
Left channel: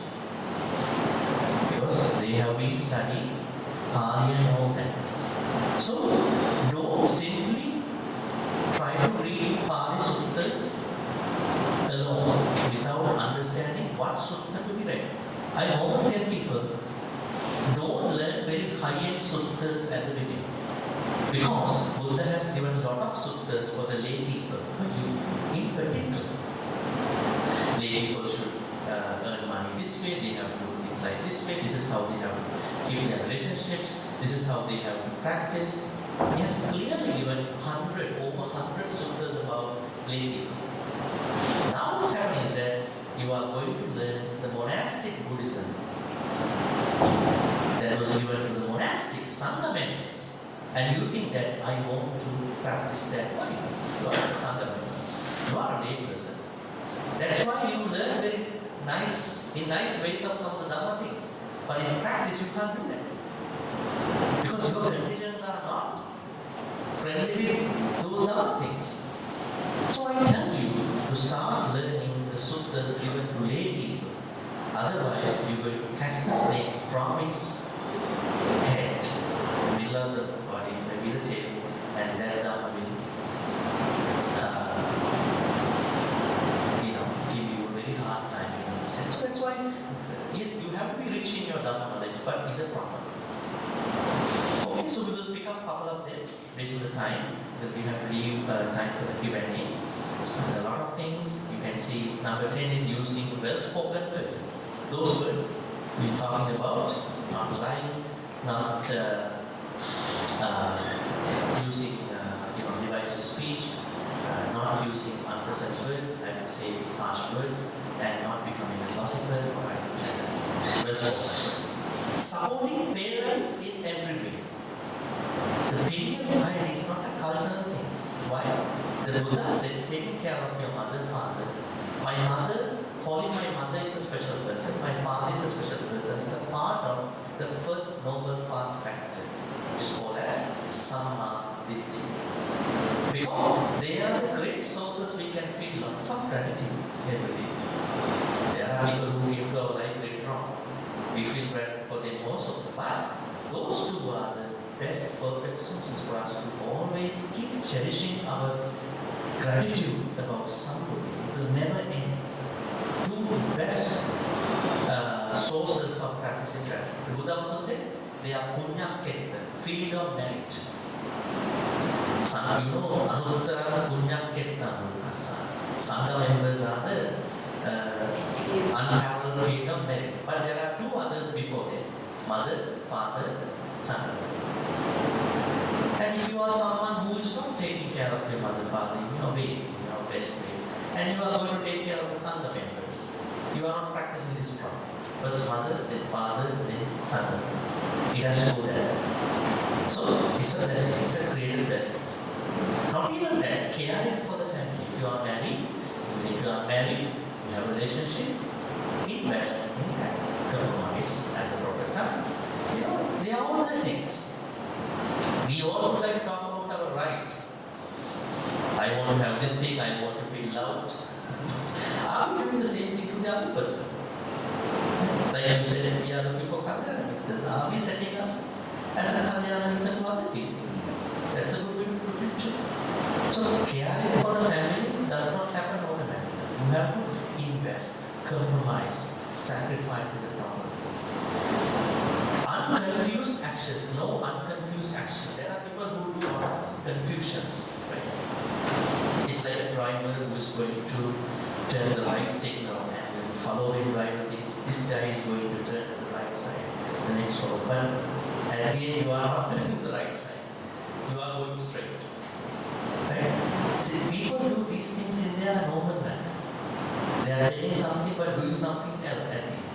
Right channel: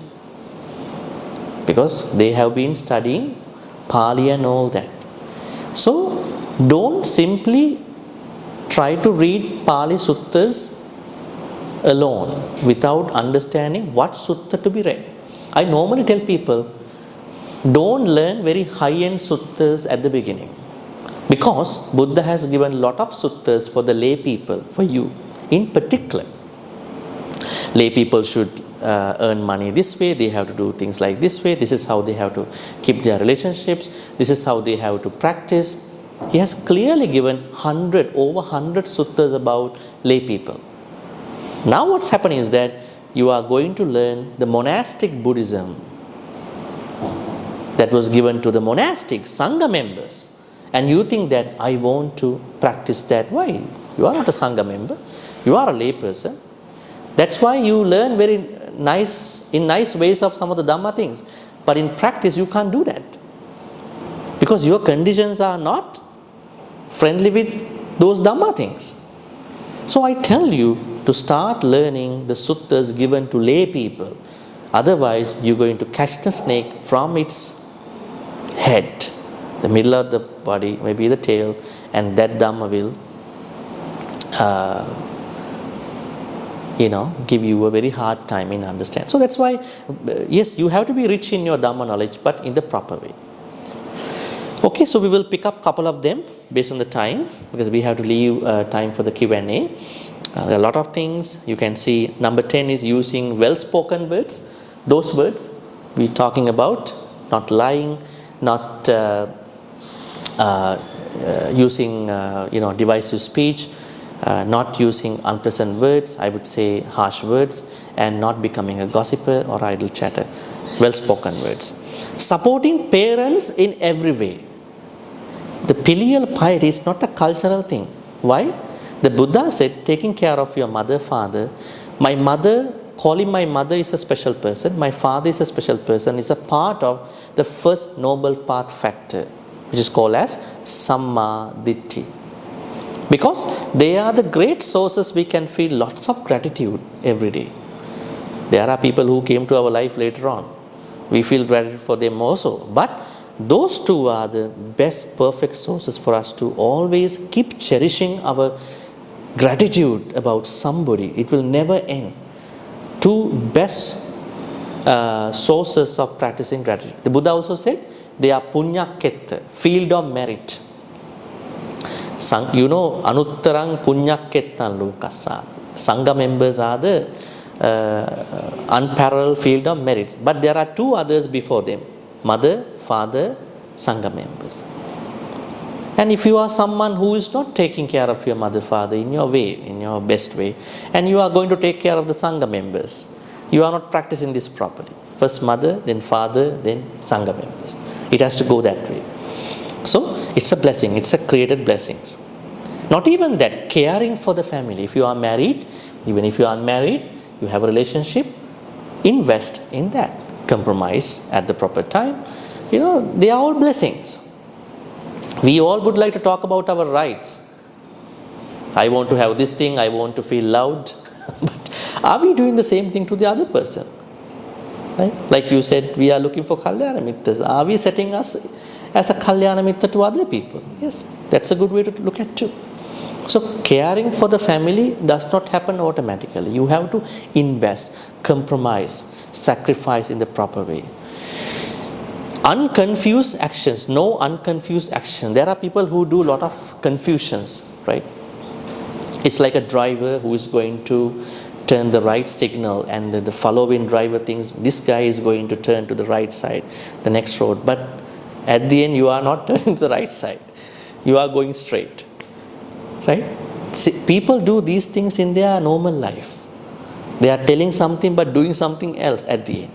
because they have been studying Pali and all that. So don't simply try to read Pali suttas alone without understanding what sutta to be read. I normally tell people, don't learn very high-end suttas at the beginning. Because Buddha has given a lot of suttas for the lay people, for you in particular. Lay people should earn money this way, they have to do things like this way, this is how they have to keep their relationships, this is how they have to practice. He has clearly given over 100 suttas about lay people. Now what's happening is that you are going to learn the monastic Buddhism that was given to the monastic Sangha members. And you think that I want to practice that. Why? You are not a Sangha member. You are a lay person. That's why you learn very nice ways of some of the Dhamma things. But in practice, you can't do that. Because your conditions are not friendly with those Dhamma things. So I tell you to start learning the suttas given to lay people. Otherwise, you're going to catch the snake from its head, the middle of the body, maybe the tail, and that Dhamma will give you a very hard time in understanding. So that's why, yes, you have to be rich in your Dhamma knowledge, but in the proper way. Okay, so we will pick up a couple of them based on the time, because we have to leave time for the Q&A. There are a lot of things. You can see number 10 is using well-spoken words. Those words we're talking about, not lying, not using divisive speech, not using unpleasant words, I would say harsh words, and not becoming a gossiper or idle chatter. Well-spoken words. Supporting parents in every way. The filial piety is not a cultural thing. Why? The Buddha said, taking care of your mother, father. My mother, calling my mother is a special person, my father is a special person, is a part of the first noble path factor, which is called as Samma Ditti. Because they are the great sources we can feel lots of gratitude every day. There are people who came to our life later on. We feel gratitude for them also. But those two are the best perfect sources for us to always keep cherishing our gratitude about somebody. It will never end. Two best sources of practicing gratitude. The Buddha also said they are punya ketta, field of merit. Anuttarang punya kettan lokassa. Sangha members are the unparalleled field of merit. But there are two others before them. Mother, father, Sangha members. And if you are someone who is not taking care of your mother, father in your way, in your best way, and you are going to take care of the Sangha members, you are not practicing this properly. First mother, then father, then Sangha members. It has to go that way. So it's a blessing, it's a created blessings. Not even that, caring for the family. If you are married, even if you are unmarried, you have a relationship, invest in that. Compromise at the proper time. They are all blessings. We all would like to talk about our rights. I want to have this thing, I want to feel loved. But are we doing the same thing to the other person? Right? Like you said, we are looking for Kalyana Mittas. Are we setting us as a Kalyana Mitta to other people? Yes, that's a good way to look at too. So caring for the family does not happen automatically. You have to invest, compromise, sacrifice in the proper way. Unconfused actions, no unconfused action. There are people who do a lot of confusions, right? It's like a driver who is going to turn the right signal, and the following driver thinks this guy is going to turn to the right side, the next road. But at the end, you are not turning to the right side. You are going straight, right? See, people do these things in their normal life. They are telling something but doing something else at the end.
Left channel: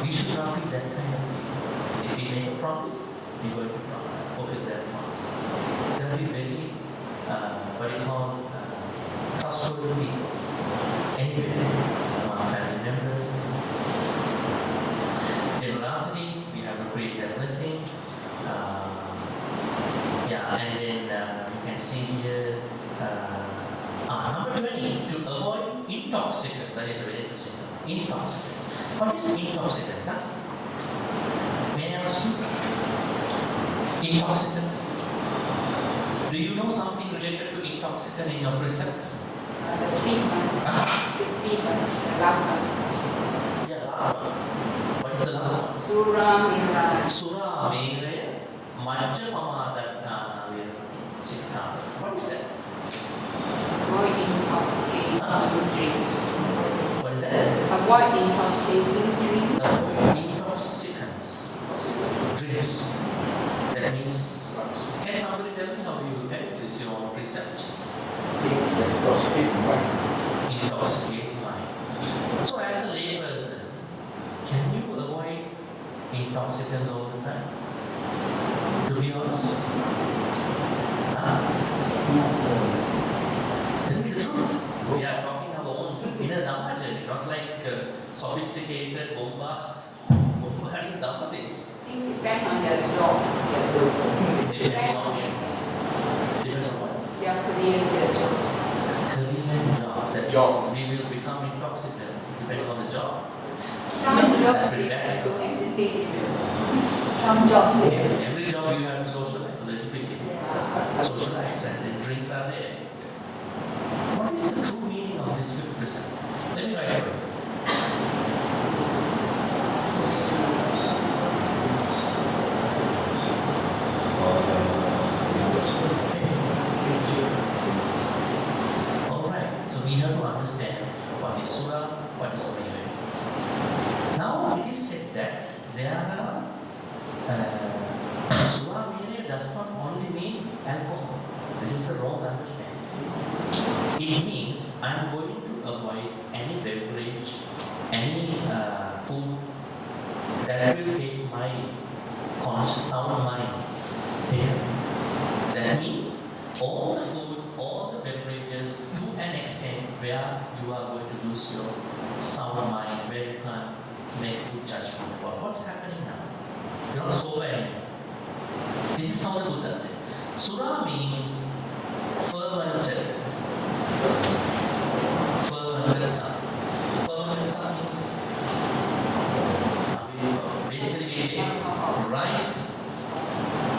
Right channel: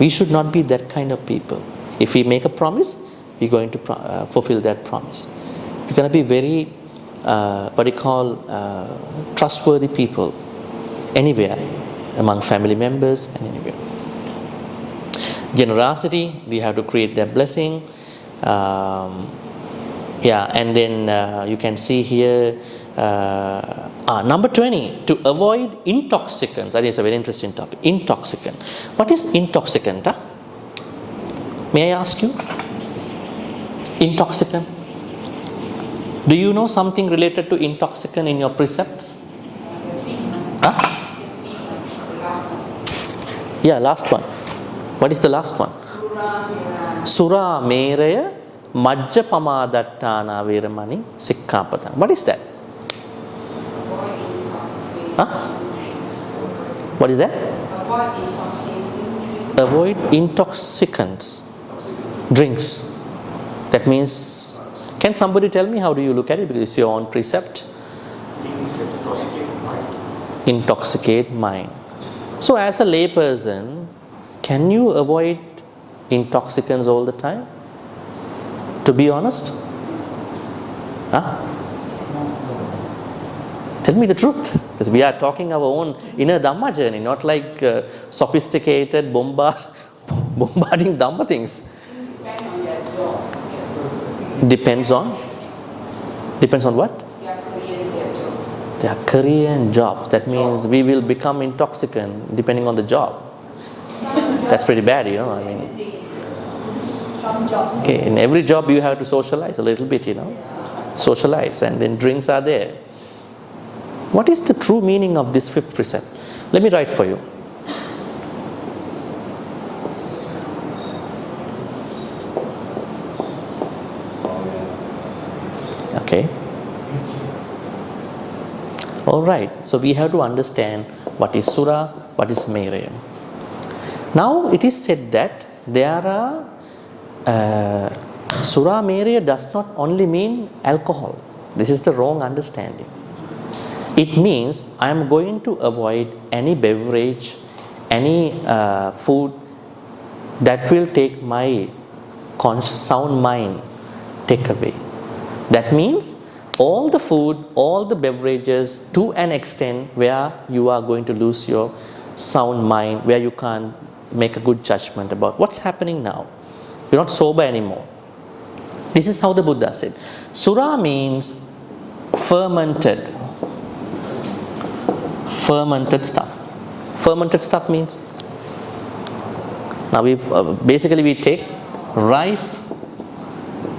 We should not be that kind of people. If we make a promise, we're going to fulfill that promise. We're going to be very, trustworthy people anywhere, among family members and anywhere. Generosity, we have to create that blessing. And then you can see here, number 20, to avoid intoxicants. That is a very interesting topic. Intoxicant. What is intoxicant? May I ask you? Intoxicant. Do you know something related to intoxicant in your precepts? The fever. Huh? The fever. The last one. Yeah, last one. What is the last one? Sura Meraya Majja Pamadattana Veramani Sikkhapada. What is that? Huh? What is that? Avoid intoxicants. Drinks. That means, can somebody tell me how do you look at it? Because it's your own precept. Intoxicate mind. So as a layperson, can you avoid intoxicants all the time? To be honest? Huh? Tell me the truth. Because we are talking our own inner Dhamma journey, not like sophisticated bombarding Dhamma things. Depends on what? Their career and job. That means we will become intoxicant depending on the job. That's pretty bad, you know. I mean, okay, in every job you have to socialize a little bit, you know. Socialize, and then drinks are there. What is the true meaning of this fifth precept? Let me write for you. Okay. All right. So we have to understand what is Sura, what is Meraya. Now it is said that there are Sura Meraya does not only mean alcohol. This is the wrong understanding. It means I am going to avoid any beverage, any food that will take my sound mind take away. That means all the food, all the beverages to an extent where you are going to lose your sound mind, where you can't make a good judgment about what's happening now. You're not sober anymore. This is how the Buddha said. Sura means fermented stuff. Fermented stuff means, now we basically we take rice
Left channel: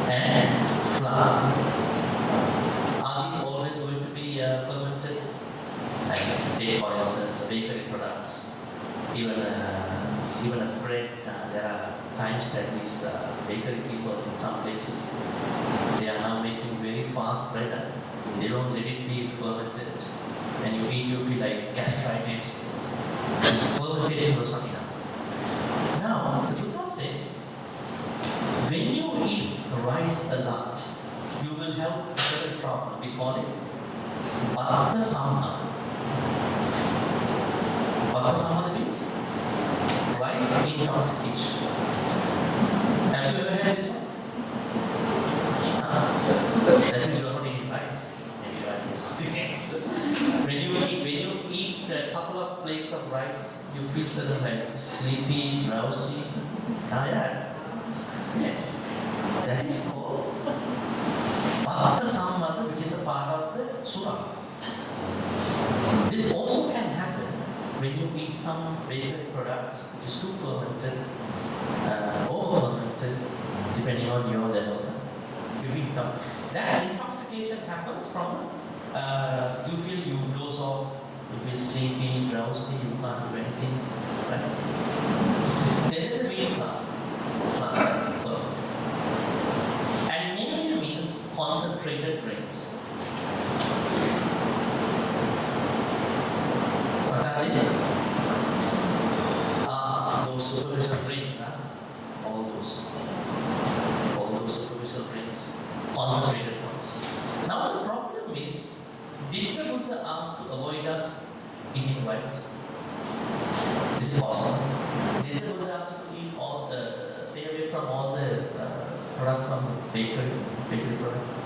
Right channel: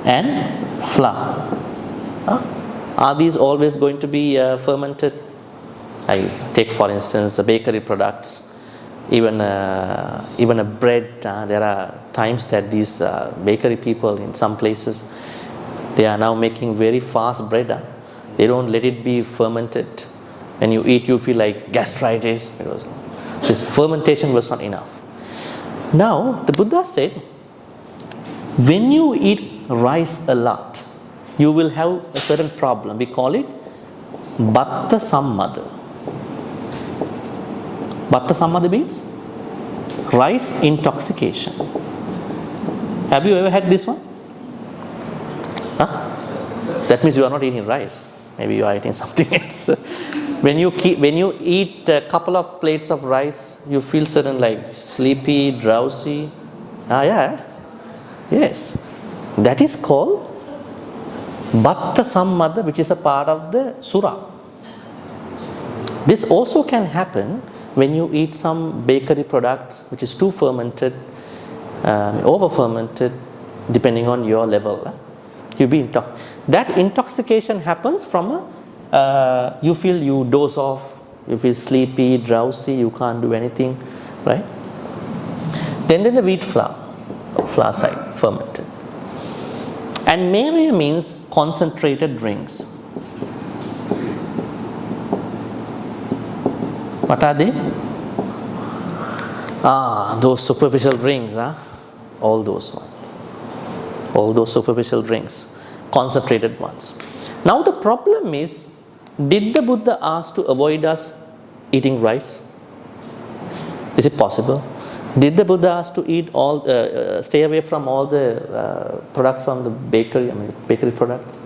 and flour. Are these always going to be fermented? I take for instance the bakery products, even a bread. There are times that these bakery people in some places, they are now making very fast bread. They don't let it be fermented. When you eat, you feel like gastritis. This fermentation was not enough. Now, the Buddha said, when you eat rice a lot, you will have a certain problem. We call it Batta Sammada. Batta Sammada means rice intoxication. Have you ever had this one? Huh? That means you are not eating rice. Maybe you are eating something else. When you eat a couple of plates of rice, you feel certain like sleepy, drowsy. Yeah. Yes. That is called Batta Sammada, which is a part of the Sura. This also can happen when you eat some bakery products which is too fermented, over fermented, depending on your level. That intoxication happens from you feel you doze off, you feel sleepy, drowsy, you can't do anything, right? Then the wheat flour side, fermented. And Meraya means concentrated drinks. What are they? Those superficial drinks, all those ones. All those superficial drinks, concentrated ones. Now the problem is, did the Buddha ask to avoid us eating rice? Is it possible? Did the Buddha ask to eat stay away from all the products from the bakery products?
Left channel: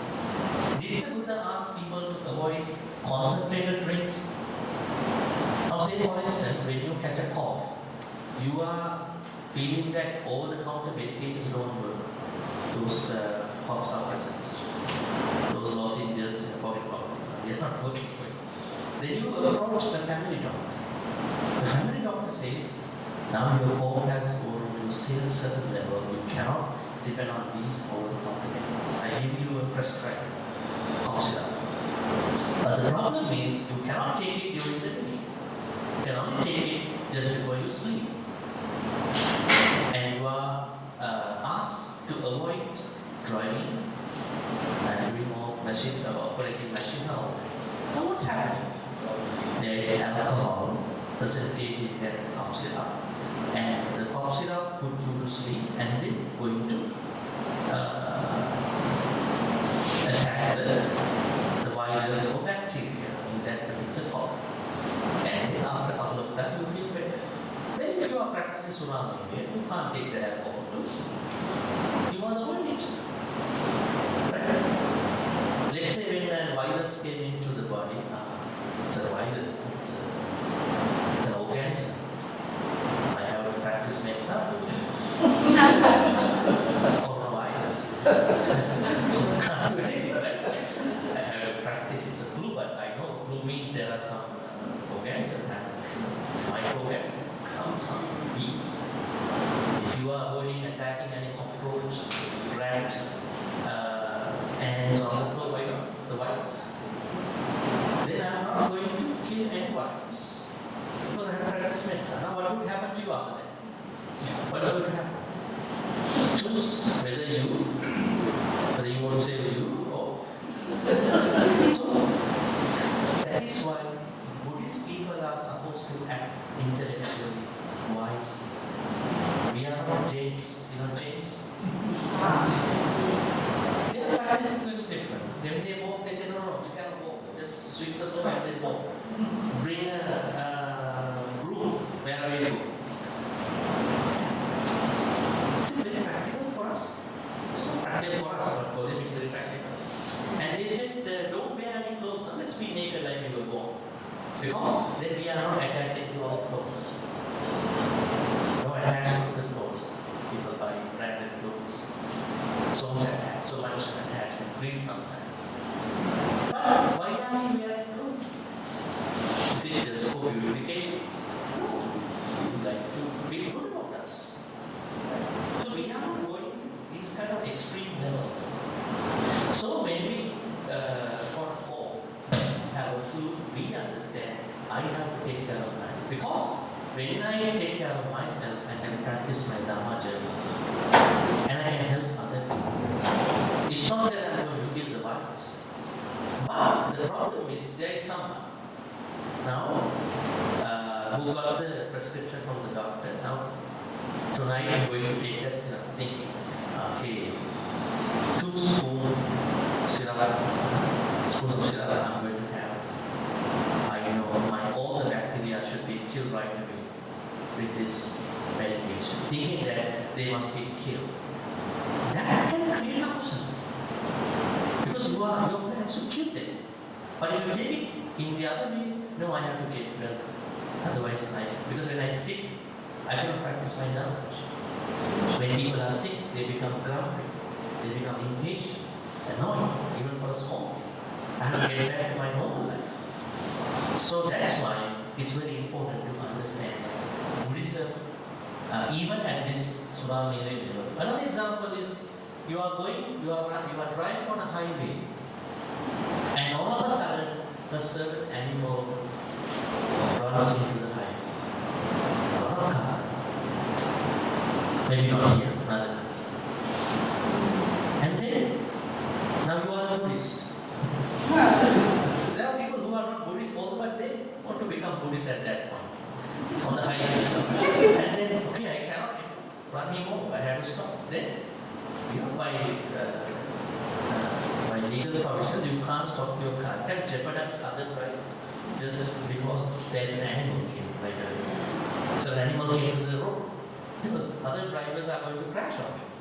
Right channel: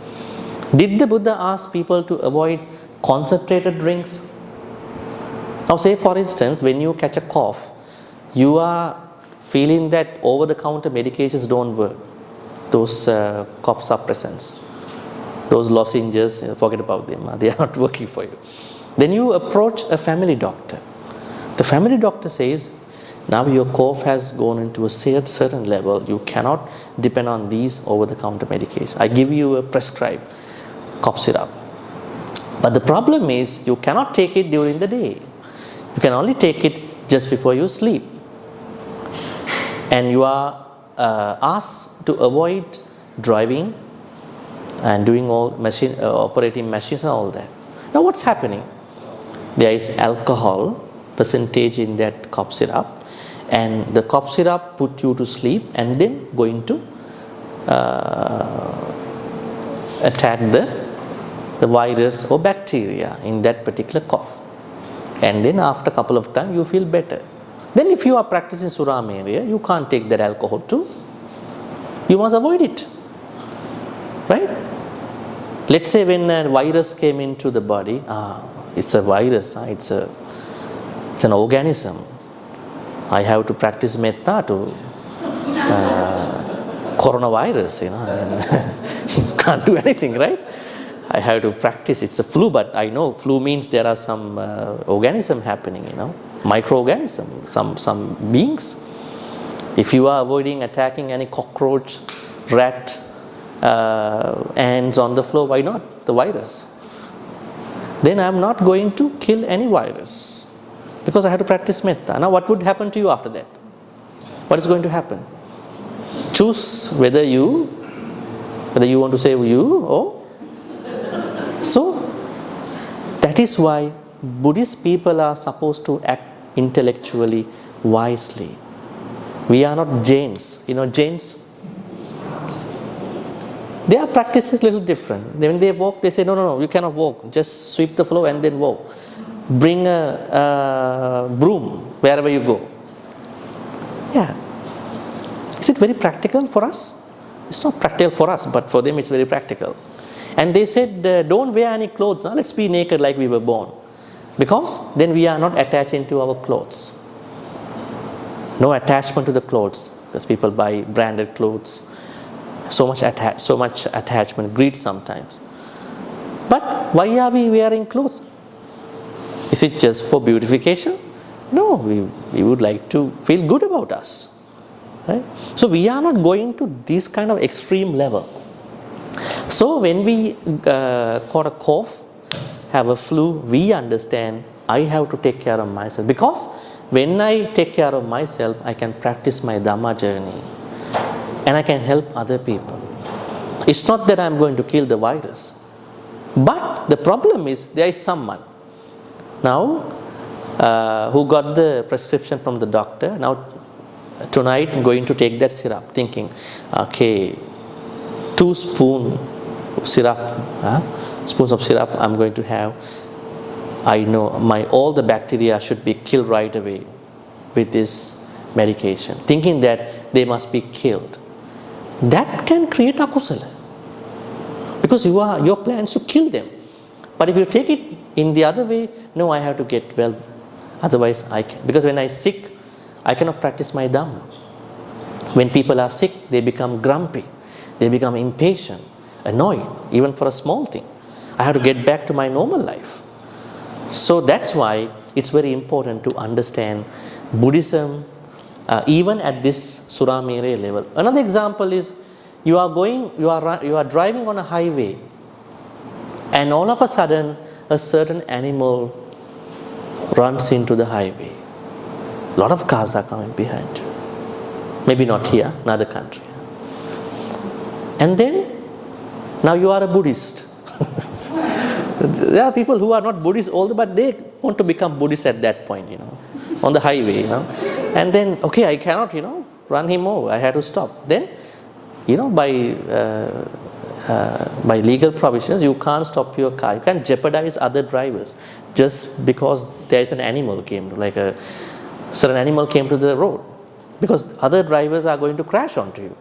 Did the Buddha ask people to avoid concentrated drinks? Now say for instance, when you catch a cough, you are feeling that over-the-counter medications don't work. Those cough suppressants, those lozenges, forget about them, they are not working for you. Then you approach a family doctor. The family doctor says, now your cough has gone into a certain level, you cannot depend on these over-the-counter medications. I give you a prescribed cough syrup. But the problem is, you cannot take it during the day. You can only take it just before you sleep. and you are asked to avoid driving and doing all machine operating machines and all that. Now what's happening? There is alcohol percentage in that cough syrup, and the cough syrup put you to sleep and then going to attack the virus or bacteria in that particular cough. And then after a couple of times you feel better. Then if you are practicing Suramereya, you can't take that alcohol too. You must avoid it. Right? Let's say when a virus came into the body, it's a virus, it's an organism. I have to practice metta to coronavirus, you can't do anything, right? I have to practice. It's a flu, but I know flu means there are some organism happening, microorganism, some beings. If you are avoiding attacking any cockroach, rat, ants on the floor, why not the virus? Then I am not going to kill any virus because I have to practice metta. Now what would happen to you after that? What is going to happen? Choose whether you want to save you or so. That is why Buddhist people are supposed to act intellectually wisely. We are not Jains. Jains, their practice is a little different. When they walk, they say, no, you cannot walk. Just sweep the floor and then walk. Bring a broom wherever you go. Yeah. Is it very practical for us? It's not practical for us, but for them it's very practical. And they said, don't wear any clothes. Let's be naked like we were born. Because then we are not attaching to our clothes. No attachment to the clothes. Because people buy branded clothes. So much attachment, greed sometimes. But why are we wearing clothes? Is it just for beautification? No, we would like to feel good about us. Right? So we are not going to this kind of extreme level. So when we got a cough, have a flu, we understand I have to take care of myself. Because when I take care of myself, I can practice my Dharma journey. And I can help other people. It's not that I'm going to kill the virus. But the problem is, there is someone now who got the prescription from the doctor. Now tonight I'm going to take that syrup, thinking, okay, 2 spoons of syrup I'm going to have. I know all the bacteria should be killed right away with this medication, thinking that they must be killed. That can create akusala, because your plan is to kill them. But if you take it in the other way, no, I have to get well, otherwise I can. Because when I'm sick, I cannot practice my Dhamma. When people are sick, they become grumpy, they become impatient, annoyed, even for a small thing. I have to get back to my normal life. So that's why it's very important to understand Buddhism, even at this Suramereya level. Another example is you are driving on a highway, and all of a sudden a certain animal runs into the highway. A lot of cars are coming behind. Maybe not here, another country. And then now you are a Buddhist. There are people who are not Buddhists although, but they want to become Buddhists at that point, on the highway, And then, okay, I cannot, run him over. I had to stop. Then, by legal provisions, you can't stop your car. You can't jeopardize other drivers just because there is an animal came, like a certain animal came to the road, because other drivers are going to crash onto you.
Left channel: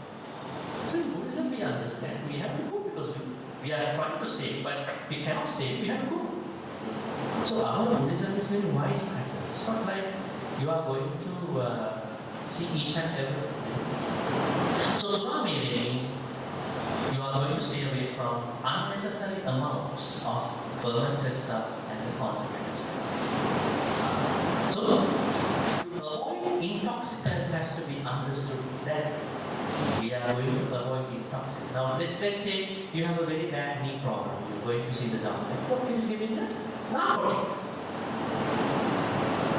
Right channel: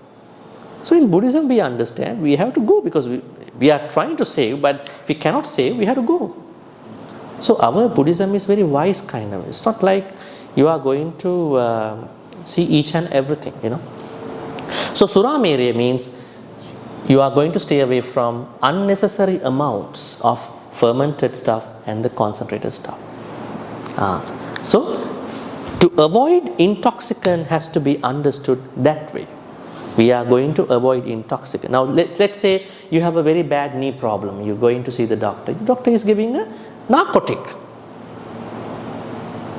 So in Buddhism, we understand we have to go because we are trying to save, but if we cannot save, we have to go. So our Buddhism is very wise kind of. It's not like you are going to see each and everything, So Suramereya means you are going to stay away from unnecessary amounts of fermented stuff and the concentrated stuff. So to avoid intoxicant has to be understood that way. We are going to avoid intoxicant. Now let's say you have a very bad knee problem. You're going to see the doctor. The doctor is giving a narcotic,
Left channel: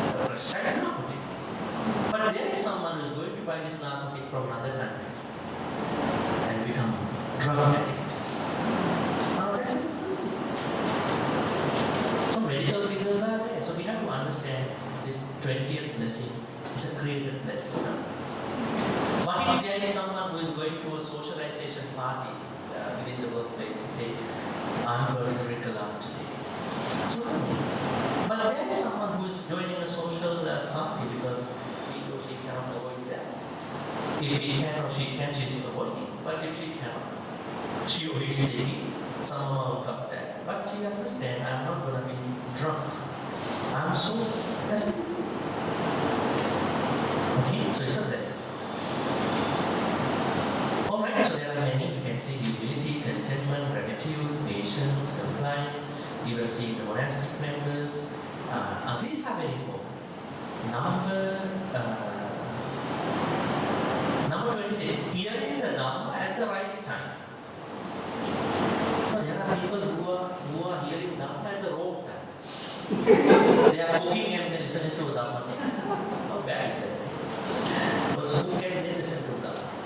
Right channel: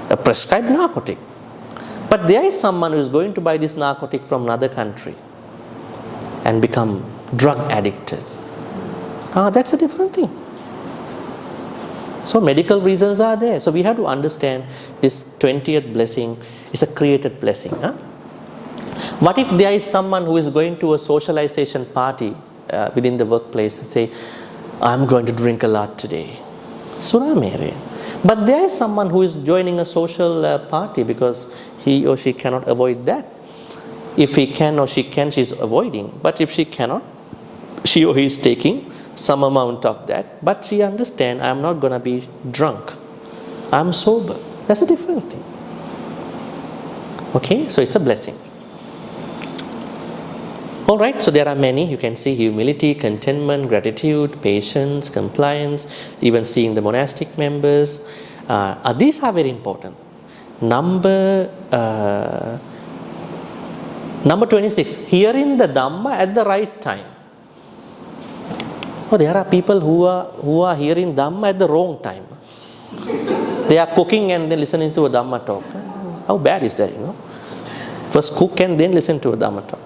a prescribed narcotic. But there is someone who is going to buy this narcotic from another country and become drug addicted. That's a different thing. So medical reasons are there. So we have to understand this 20th blessing is a created blessing. What if there is someone who is going to a socialization party within the workplace and say, I'm going to drink a lot today? Surah mere. But there is someone who is joining a social party because he or she cannot avoid that. If he can or she can, she is avoiding. But if she cannot, she or he is taking some amount of that. But she understands, I am not going to be drunk. I am sober. That's a different thing. Okay, so it's a blessing. Alright, so there are many. You can see humility, contentment, gratitude, patience, compliance, even seeing the monastic members. These are very important. Number 26, hearing the Dhamma at the right time. Oh, there are people who are hearing Dhamma at the wrong time. They are cooking and then listening to a Dhamma talk. How bad is that, First cook and then listen to a Dhamma talk.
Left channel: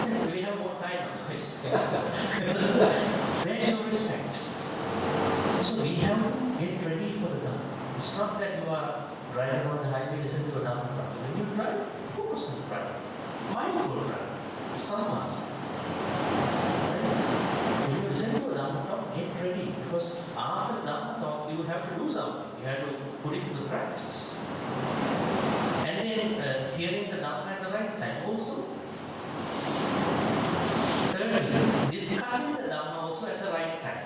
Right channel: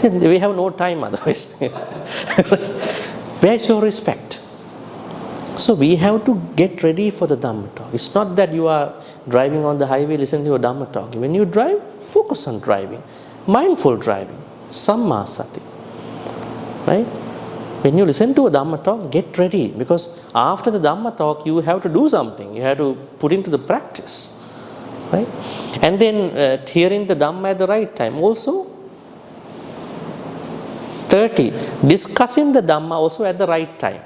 We have no time otherwise. Where is your respect? So we have to get ready for the Dhamma talk. It's not that you are driving on the highway listening to a Dhamma talk. When you drive, focus on driving. Mindful driving. Samma sati. Right? When you listen to a Dhamma talk, get ready. Because after the Dhamma talk, you have to do something. You have to put into the practice. Right? And then hearing the Dhamma at the right time. Also, 30. Discussing the Dhamma also at the right time.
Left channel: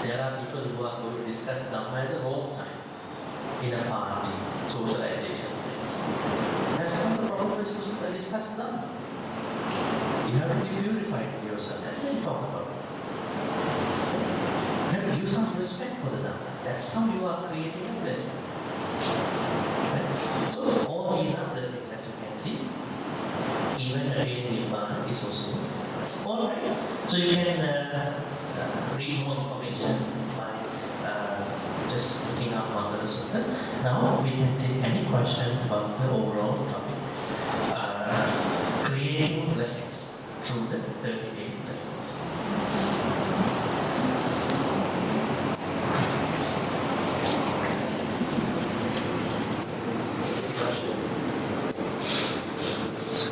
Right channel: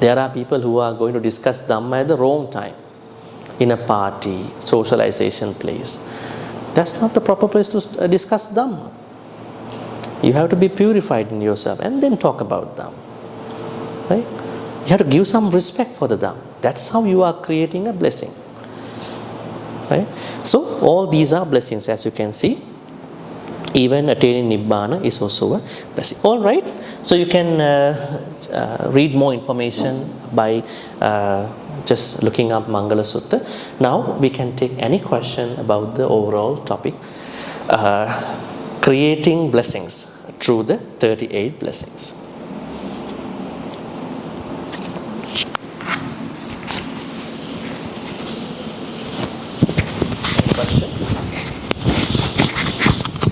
There are people who are going to discuss Dhamma at the wrong time. In a party, socialization place. That's not the proper place to discuss Dhamma. You have to be purified in yourself and then talk about Dhamma. Right? You have to give some respect for the Dhamma. That's how you are creating a blessing. Right? So all these are blessings, as you can see. Even attaining Nibbana is also a blessing. All right. So you can read more information by just looking up Mangala Sutta. Now we can take any question about the overall topic. Creating blessings through the 38 blessings.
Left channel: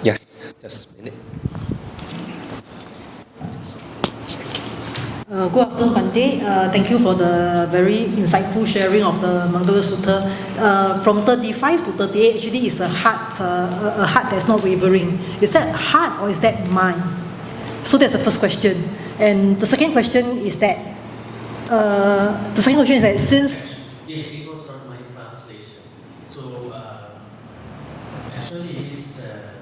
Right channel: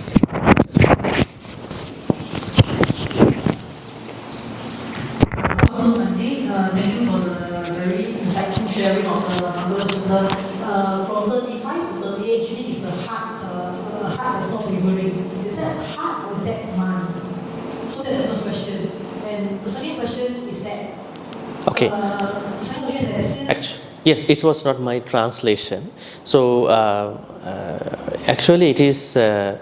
Yes. Good afternoon, Bhante. Thank you for the very insightful sharing of the Mangala Sutta. From 35 to 38, actually is a heart that's not wavering. Is that heart or is that mind? So that's the first question. And the second question is that, the second question is that since... Yes, it was not my translation. So actually it is the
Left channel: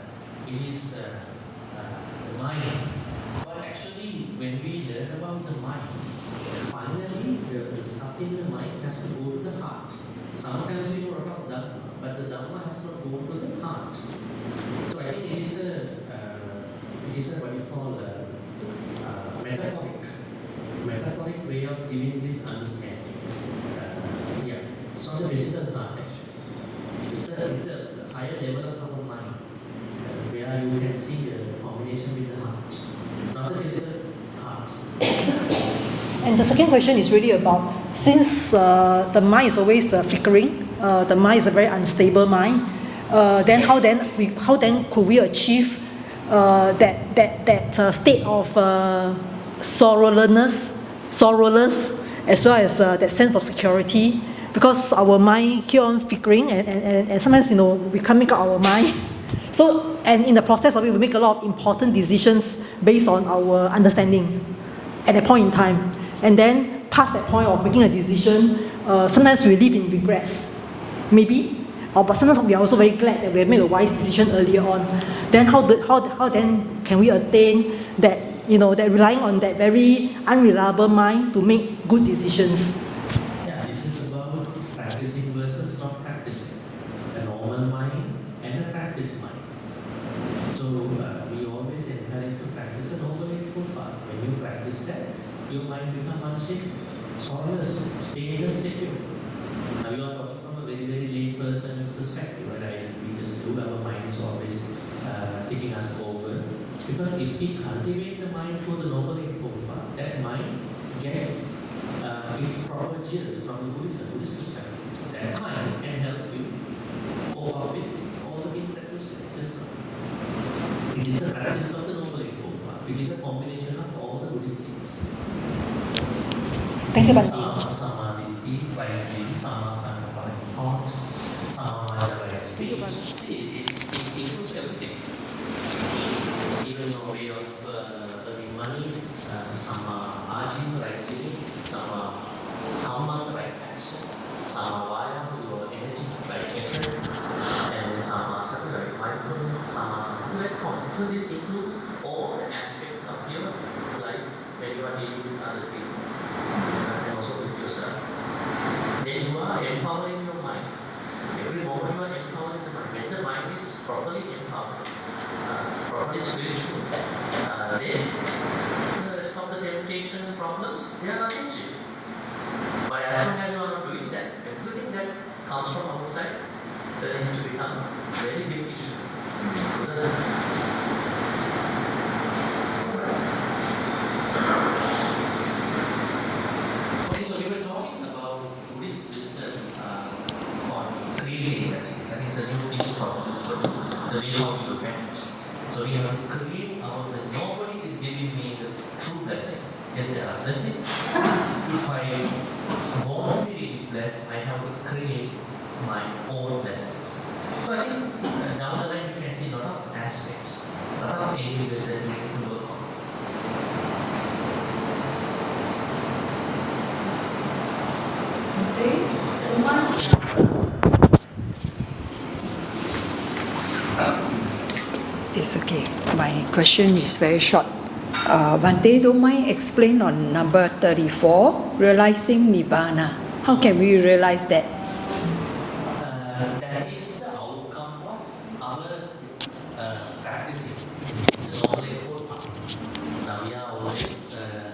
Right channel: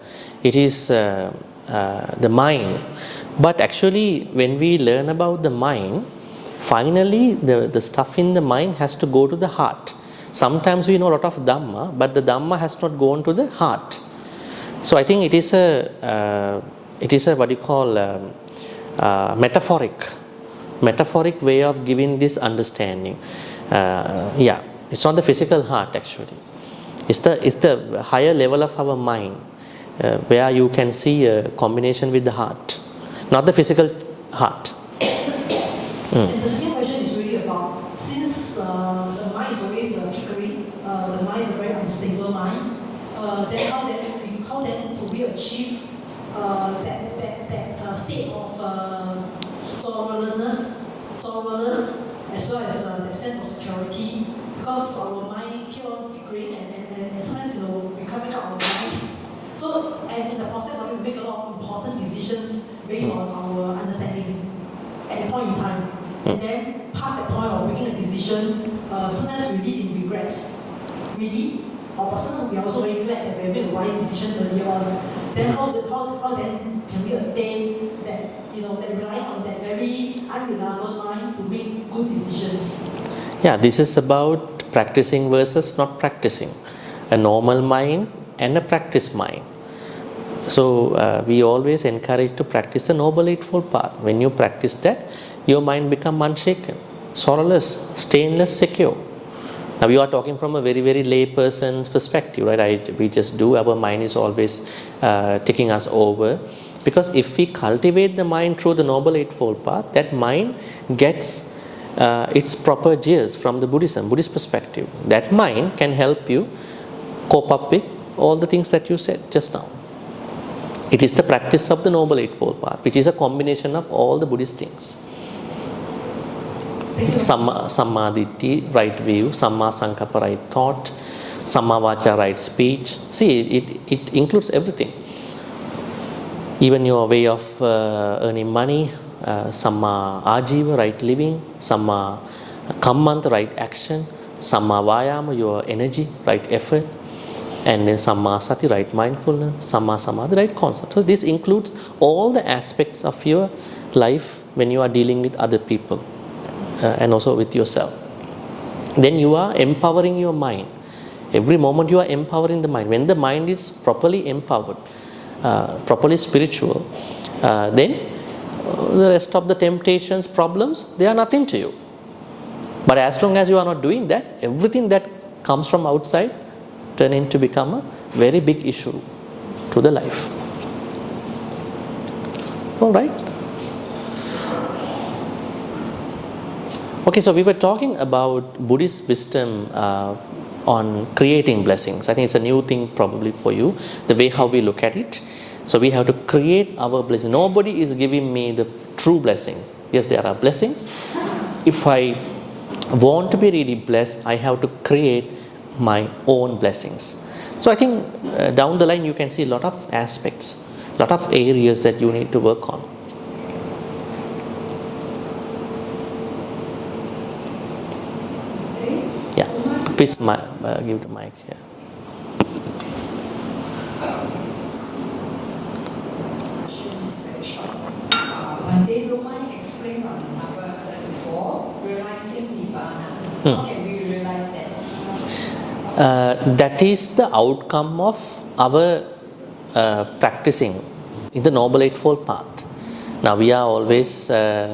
mind. But actually, when we learn about the mind, finally the stuff in the mind has to go to the heart. Sometimes we know a lot of Dhamma, but the Dhamma has not gone to the heart. So I think it is a what you call metaphoric way of giving this understanding. It's not the physical heart actually. It's the higher level of our mind where you can see a combination with the heart. Not the physical heart. And the second question is really about, since the mind is always flickering, the mind is a very unstable mind, then how could we achieve that state of sorrowless, as well as that sense of security? Because our mind keep on flickering, and sometimes we can't make up our mind. So, and in the process of it, we make a lot of important decisions based on our understanding at that point in time. And then, past that point of making a decision, sometimes we live in regrets, maybe. But sometimes we are also very glad that we have made a wise decision earlier on. Then how then can we attain that, that relying on that very unreliable mind to make good decisions? Yeah, this is about practicing versus not practicing. A normal mind and a practice mind. So we always encourage to practice the Noble Eightfold Path. When you practice that, your mind becomes unshaken, sorrowless, stainless, secure. Now we are talking from a very, very lay person's perspective, right? We just do, our mind is always taking us over. Because if we cultivate the mind through the Noble Eightfold Path, that mind gets its proper gears from the Buddhist perspective. That mind can help you cope up with all the things that you said just now. It is the practice of the Noble Eightfold Path, which is a combination of all the Buddhist things. Samma Ditti, right view, Samma Sankappa, right thought, Samma Vacha, right speech. See, it includes everything. Even your way of earning money, Samma Ajiva, right living, Samma Kammanta, right action, Samma Vayama, your energy, right effort, and then Samma Sati, right mindfulness, Samma Samadhi, right concept. So this includes all the aspects of your life when you are dealing with other people and also with yourself. Then you are empowering your mind. Every moment you are empowering the mind. When the mind is properly empowered, properly spiritual, then the rest of the temptations, problems, they are nothing to you. But as long as you are not doing that, everything that comes from outside turn into become a very big issue to the life. All right. Okay, so we were talking about Buddhist wisdom on creating blessings. I think it's a new thing probably for you, the way how we look at it. So we have to create our blessings. Nobody is giving me the true blessings. Yes, there are blessings. If I want to be really blessed, I have to create my own blessings. So I think down the line you can see a lot of aspects, a lot of areas that you need to work on. Yeah, please give the mic. It's okay. My question is very short. Bhante, don't mind explain on number 34, realizing Nibbana. How can we realize that? That is the outcome of our practicing in the Noble Eightfold Path. Now we are always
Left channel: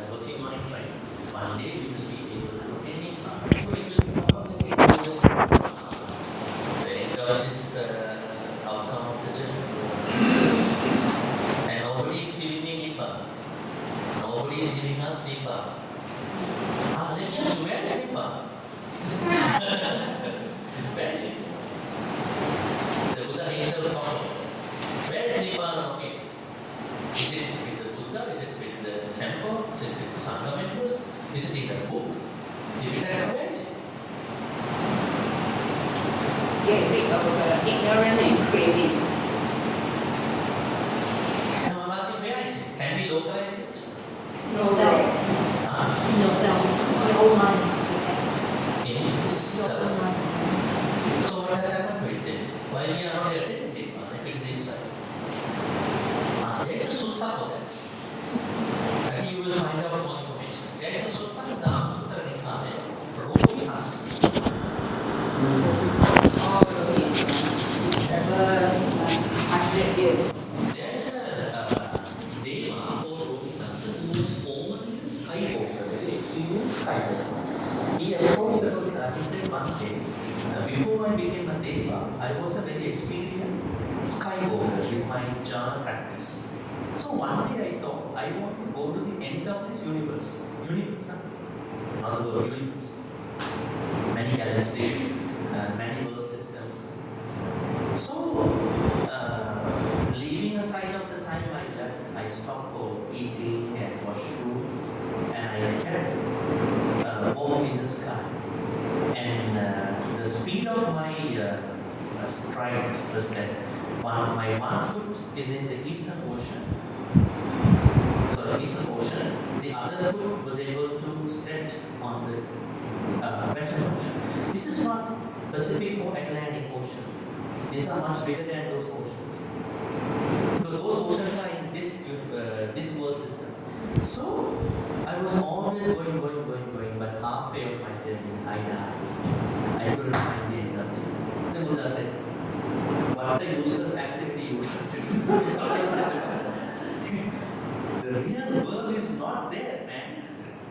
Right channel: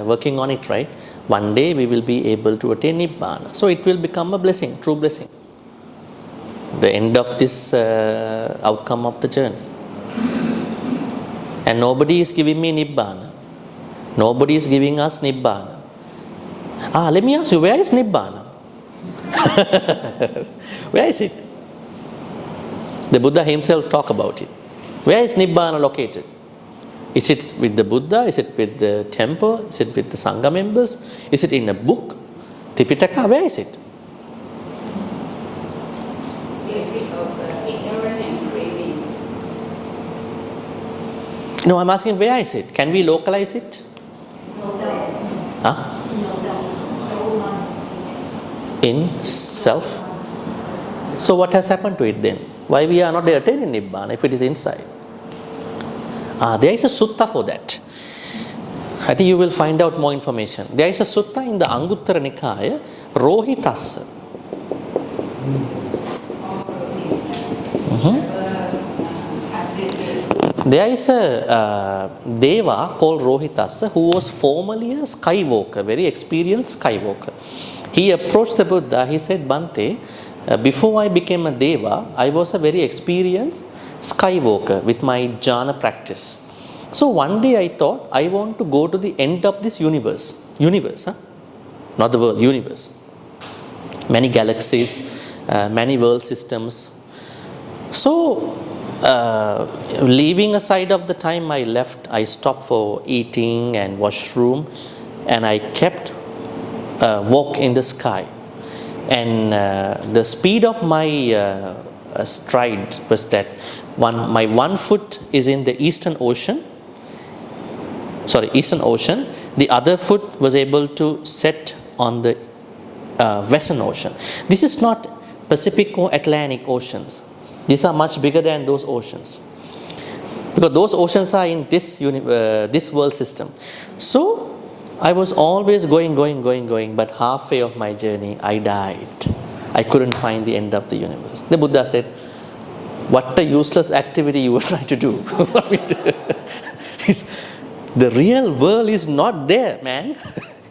working on it, right? One day we will be able to attain Nibbana. So it will become a blessing, true blessing. The end of this outcome of the journey. And nobody is giving me Nibbana. Nobody is giving us Nibbana. Let me ask you, where is Nibbana? Where is it? The Buddha himself talked about it. Where is Nibbana located? Is it with the Buddha? Is it with the temple? Is it with the Sangha members? Is it in a book? Tipitaka, where is it? Get rid of ignorance and craving. No, I'm asking where is it? Can we localize it? Huh? In self. So what has happened to it then? Why we are not attaining Nibbana if it is inside? There is a sutta for that. I think you will find out more information. There is a sutta in the Anguttara Nikaya, Rohitassa. There is a Deva called Rohitassa who was formerly a skywalker, very experienced skywalker. He approached the Buddha, he said, Bhante, before I became a Deva, I was a very experienced skywalker with my jhana practice. So one day I thought, I want to go to the end of this universe. Universe, huh? Not the world, universe. Many galaxies, many world systems. So, leaving aside of the time I left, I stopped for eating and washroom, and I kept walk in the sky. And the speed of my stride was that my one foot is in the Eastern Ocean, the other foot was able to set on the Western Ocean. This is not Pacific or Atlantic Oceans. These are much bigger than those oceans, because those oceans are in this world system. So I was always going, but halfway of my journey I died. I couldn't find the end of the universe. The Buddha said, what a useless activity you were trying to do. The real world is not there, man.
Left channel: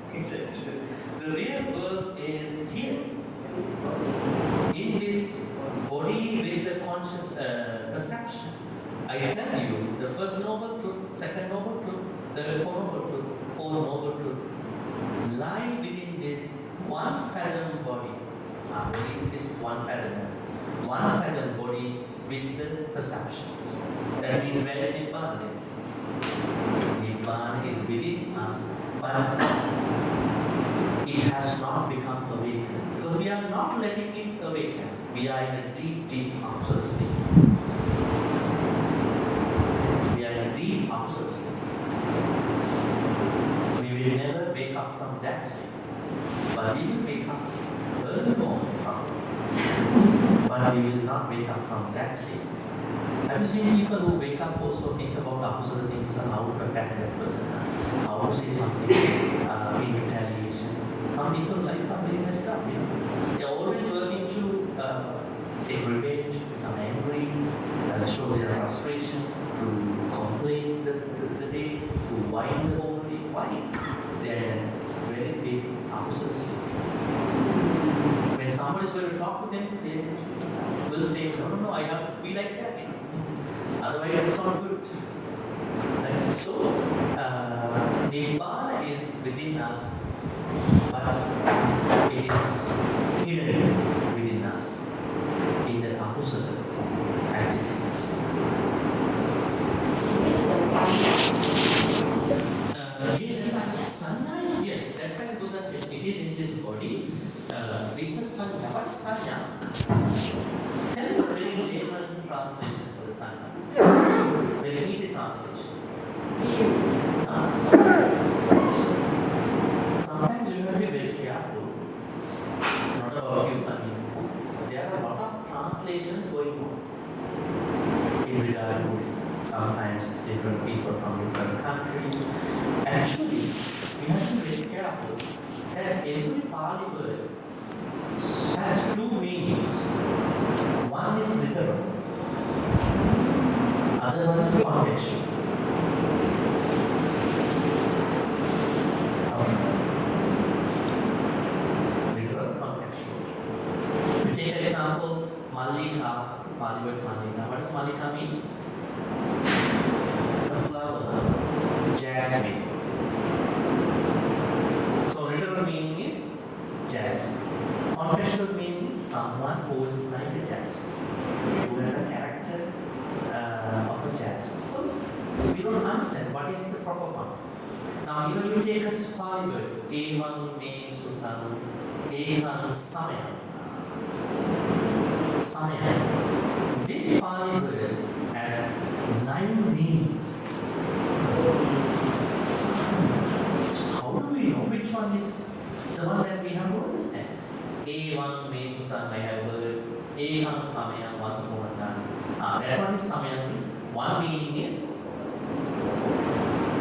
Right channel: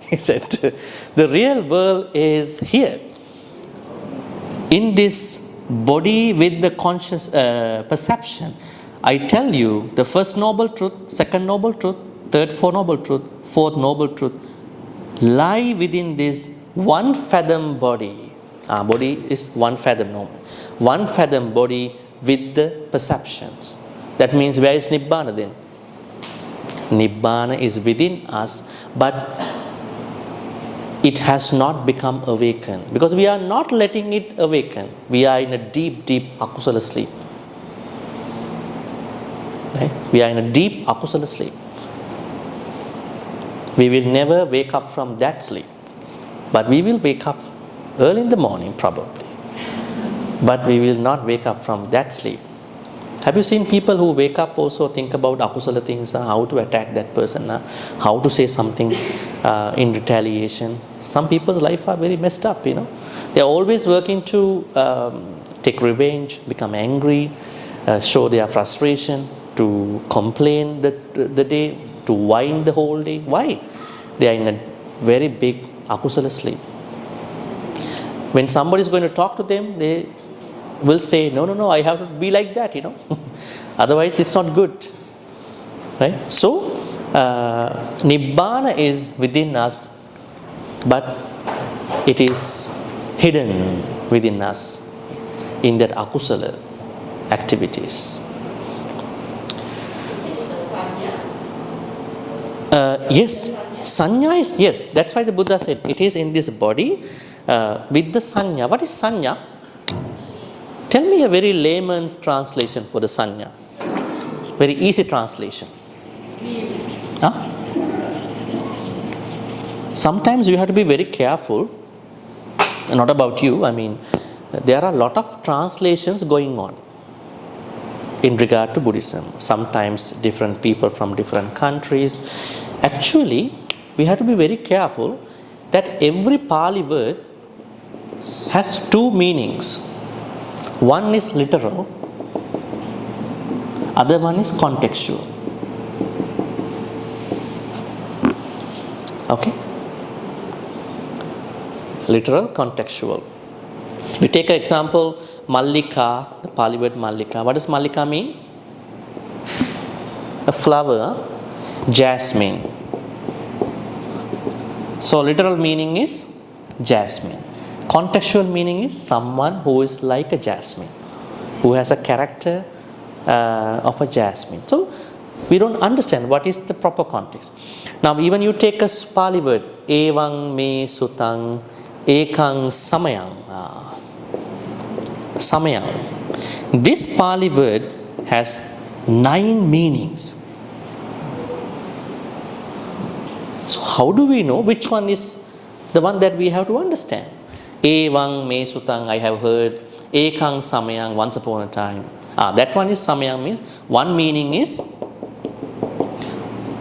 He said, the real world is here. in this body with the conscious perception, I tell you the first noble truth, second noble truth, third four noble truth, fourth noble truth lie within this 1 fathom body. Body is 1 fathom, no. 1 fathom body with the perceptions. That means where is Nibbana then? Nibbana is within us, but it has not become awakened because we are not letting it awaken. We are in a deep, deep akusala sleep. Right? We are in a deep akusala sleep. We will never wake up from that sleep, but we will wake up early in the morning probably. But we will not wake up from that sleep. Have you seen people who wake up also think about akusala things, how to attack that person, how to say something in retaliation? Some people's life are very messed up, you know. They are always working to take revenge, become angry, show their frustration, to complain the day, to whine the whole day. Why? They are in a very big akusala sleep. When somebody is going to talk to them, they will say, no, I have to be like that, you know. Otherwise, it's not good. Right? So, Nibbana is within us, but it is hidden within us in that akusala activities. Yes, sanya is, yes, that's why the Buddha said it is in this body with the sanya. What is sanya? Tell me a very layman's translation for the sanya. Very easy translation. Huh? Sometimes you have to be very careful. Not about you, I mean, there are a lot of translations going on in regard to Buddhism. Sometimes different people from different countries. Actually, we have to be very careful that every Pali word has 2 meanings. One is literal, other one is contextual. Okay? Literal, contextual. We take an example, Mallika, the Pali word Mallika. What does Mallika mean? A flower, jasmine. So literal meaning is jasmine. Contextual meaning is someone who is like a jasmine, who has a character of a jasmine. So we don't understand what is the proper context. Now even you take a Pali word, Evang me sutang ekang samayang. Samayang. This Pali word has 9 meanings. So how do we know which one is the one that we have to understand? Evang me sutang, I have heard. Ekang samayang, once upon a time. That one is samayang, means one meaning is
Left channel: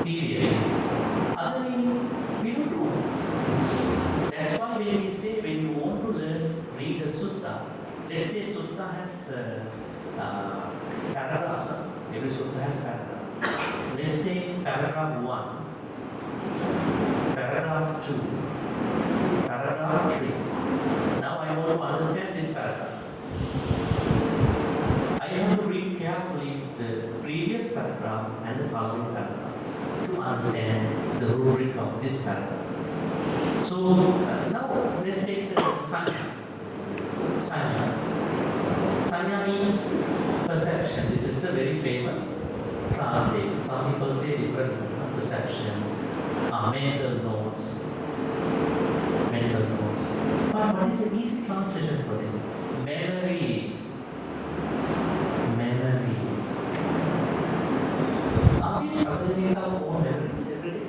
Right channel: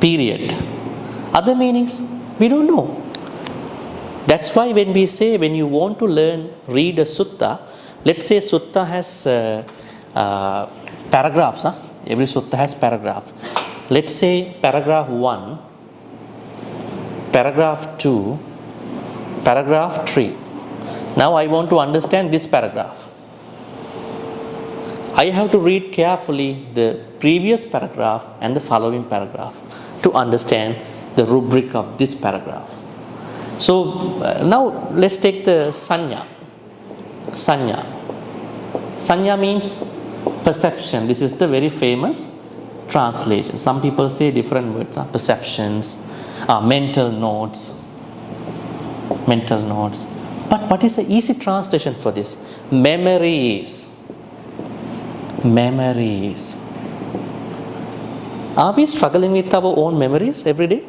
period. Other meanings we don't know. That's why when we say, when you want to read a sutta, let's say sutta has paragraphs. Every sutta has paragraph. Let's say paragraph 1, paragraph 2, paragraph 3. Now I want to understand this paragraph. I have to read carefully the previous paragraph and the following paragraph to understand the rubric of this paragraph. So now let's take the sanya. Sanya. Sanya means perception. This is the very famous translation. Some people say different words, perceptions, mental notes. Mental notes. But what is the easy translation for this? Memories. Memories. Are we struggling with our own memories every day?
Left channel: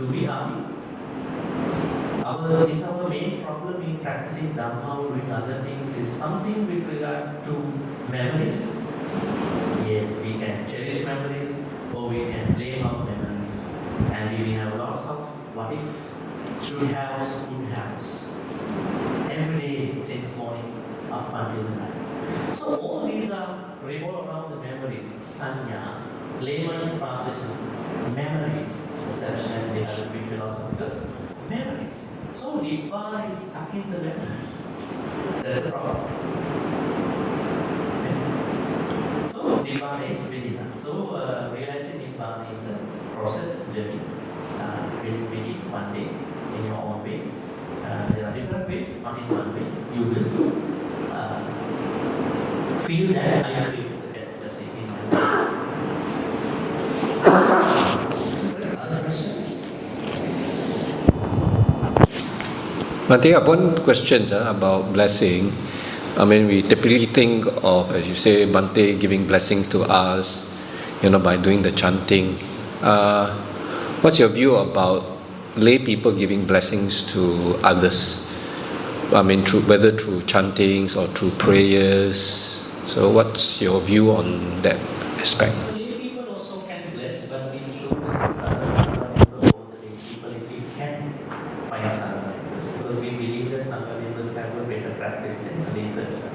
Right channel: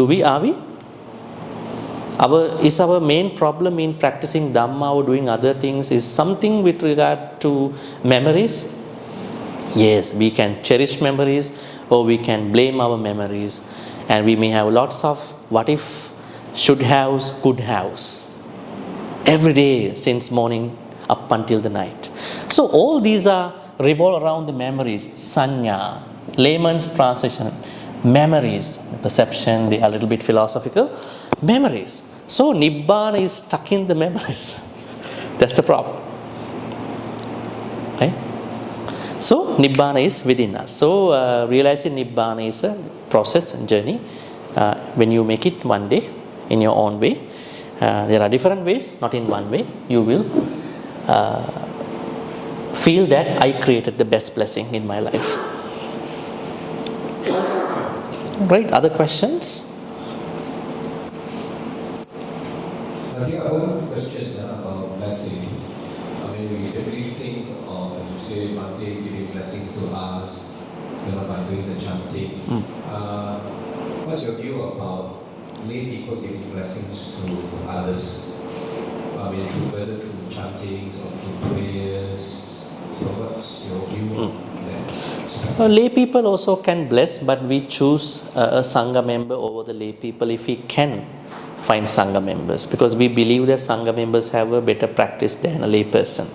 Are we? Is our main problem in practicing Dhamma or doing other things is something with regard to memories? Yes, we can cherish memories or we can blame our memories. And we may have lots of what if, should haves, could haves. Every day since morning up until the night. So all these revolve around the memories. Sanya, layman's translation, memories, perception, they are a little bit philosophical. Memories. So Nibbana is stuck in the memories. That's the problem. Right? So Nibbana is within us. So realizing Nibbana is a process and journey. When you make it one day in your own way, there are different ways, not in one way, you will feel that I created the best blessing in my life. Right, other questions? Bhante, one question about blessing. I mean, we typically think of, as you say, Bhante giving blessings to us, by doing the chanting. What's your view about lay people giving blessings to others? I mean, whether through chantings or through prayers. So what's your view on that aspect? Lay people also can bless, but we choose a Sangha member over the lay people if we can find Sangha members, because we believe that Sangha members have a better practice than a lay person.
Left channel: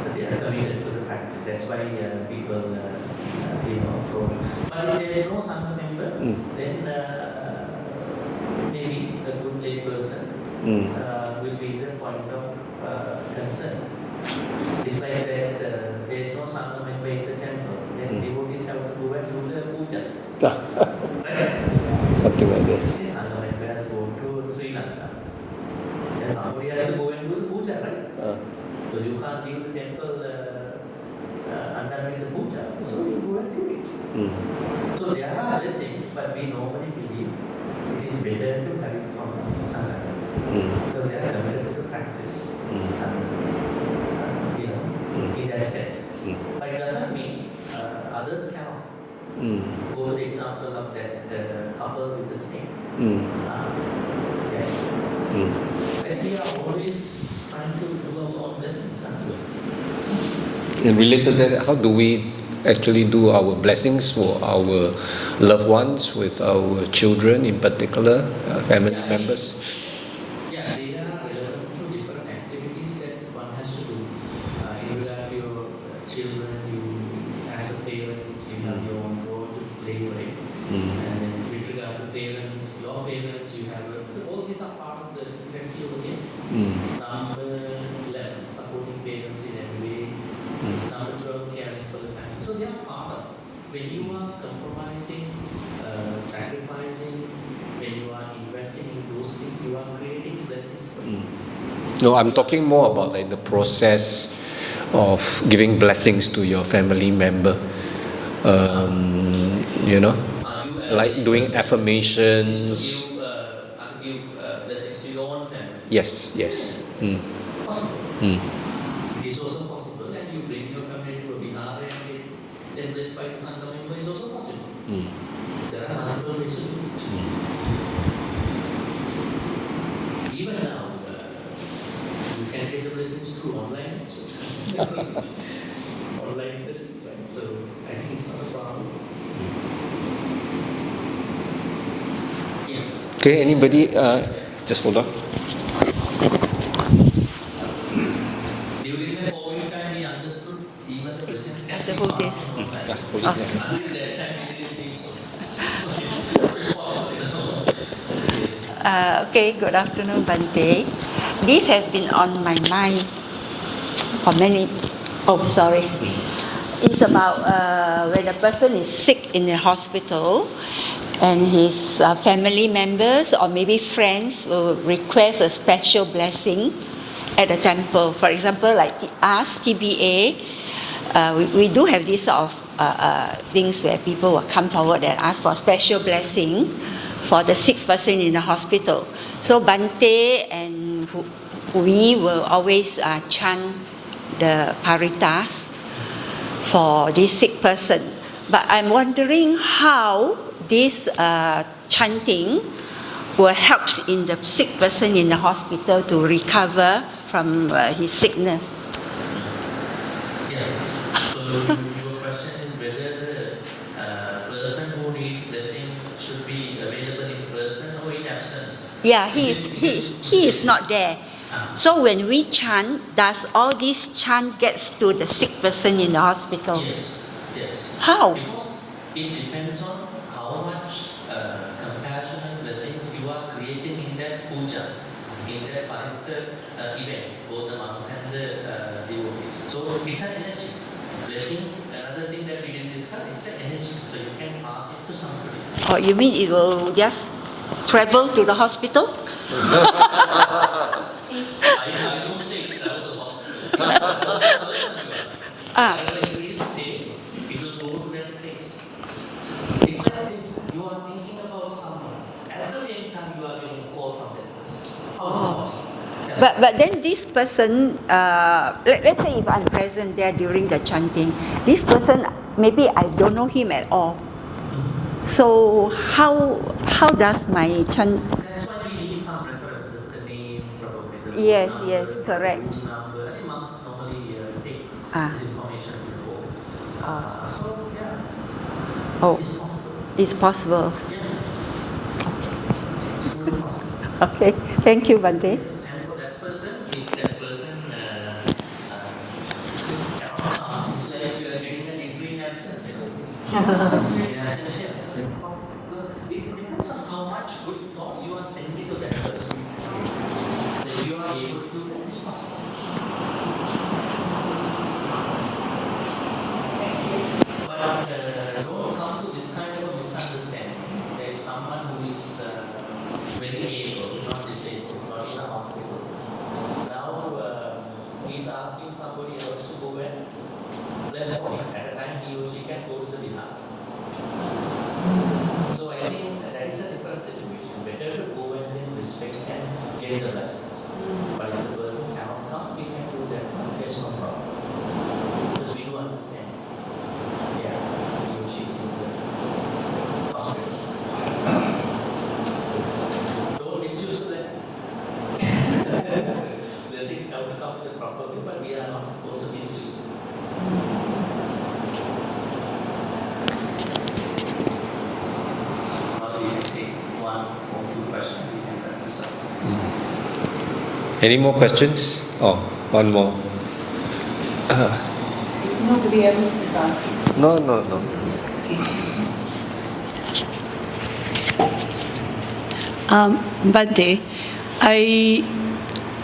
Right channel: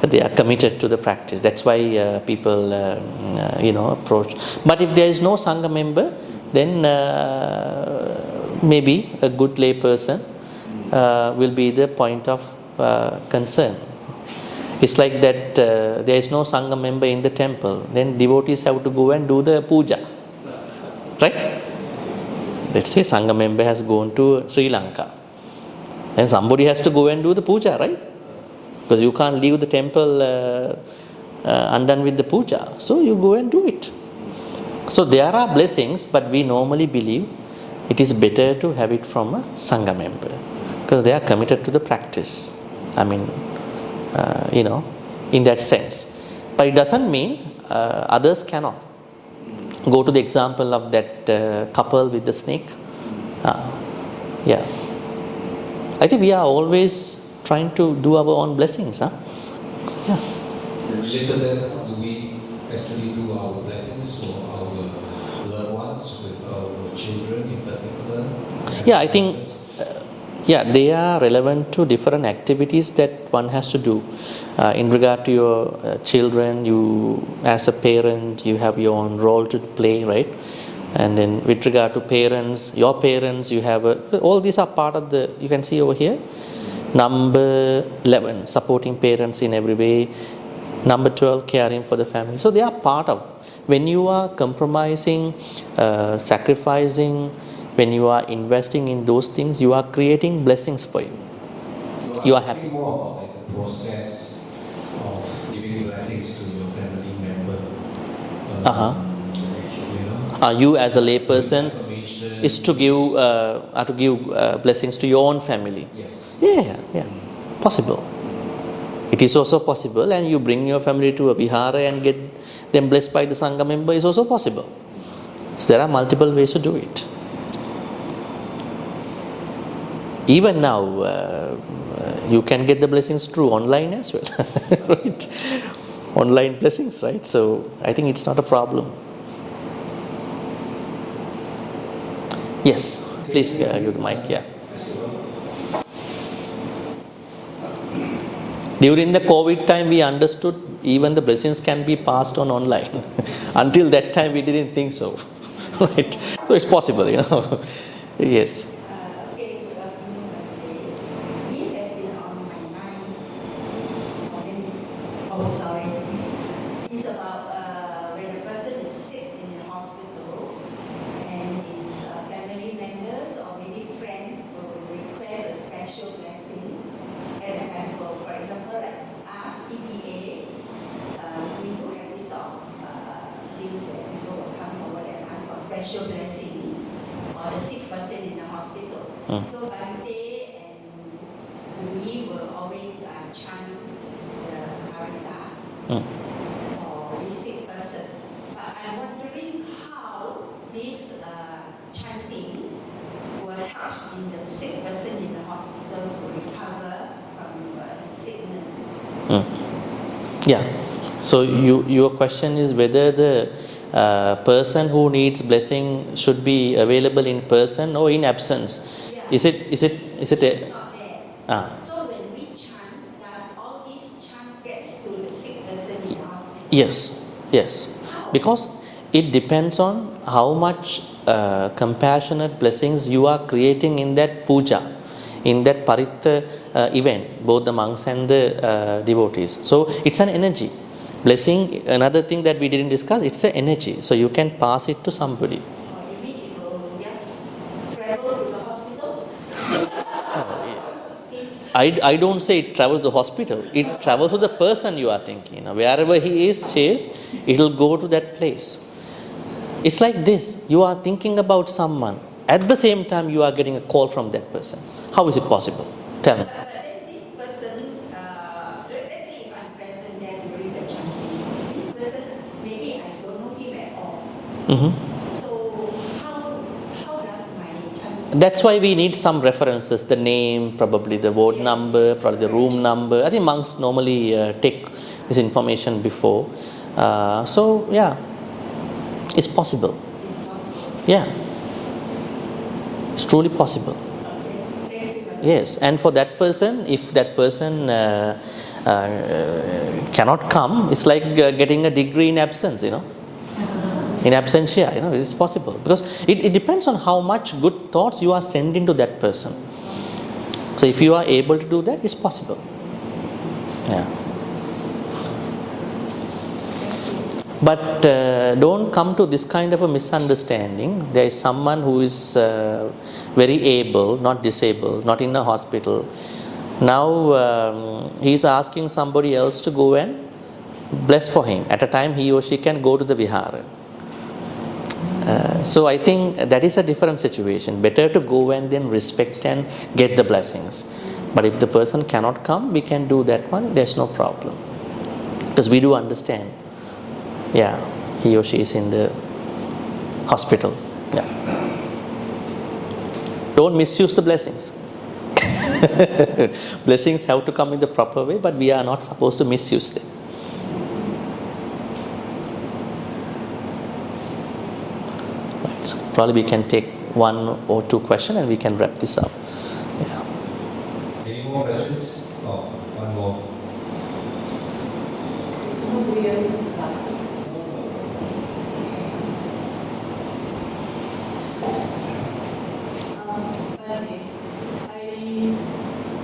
But they are committed to the practice. That's why people, approach. But if there is no Sangha member, then maybe a good lay person will be the point of concern. It's like that there is no Sangha member in the temple, then devotees have to go and do the puja. Right? Let's say Sangha member has gone to Sri Lanka, and somebody has to go and do the puja, right? Because you can't leave the temple undone with the puja. So you go and do it. So there are blessings, but we normally believe it is better to have it from a Sangha member, because they are committed to the practice. I mean, in that sense. But it doesn't mean others cannot. Go to the example of that couple with the snake. I think we are always trying to do our own blessings. And related to that, how do we actually do our blessings for our loved ones, with our children in particular, family members? They are relevant to different activities that one has to do. In regard to your children, you as a parent, you have your own role to play, right? And then with regard to parents, your parents, you have all these are part of the, you can see over here, number 11, supporting parents in every way, number 12, caring for the family. So they are part of, when you are compromising, sacrificing, when you are investing in those things, you are creating blessings for you. No, I'm talking more about like the process of giving blessings to your family member. You as like a lay doing person affirmations is to give blessings to your own family. Yes. Possible. It is also possible, and you bring your family to a vihara and get them blessed by the Sangha member is also possible. So there are multiple ways to do it. Even now, you can get the blessings through online as well. Right? Online blessings, right? So I think it's not a problem. Yes. Okay, please, anybody? Just hold on. During the COVID time, we understood even the blessings can be passed on online. Until that time, we didn't think so. Right? So it's possible, Yes. Okay, good afternoon, Bhante. This has been on my mind for many. It's about when a person is sick in the hospital and his family members or maybe friends will request a special blessing at the temple. For example, like us, TBA, we do have these sort of things where people will come forward and ask for a special blessing for the sick person in the hospital. So Bhante and we will always chant the paritas for this sick person. But I'm wondering how this chanting will help in the sick person in the hospital to recover from his sickness. So your question is whether the person who needs blessing should be available in person or in absence. He is not there. So when we chant, does all this chant gets to the sick person in the hospital? Yes. How? Because it depends on how much compassionate blessings you are creating in that puja. in that Paritta event, both the monks and the devotees. So it's an energy. Blessing, another thing that we didn't discuss, it's an energy. So you can pass it to somebody. Oh, you mean it will just travel to the hospital? I don't say it travels to the hospital. It travels to the person you are thinking. Wherever he is, she is, it will go to that place. It's like this. You are thinking about someone. At the same time, you are getting a call from that person. How is it possible? Tell me. But then this person, let's say if I'm present there during the chanting, this person, maybe I don't know him at all. So how does my chant? That's why we need some references, the name, probably the ward number, probably the room number. I think monks normally take this information before. So yeah, it's possible. It's possible. Yeah, it's truly possible. Okay, thank you, Bhante. Yes, and for that person, if that person cannot come, it's like getting a degree in absence, in absentia, it's possible. Because it depends on how much good thoughts you are sending to that person. So if you are able to do that, it's possible. Yeah. But don't come to this kind of a misunderstanding. There is someone who is very able, not disabled, not in a hospital. Now he is asking somebody else to go and bless for him. At a time he or she can go to the vihara. So I think that is a different situation. Better to go and then respect and get the blessings. But if the person cannot come, we can do that one. There's no problem. Because we do understand. Yeah, he or she is in the hospital. Yeah. Don't misuse the blessings. Blessings have to come in the proper way, but we are not supposed to misuse them. So probably we can take one or two questions and we can wrap this up. Yeah. Any more questions? Oh, one more. Nobody else is asking. No. Bhante,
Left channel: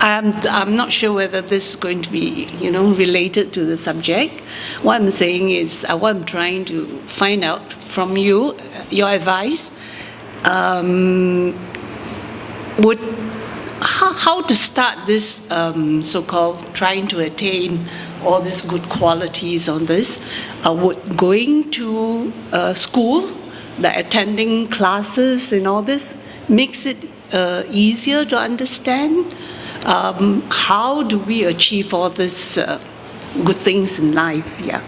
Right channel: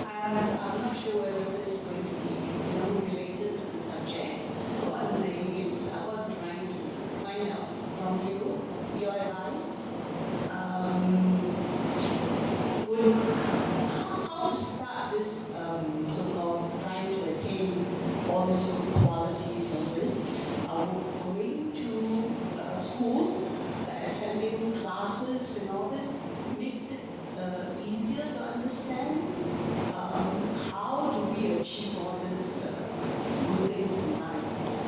I'm not sure whether this is going to be, related to the subject. What I'm saying is, what I'm trying to find out from you, your advice, how to start this so-called trying to attain all these good qualities on this. Would going to school, attending classes and all this, makes it easier to understand? How do we achieve all these good things in life? Yeah.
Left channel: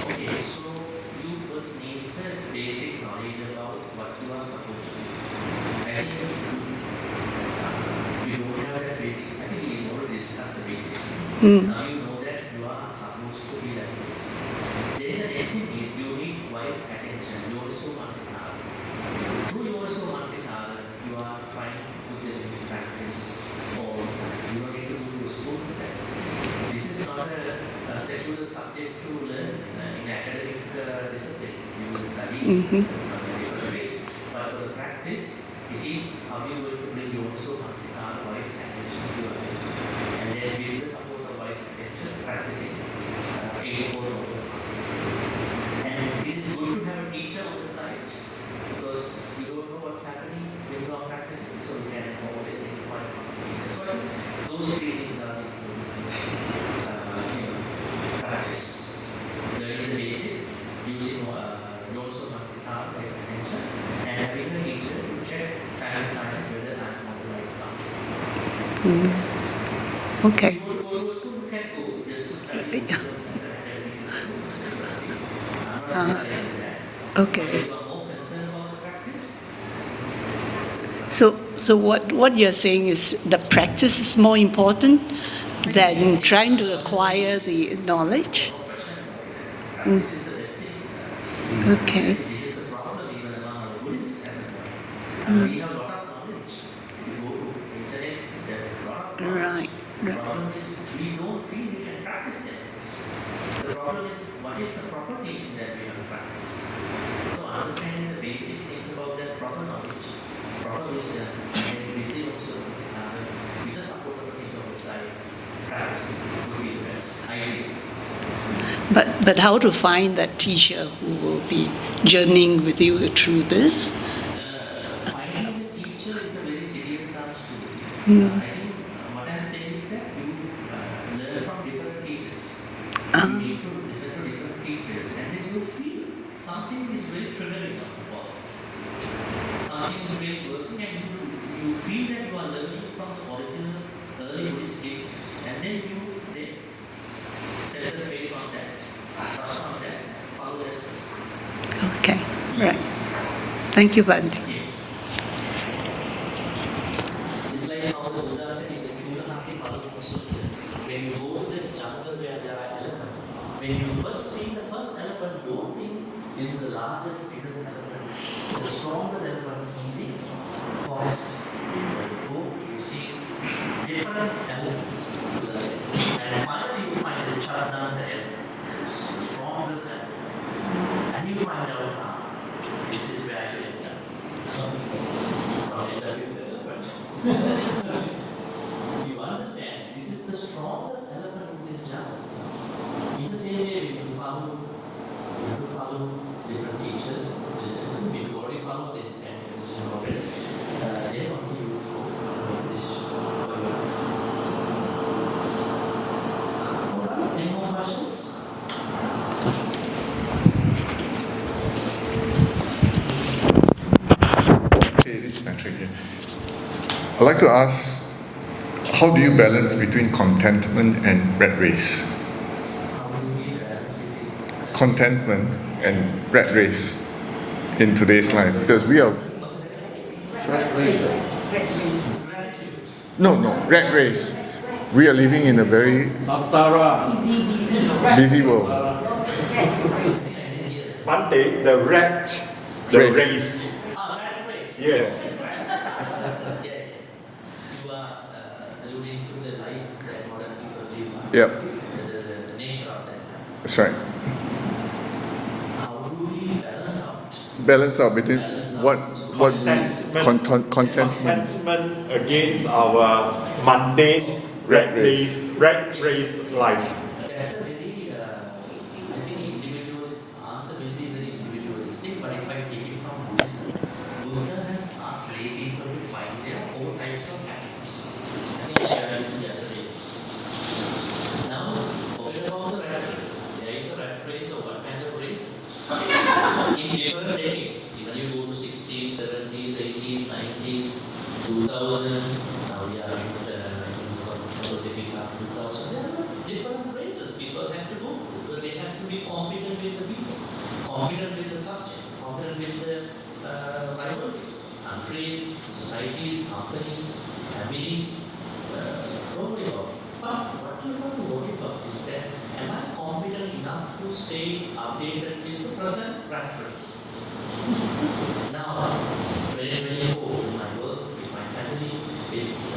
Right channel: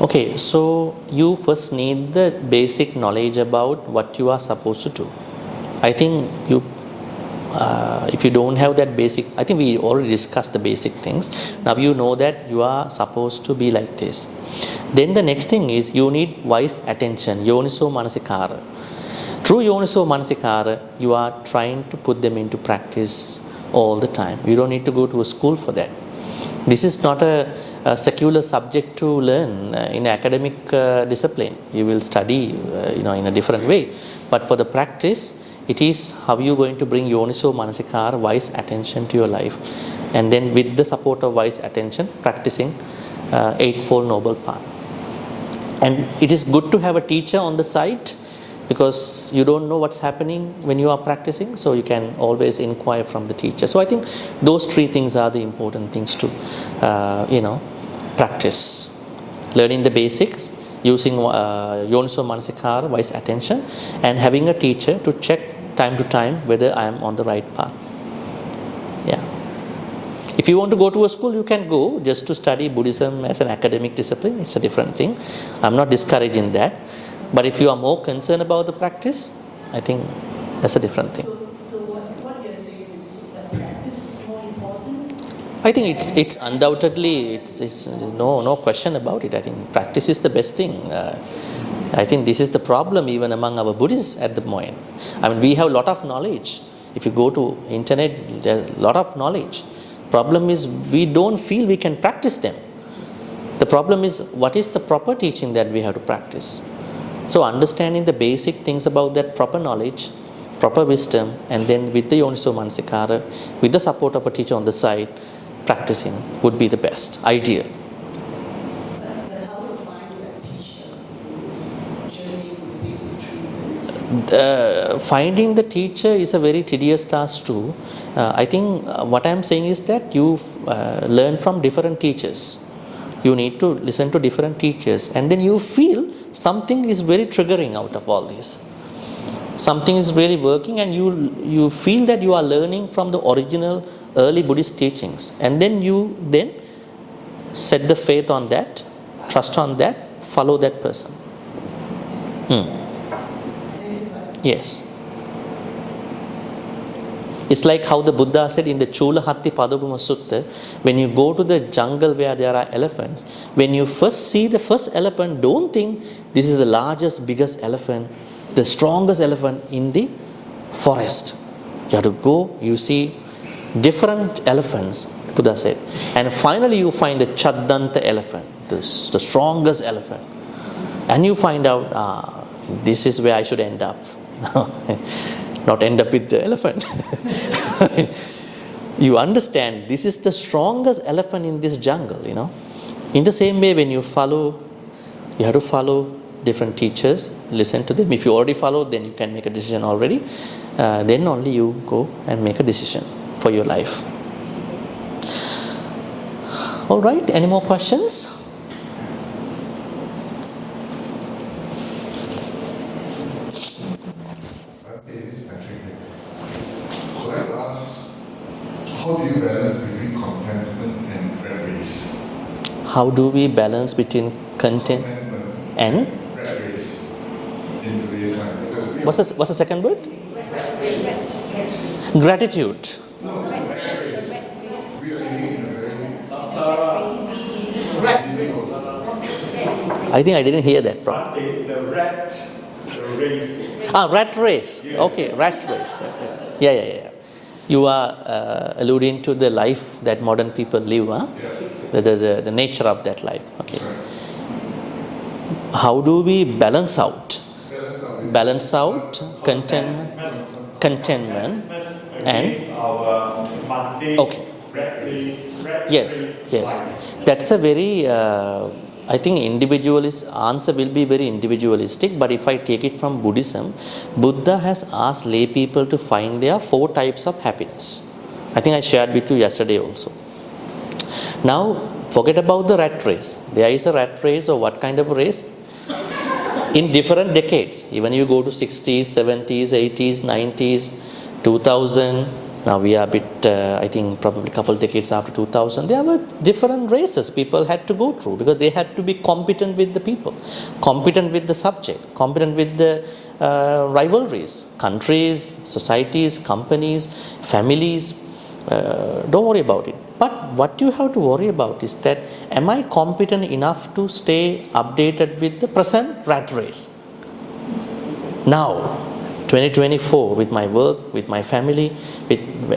Okay, so you first need the basic knowledge about what you are supposed to do. I think if you don't have that basic, I think we already discussed the basic things. Now you know that you are supposed to be like this. Then the next thing is you need wise attention, yoniso manasikara. Through yoniso manasikara, you are trying to put them into practice all the time. You don't need to go to a school for that. This is not a secular subject to learn in academic discipline. You will study in a different way. But for the practice, it is how you going to bring yoniso manasikara, wise attention to your life. And then with the support of wise attention, practicing Eightfold Noble Path. And it is good to have a teacher on the side, because you don't know what's happening when you are practicing, so you can always inquire from the teacher. So I think those three things are the important things to practice. Learning the basics, using yoniso manasikara, wise attention, and having a teacher to check time to time whether I am on the right path. Yeah. Okay. If you want to go to a school, you can go just to study Buddhism as an academic discipline. It's a different thing. I'm not discouraging that. Okay. But if you are more concerned about the practice, I think that's a different thing. So what you're saying is the practice is more important I than think it's trying to undoubtedly acquire the knowledge? No question about it. I think practice is the best thing. I think this is the problem even among our Buddhists at the moment. I mean, we have a lot of knowledge. If you go to internet, there's a lot of knowledge. Right. Problem is we don't feel we can practice them. The problem is what is the proper teaching that we have to practice. So understanding the basic things about that proper knowledge, proper wisdom, and then with the Yoniso Manasikara, with the support of a teacher on the side, practicing would be the best, ideal. But how to find that teacher who will be journeying with you through this? Finding the teacher is a very tedious task too. I think what I'm saying is that you learn from different teachers. You need to listen to different teachers, and then you feel something is very triggering out of all this. Something is really working, and you feel that you are learning from the original early Buddhist teachings, and then you set the faith on that, trust on that, follow that person. Okay, right. Thank you, Bhante. Yes. It's like how the Buddha said in the Chula Hatti Padaguma Sutta, when you go to the jungle where there are elephants, when you first see the first elephant, don't think this is the largest, biggest elephant, the strongest elephant in the forest. You have to go, you see different elephants, Buddha said. And finally you find the Chaddanta elephant, the strongest elephant. And you find out, this is where I should end up. Not end up with the elephant. You understand, this is the strongest elephant in this jungle, In the same way, when you have to follow different teachers, listen to them. If you already follow, then you can make a decision already. Then only you go and make a decision for your life. All right, any more questions? I'd like to ask, how do you balance between contentment and rat race? How do we balance between Contentment and rat race in today's life? Because we are... What's the second word? Gratitude. No, rat race. We are living in a very busy world. I think I didn't hear that. Bhante, the race. Rat race. Yes. Okay, rat race. Yeah. You are alluding to the life that modern people live, huh? Yeah. The nature of that life. That's right. How do we balance out? Between contentment against our mundane rat race life. That's a very I think answer will be very individualistic, but if I take it from Buddhism, Buddha has asked lay people to find their 4 types of happiness. I think I shared with you yesterday also. Now, forget about the rat race. There is a rat race, or what kind of a race? In different decades. Even you go to 60s, 70s, 80s, 90s, 2000. Now we are a bit, I think probably a couple decades after 2000, there were different races people had to go through, because they had to be competent with the people, competent with the subject, competent with the rivalries, countries, societies, companies, families. Don't worry about it. But what you have to worry about is that, am I competent enough to stay updated with the present rat race? Now, 2024, with my work, with my family,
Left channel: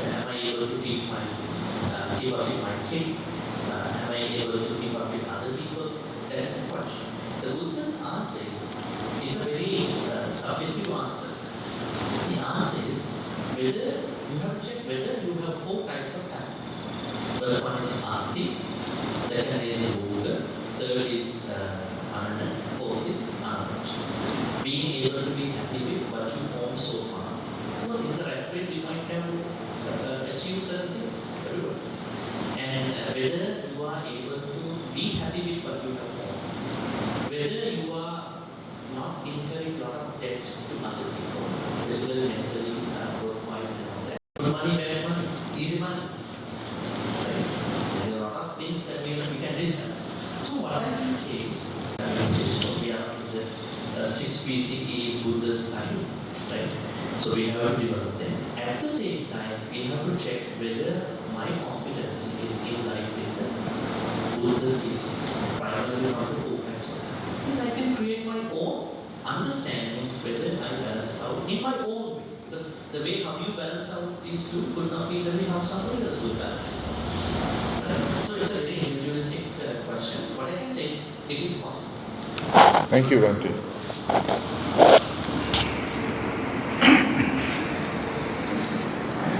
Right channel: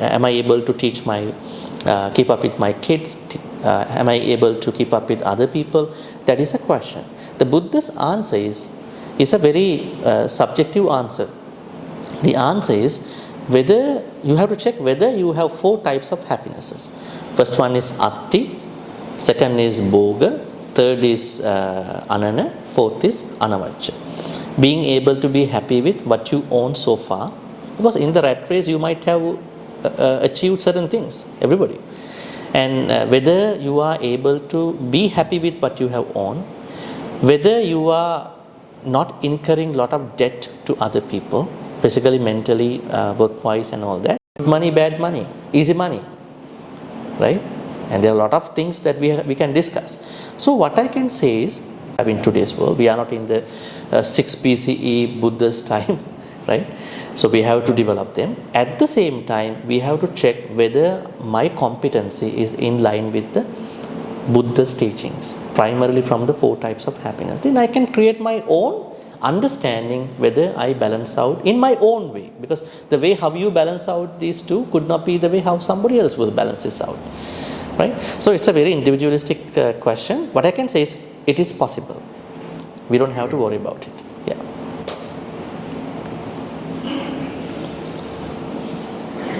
am I able to keep up with my kids? Am I able to keep up with other people? That is a question. The Buddha's answer is a very subjective answer. The answer is whether you have to check whether you have 4 types of happinesses. First one is atti, second is bhoga, third is anana, fourth is anavajja. Being able to be happy with what you own so far, because in the rat race you might have achieved certain things, everybody, and whether you are able to be happy with what you have owned, whether you are not incurring a lot of debt to other people, physically, mentally, work-wise and all that. Good money, bad money, easy money, right? And there are a lot of things that we can discuss. So what I can say is, in today's world, we are not in the 6 BCE Buddha's time, right? So we have to develop them. At the same time, we have to check whether my competency is in line with the Buddha's teachings, primarily from the 4 types of happiness. Then I can create my own understanding whether I balance out in my own way, because the way how you balance out these 2 could not be the way how somebody else will balance this out, right? So it's a very individualistic question. What I can say is it is possible. We don't have to worry about it. Yeah.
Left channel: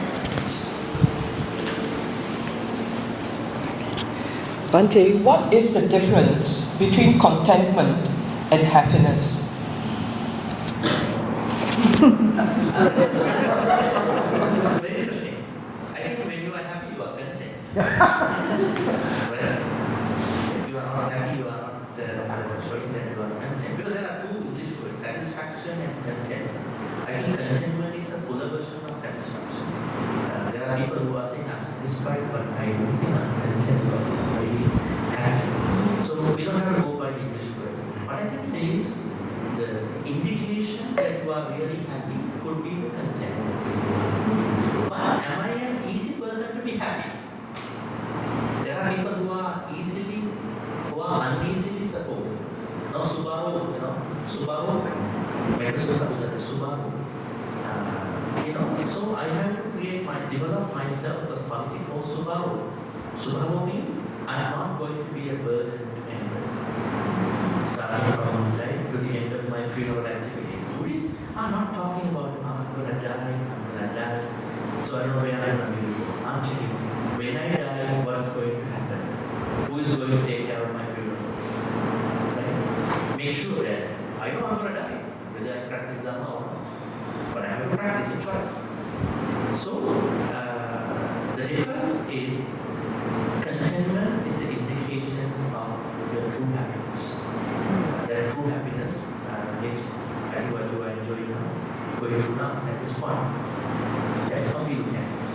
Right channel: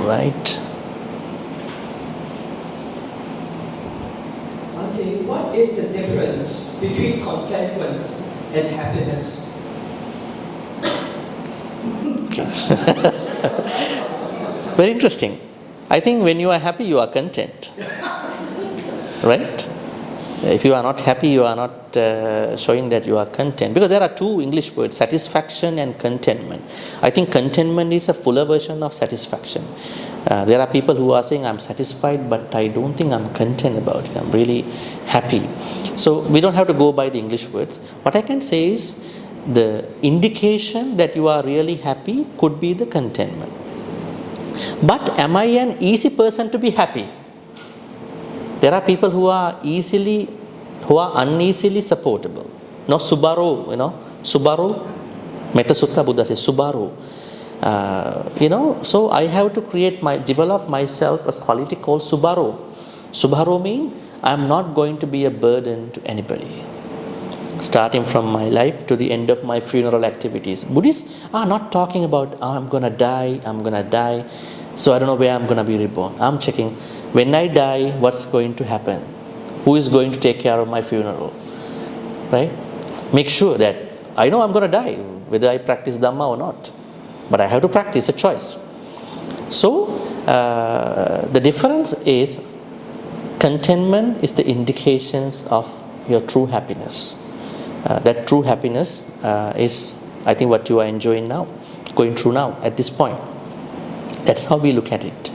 right. Bhante, what is the difference between contentment and happiness? Very interesting. I think when you are happy, you are content. Right? If you are not happy, you are not showing that you are content. Because there are two English words, satisfaction and contentment. I think contentment is a fuller version of satisfaction. There are people who are saying, I'm satisfied, but I don't think I'm content about it. I'm really happy. So we don't have to go by the English words. What I can say is, the indication that you are really happy could be the contentment. But am I an easy person to be happy? There are people who are uneasily supportable. No, Subaru, Metta Sutta Buddha says, Subaru. So I have to develop myself a quality called Subaru. Subaru means I'm not going to be a burden to anybody. Starting from my life to the end of my funeral activities. Buddhists are not talking about, I'm going to die, so I don't know where I'm going to be reborn. I'm checking, when I die, what's going to happen? Who is going to take care of my funeral? Right? Make sure that I know I'm going to die, whether I practice Dharma or not. But I have to practice, a choice. So, the difference is, contentment is the indications of your true happiness. That true happiness is, I think, what you are enjoying now, going through now, at this point. That's how we look at it.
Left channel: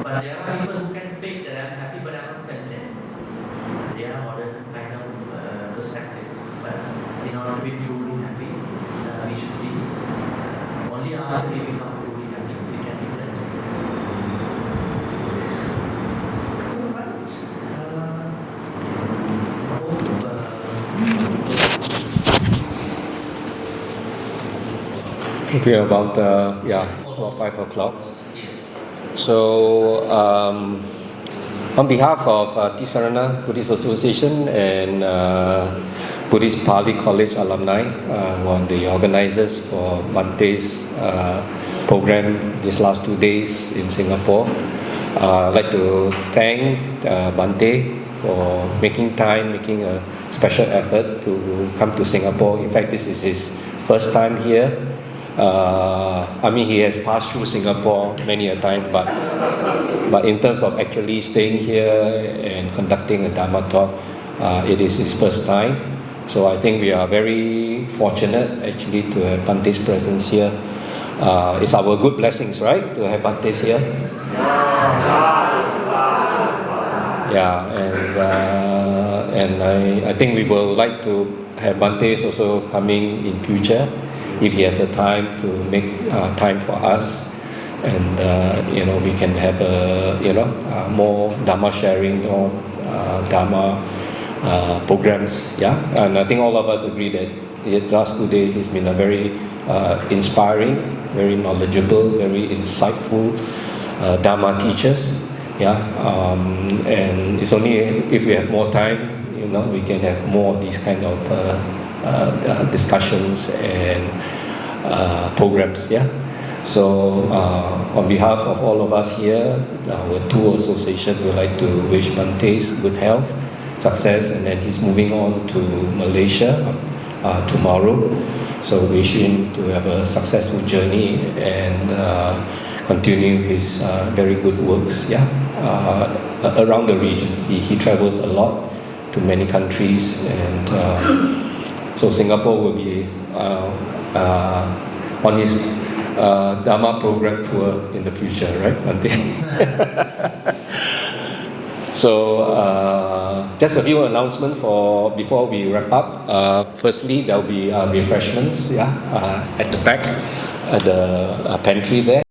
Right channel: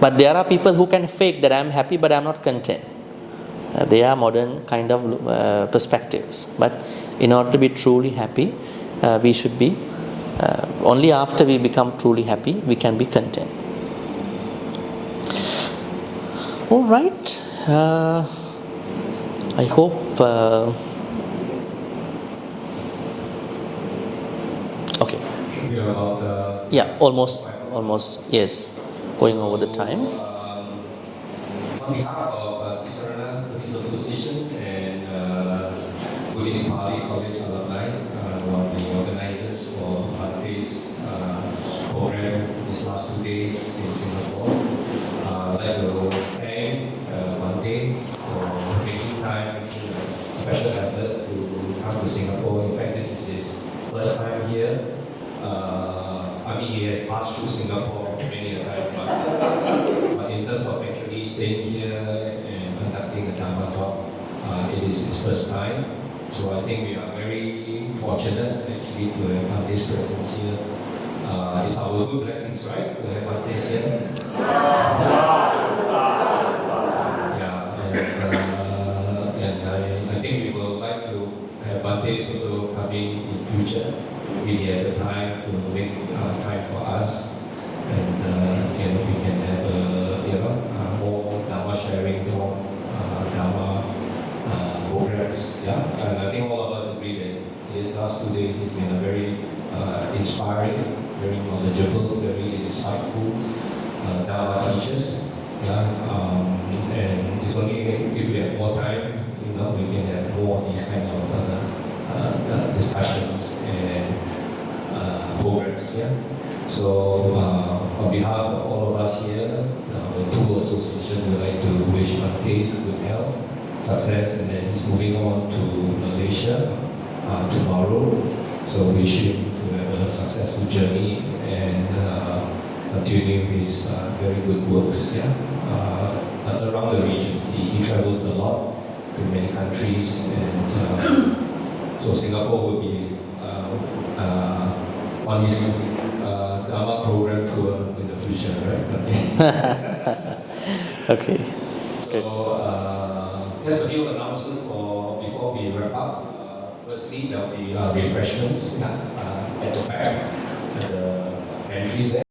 But there are people who can fake that I'm happy, but I'm not content. They are modern kind of perspectives. But in order to be truly happy, we should be, only after we become truly happy, we can be content. All right. I hope okay. We are about almost 5 o'clock. Almost, yes. So, on behalf of Ti-Sarana Buddhist Association and Buddhist Pali College alumni, who are the organizers for Bhante's program these last 2 days in Singapore, I'd like to thank Bhante for making a special effort to come to Singapore. In fact, this is his first time here. He has passed through Singapore many a time, but in terms of actually staying here and conducting a Dharma talk, it is his first time. So I think we are very fortunate actually to have Bhante's presence here. It's our good blessings, right, to have Bhante here. Yeah, and I think we will like to have Bhante also coming in future, if he has the time to make time for us, and we can have more Dharma sharing, more Dharma programs. Yeah, and I think all of us agree that the last 2 days has been a very inspiring, very knowledgeable, very insightful Dharma teachers. Yeah, and it's only if we have more time, we can have more of these kind of discussions and programs. Yeah. So on behalf of all of us here, our tour association would like to wish Bhante good health, success, and then he's moving on to Malaysia tomorrow. So wish him to have a successful journey and continue his very good works. Yeah, around the region. He travels a lot to many countries, and so Singapore will be on his Dharma program tour in the future, right, Bhante? Okay. So just a few announcements before we wrap up. Firstly, there will be refreshments at the back, at the pantry there.